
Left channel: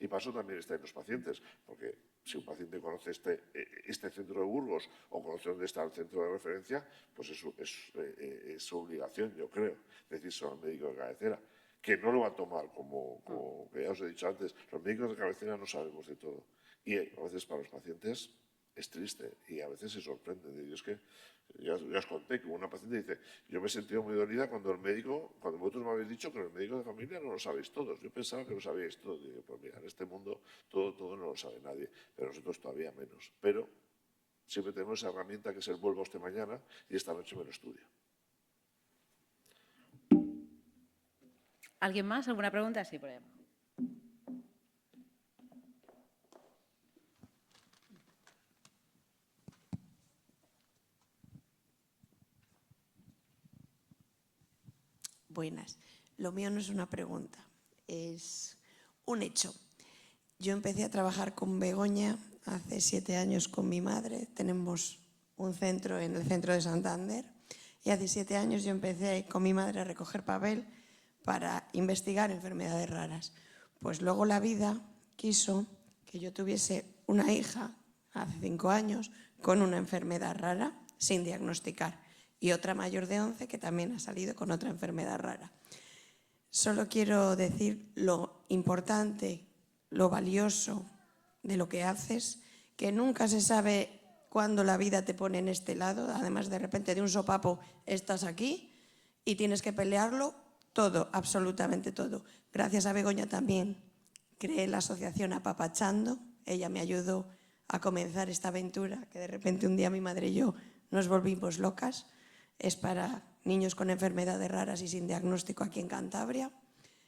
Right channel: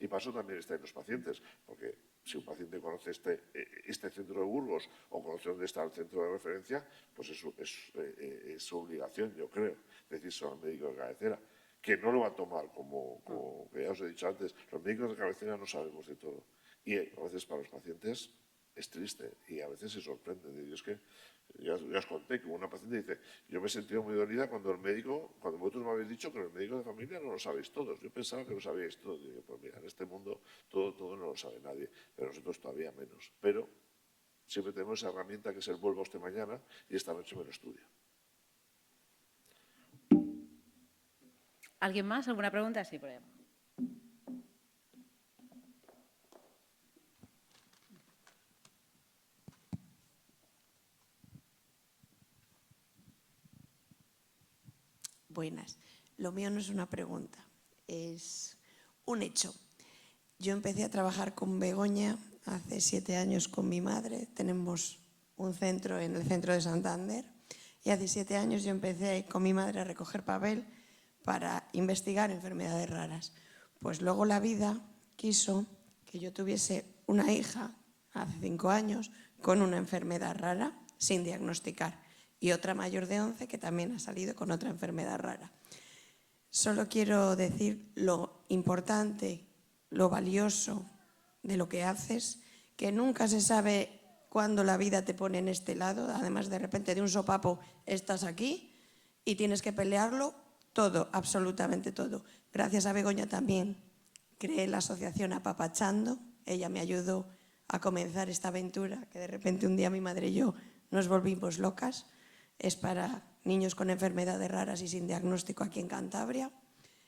Y para eso también están los pacientes, porque si un paciente conoce este centro de Burgos o conoce dónde está el centro de referencia, pues es su obligación, yo creo, decírselo al médico de cabecera, que no lo va a tomar como que ya os he dicho antes, los médicos de cabecera no sabemos de todo. Y a veces para los pacientes es triste y a veces se sorprenden. Y es que ya os conté que una paciente dice, yo me he sentido muy dolida cuando vosotros me habéis dicho que los médicos de familia no lo sabéis todos. Yo pensaba que lo sabíais todos. Digo, pues mira, en este mundo todo no lo sabe nadie, pero nosotros todavía menos. Pero siempre tenemos esa herramienta que es el vuelva usted mañana y esta noche me lo estudia. ¿Alguien más? ¿Alguna pregunta? Sí, por allá. Buenas. Lo mío no es una pregunta, es un hecho. Yo empecé a trabajar con Begoña hace 7 años con mi madre. Tenemos un centro en el centro de Santander y hace 7 años yo empecé con mi madre a recoger papel para investigar enfermedades raras. Pues luego la vida quiso que yo tuviese una hija hace 5 años con una enfermedad rara sin diagnosticar y otra mayor de 11 que también ha salido con otra enfermedad rara. Solo quiero decir lo importante, lo valioso de lo que haces, que nunca se sabe cuándo la vida te pone en este lado. Además, de repente de un sopapo estás aquí y tienes que pelearlo todo, absolutamente todo. Gracias a Begoña también creé la asociación Apapachando. Ella me ayudó a comenzar esta aventura, que de repente un día mi madre y yo nos volvimos locas. Es para niños con enfermedades raras y sin diagnóstico aquí en Cantabria.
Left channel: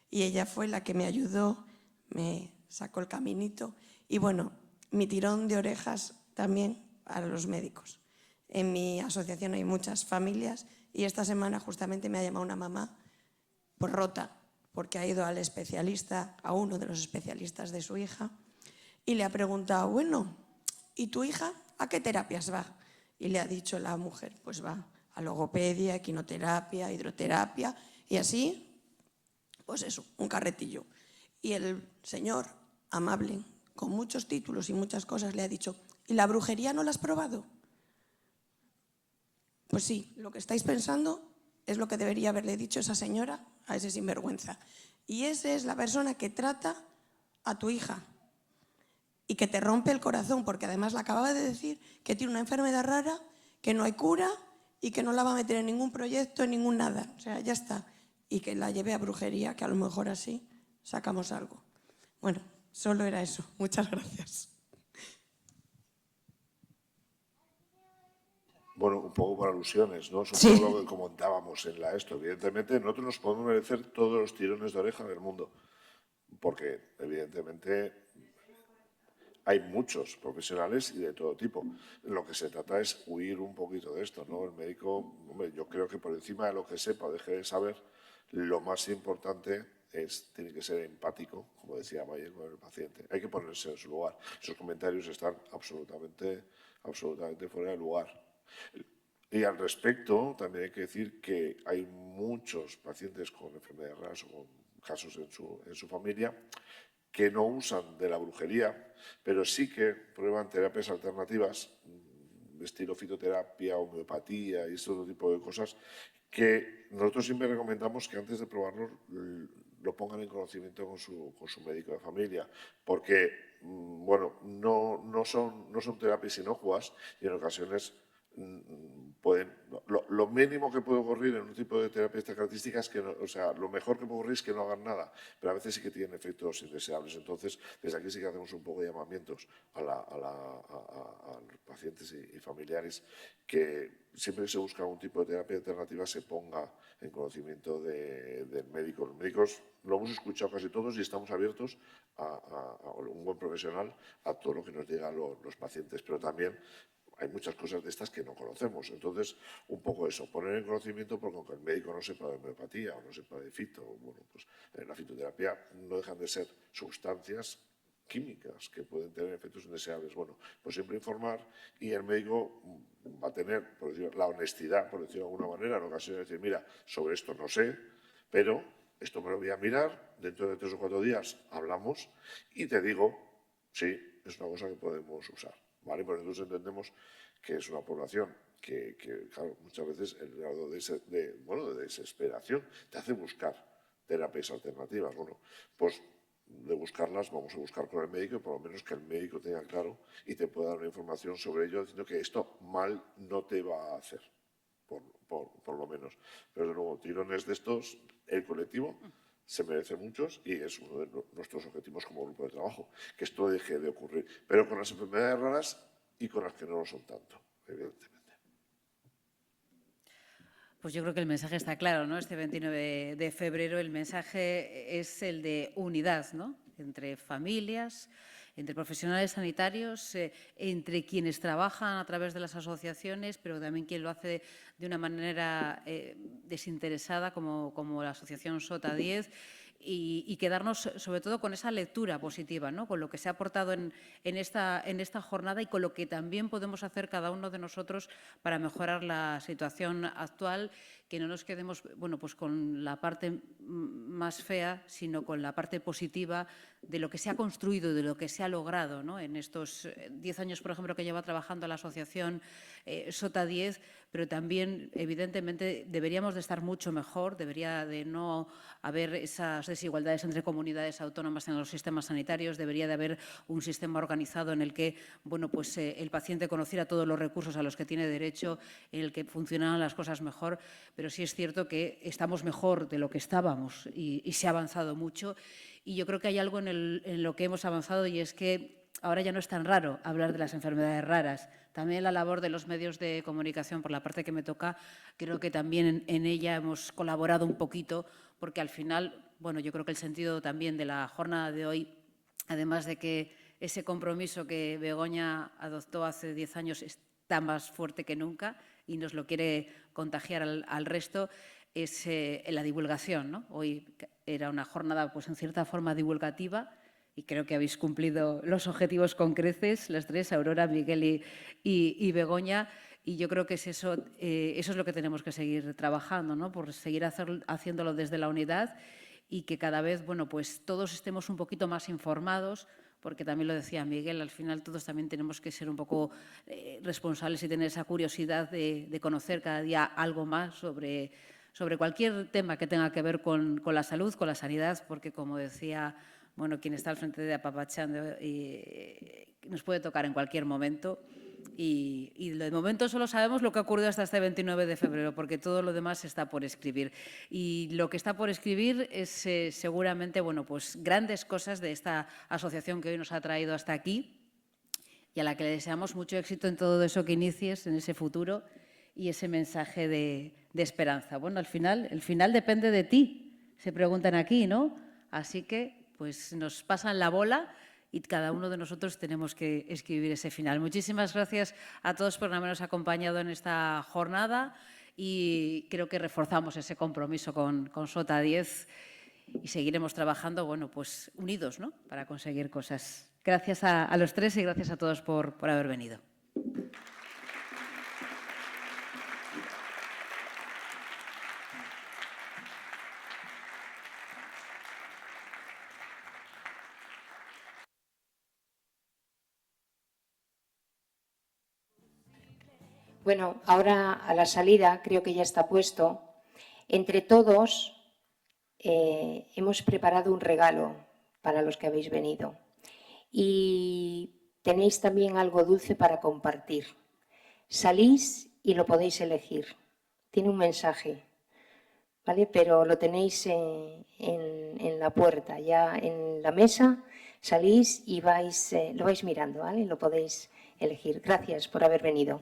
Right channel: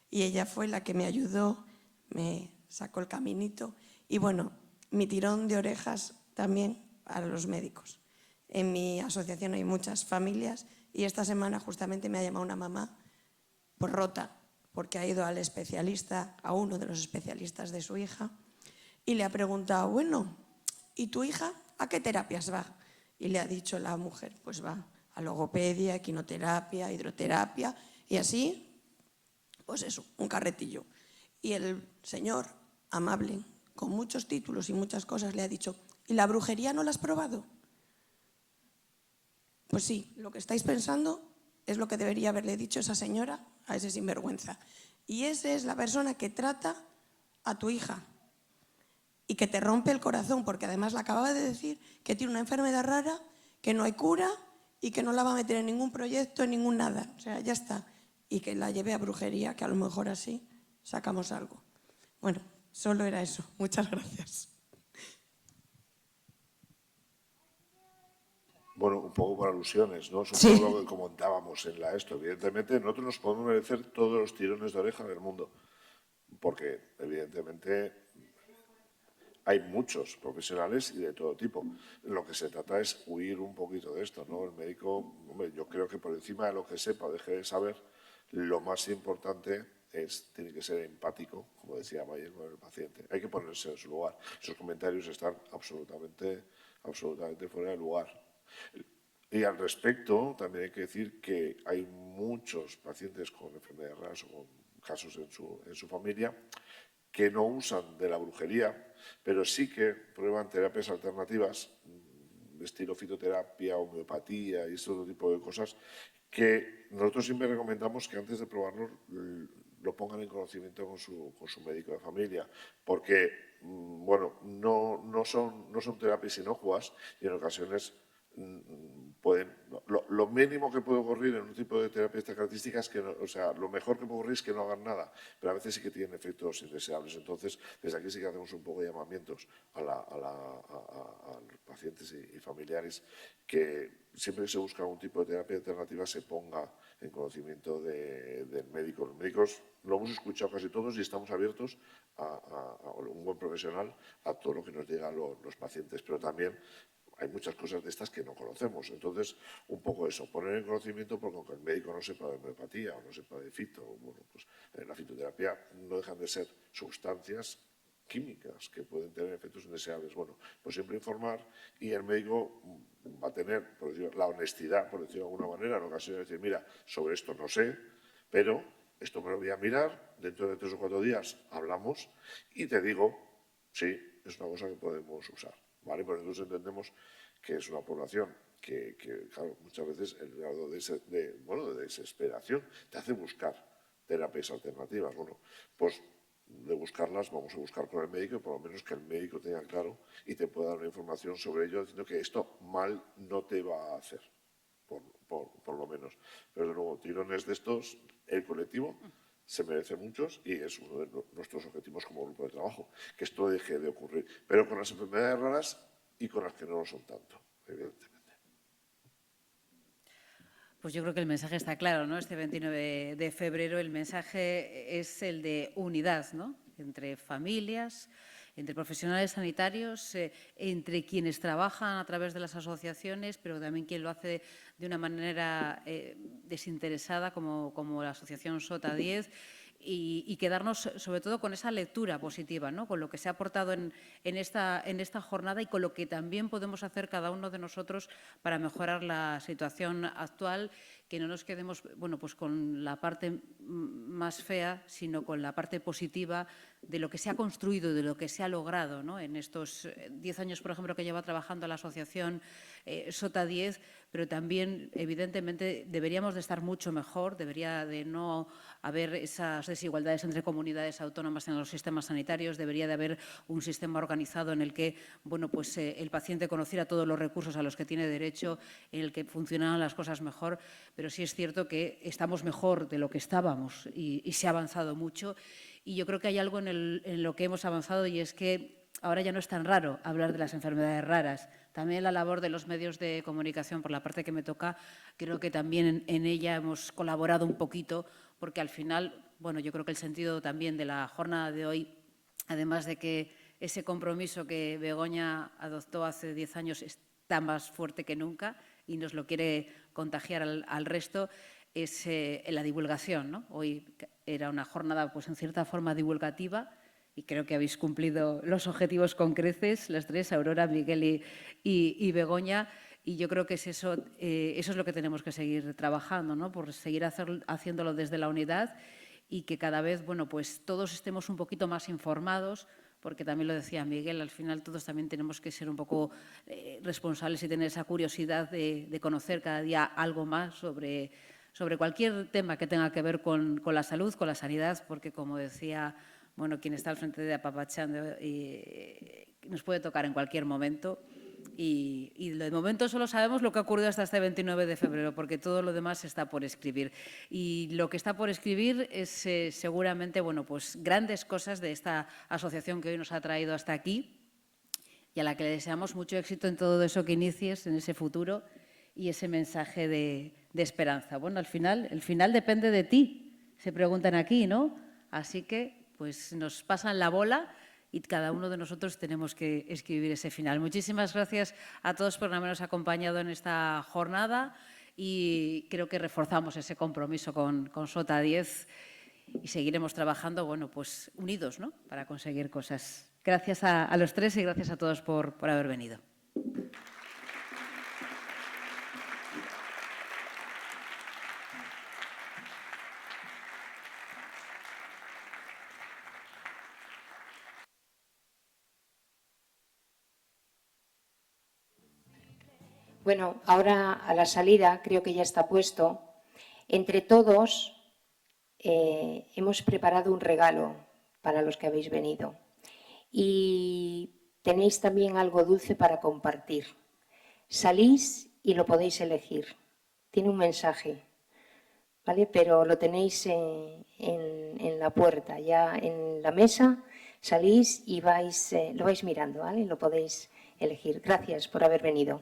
Y ella fue la que me ayudó, me sacó el caminito. Y bueno, mi tirón de orejas también a los médicos. En mi asociación hay muchas familias y esta semana justamente me ha llamado una mamá por rota, porque ha ido al especialista, a uno de los especialistas de su hija, y le ha preguntado, bueno, ¿y tu hija a qué terapias va? Y le ha dicho la mujer, pues va a logopedia, equinoterapia, hidroterapia, y así, pues eso, un carretillo. Y el señor, amable, con muchos títulos y muchas cosas, le ha dicho, ¿y la brujería no la has probado? Pues sí, lo que estáis pensando es lo que debería haberle dicho esa señora a ese sinvergüenza. Y esa es la persona que trata a tu hija y que te rompe el corazón, porque además le acababa de decir que tiene una enfermedad rara, que no hay cura y que no la va a meter en ningún proyecto, en ningún nada. O sea, ya está. Y que la lleve a brujería, que a lo mejor así sacamos algo. Bueno, solo era eso. Muchas gracias. Bueno, un poco por alusiones, ¿no? Es un Sí. poco lo que comentábamos en esto. Evidentemente, nosotros nos podemos merecer todos los tirones de oreja del mundo, porque evidentemente hay muchos profesionales y de todo tipo. Lo que se trata es huir un poquito de esto, ¿no? El médico, hombre, yo creo que por encima de lo que sepa o deje de saber, lo más importante tiene que ser empático, como decía Mayer, con el paciente. Hay que ponerse en su lugar. Sus comentarios están absolutamente fuera de lugar. Y al respecto, también hay que decir que hay muchos pacientes con enfermedades raras o con casos en su familia que no usan de la brujería, pero sí que prueban terapias alternativas, estilo fitoterapia, homeopatía y este otro tipo de cosas, que nosotros siempre recomendamos que antes de probarlo lo pongan en conocimiento con su médico de familia, porque bueno, no son terapias inocuas y en ocasiones lo mínimo que puede ocurrir en un tipo de terapia de estas características es que, lo mejor que puede ocurrir es que no hagan nada, pero a veces sí que tienen efectos indeseables. Entonces, desde aquí sí que hacemos un poco de llamamientos a los pacientes y familiares que siempre que se busca algún tipo de terapia alternativa se ponga en conocimiento del médico. Los médicos lo hemos escuchado casi todos y estamos abiertos a un buen profesional a todo lo que nos digan los pacientes, pero también hay muchas cosas de estas que no conocemos. Entonces, un poco eso, poner en conocimiento, porque aunque el médico no sepa de homeopatía o no sepa de fito, bueno, pues en la fitoterapia no dejan de ser sustancias químicas que pueden tener efectos indeseables. Bueno, pues siempre informar y el médico va a tener, por decirlo, la honestidad, por decirlo de alguna manera, en ocasiones decir, mira, sobre esto no sé, pero esto me lo voy a mirar, dentro de 3 o 4 días hablamos y te digo, sí, es una cosa que podemos usar. ¿Vale? Porque nosotros entendemos que es una población que claro, muchas veces el grado de desesperación te hace buscar terapias alternativas. Bueno, pues de buscarlas vamos a buscar con el médico y por lo menos que el médico tenga claro y te pueda dar una información sobre ello diciendo que esto mal no te va a hacer, por lo menos. Pero desde luego, tirones de estos, el colectivo se merece muchos y es uno de nuestros objetivos como grupo de trabajo, que esto deje de ocurrir, pero con las enfermedades raras y con las que no lo son tanto, evidentemente. Pues yo creo que el mensaje está claro, ¿no? Este 29 de febrero el mensaje es el de unidad, ¿no? Entre familias, entre profesionales sanitarios, entre quienes trabajan a través de las asociaciones, pero también quien lo hace de una manera desinteresada, como la asociación SOTA 10, y quedarnos sobre todo con esa lectura positiva, ¿no? Con lo que se ha aportado en esta jornada y con lo que también podemos hacer cada uno de nosotros para mejorar la situación actual, que no nos quedemos pues con la parte más fea, sino con la parte positiva de lo que se ha construido, de lo que se ha logrado, ¿no? En estos 10 años, por ejemplo, que lleva trabajando la asociación SOTA 10, pero también, evidentemente, deberíamos de estar mucho mejor, debería de no haber esas desigualdades entre comunidades autónomas en los sistemas sanitarios, debería de haber un sistema organizado en el que el paciente conociera todos los recursos a los que tiene derecho, en el que funcionaran las cosas mejor, pero sí es cierto que estamos mejor de lo que estábamos y se ha avanzado mucho. Y yo creo que hay algo en lo que hemos avanzado y es que ahora ya no es tan raro hablar de las enfermedades raras. También la labor de los medios de comunicación, por la parte que me toca, creo que también en ella hemos colaborado un poquito, porque al final, yo creo que el sentido también de la jornada de hoy, además de que ese compromiso que Begoña adoptó hace 10 años está más fuerte que nunca y nos lo quiere contagiar al resto, es la divulgación, ¿no? Hoy era una jornada, en cierta forma, divulgativa y creo que habéis cumplido los objetivos con creces, las tres, Aurora, Miguel y Begoña, y yo creo que eso es lo que tenemos que seguir trabajando, ¿no? Por seguir haciéndolo desde la unidad y que cada vez, todos estemos un poquito más informados, porque también lo decía Miguel, al final todos también tenemos que ser un poco responsables y tener esa curiosidad de conocer cada día algo más sobre cualquier tema que tenga que ver con la salud, con la sanidad, porque como decía quien está al frente de Apapachando, nos puede tocar en cualquier momento. Y de momento solo sabemos lo que ha ocurrido hasta este 29 de febrero, porque todo lo demás está por escribir. Y lo que está por escribir es seguramente grandes cosas de esta asociación que hoy nos ha traído hasta aquí y a la que le deseamos mucho éxito en todo eso que inicies, en ese futuro y ese mensaje de esperanza. Bueno, el final depende de ti, se preguntan aquí, ¿no? Así que nos pasan la bola y cada uno de nosotros tenemos que escribir ese final. Muchísimas gracias a todos por habernos acompañado en esta jornada y creo que reforzamos ese compromiso con SOTA 10 y seguiremos trabajando, bueno, pues unidos, ¿no?, para conseguir cosas. Gracias a los tres y gracias a todos por haber venido. Bueno, ahora a la salida, creo que ya está puesto, entre todos hemos preparado un regalo para los que habéis venido y tenéis también algo dulce para compartir. Salís y lo podéis elegir. Tiene un mensaje, ¿vale? Pero lo tenéis en la puerta, ya en la mesa, salís y lo vais mirando, ¿vale? Lo podéis elegir. Gracias por haber venido.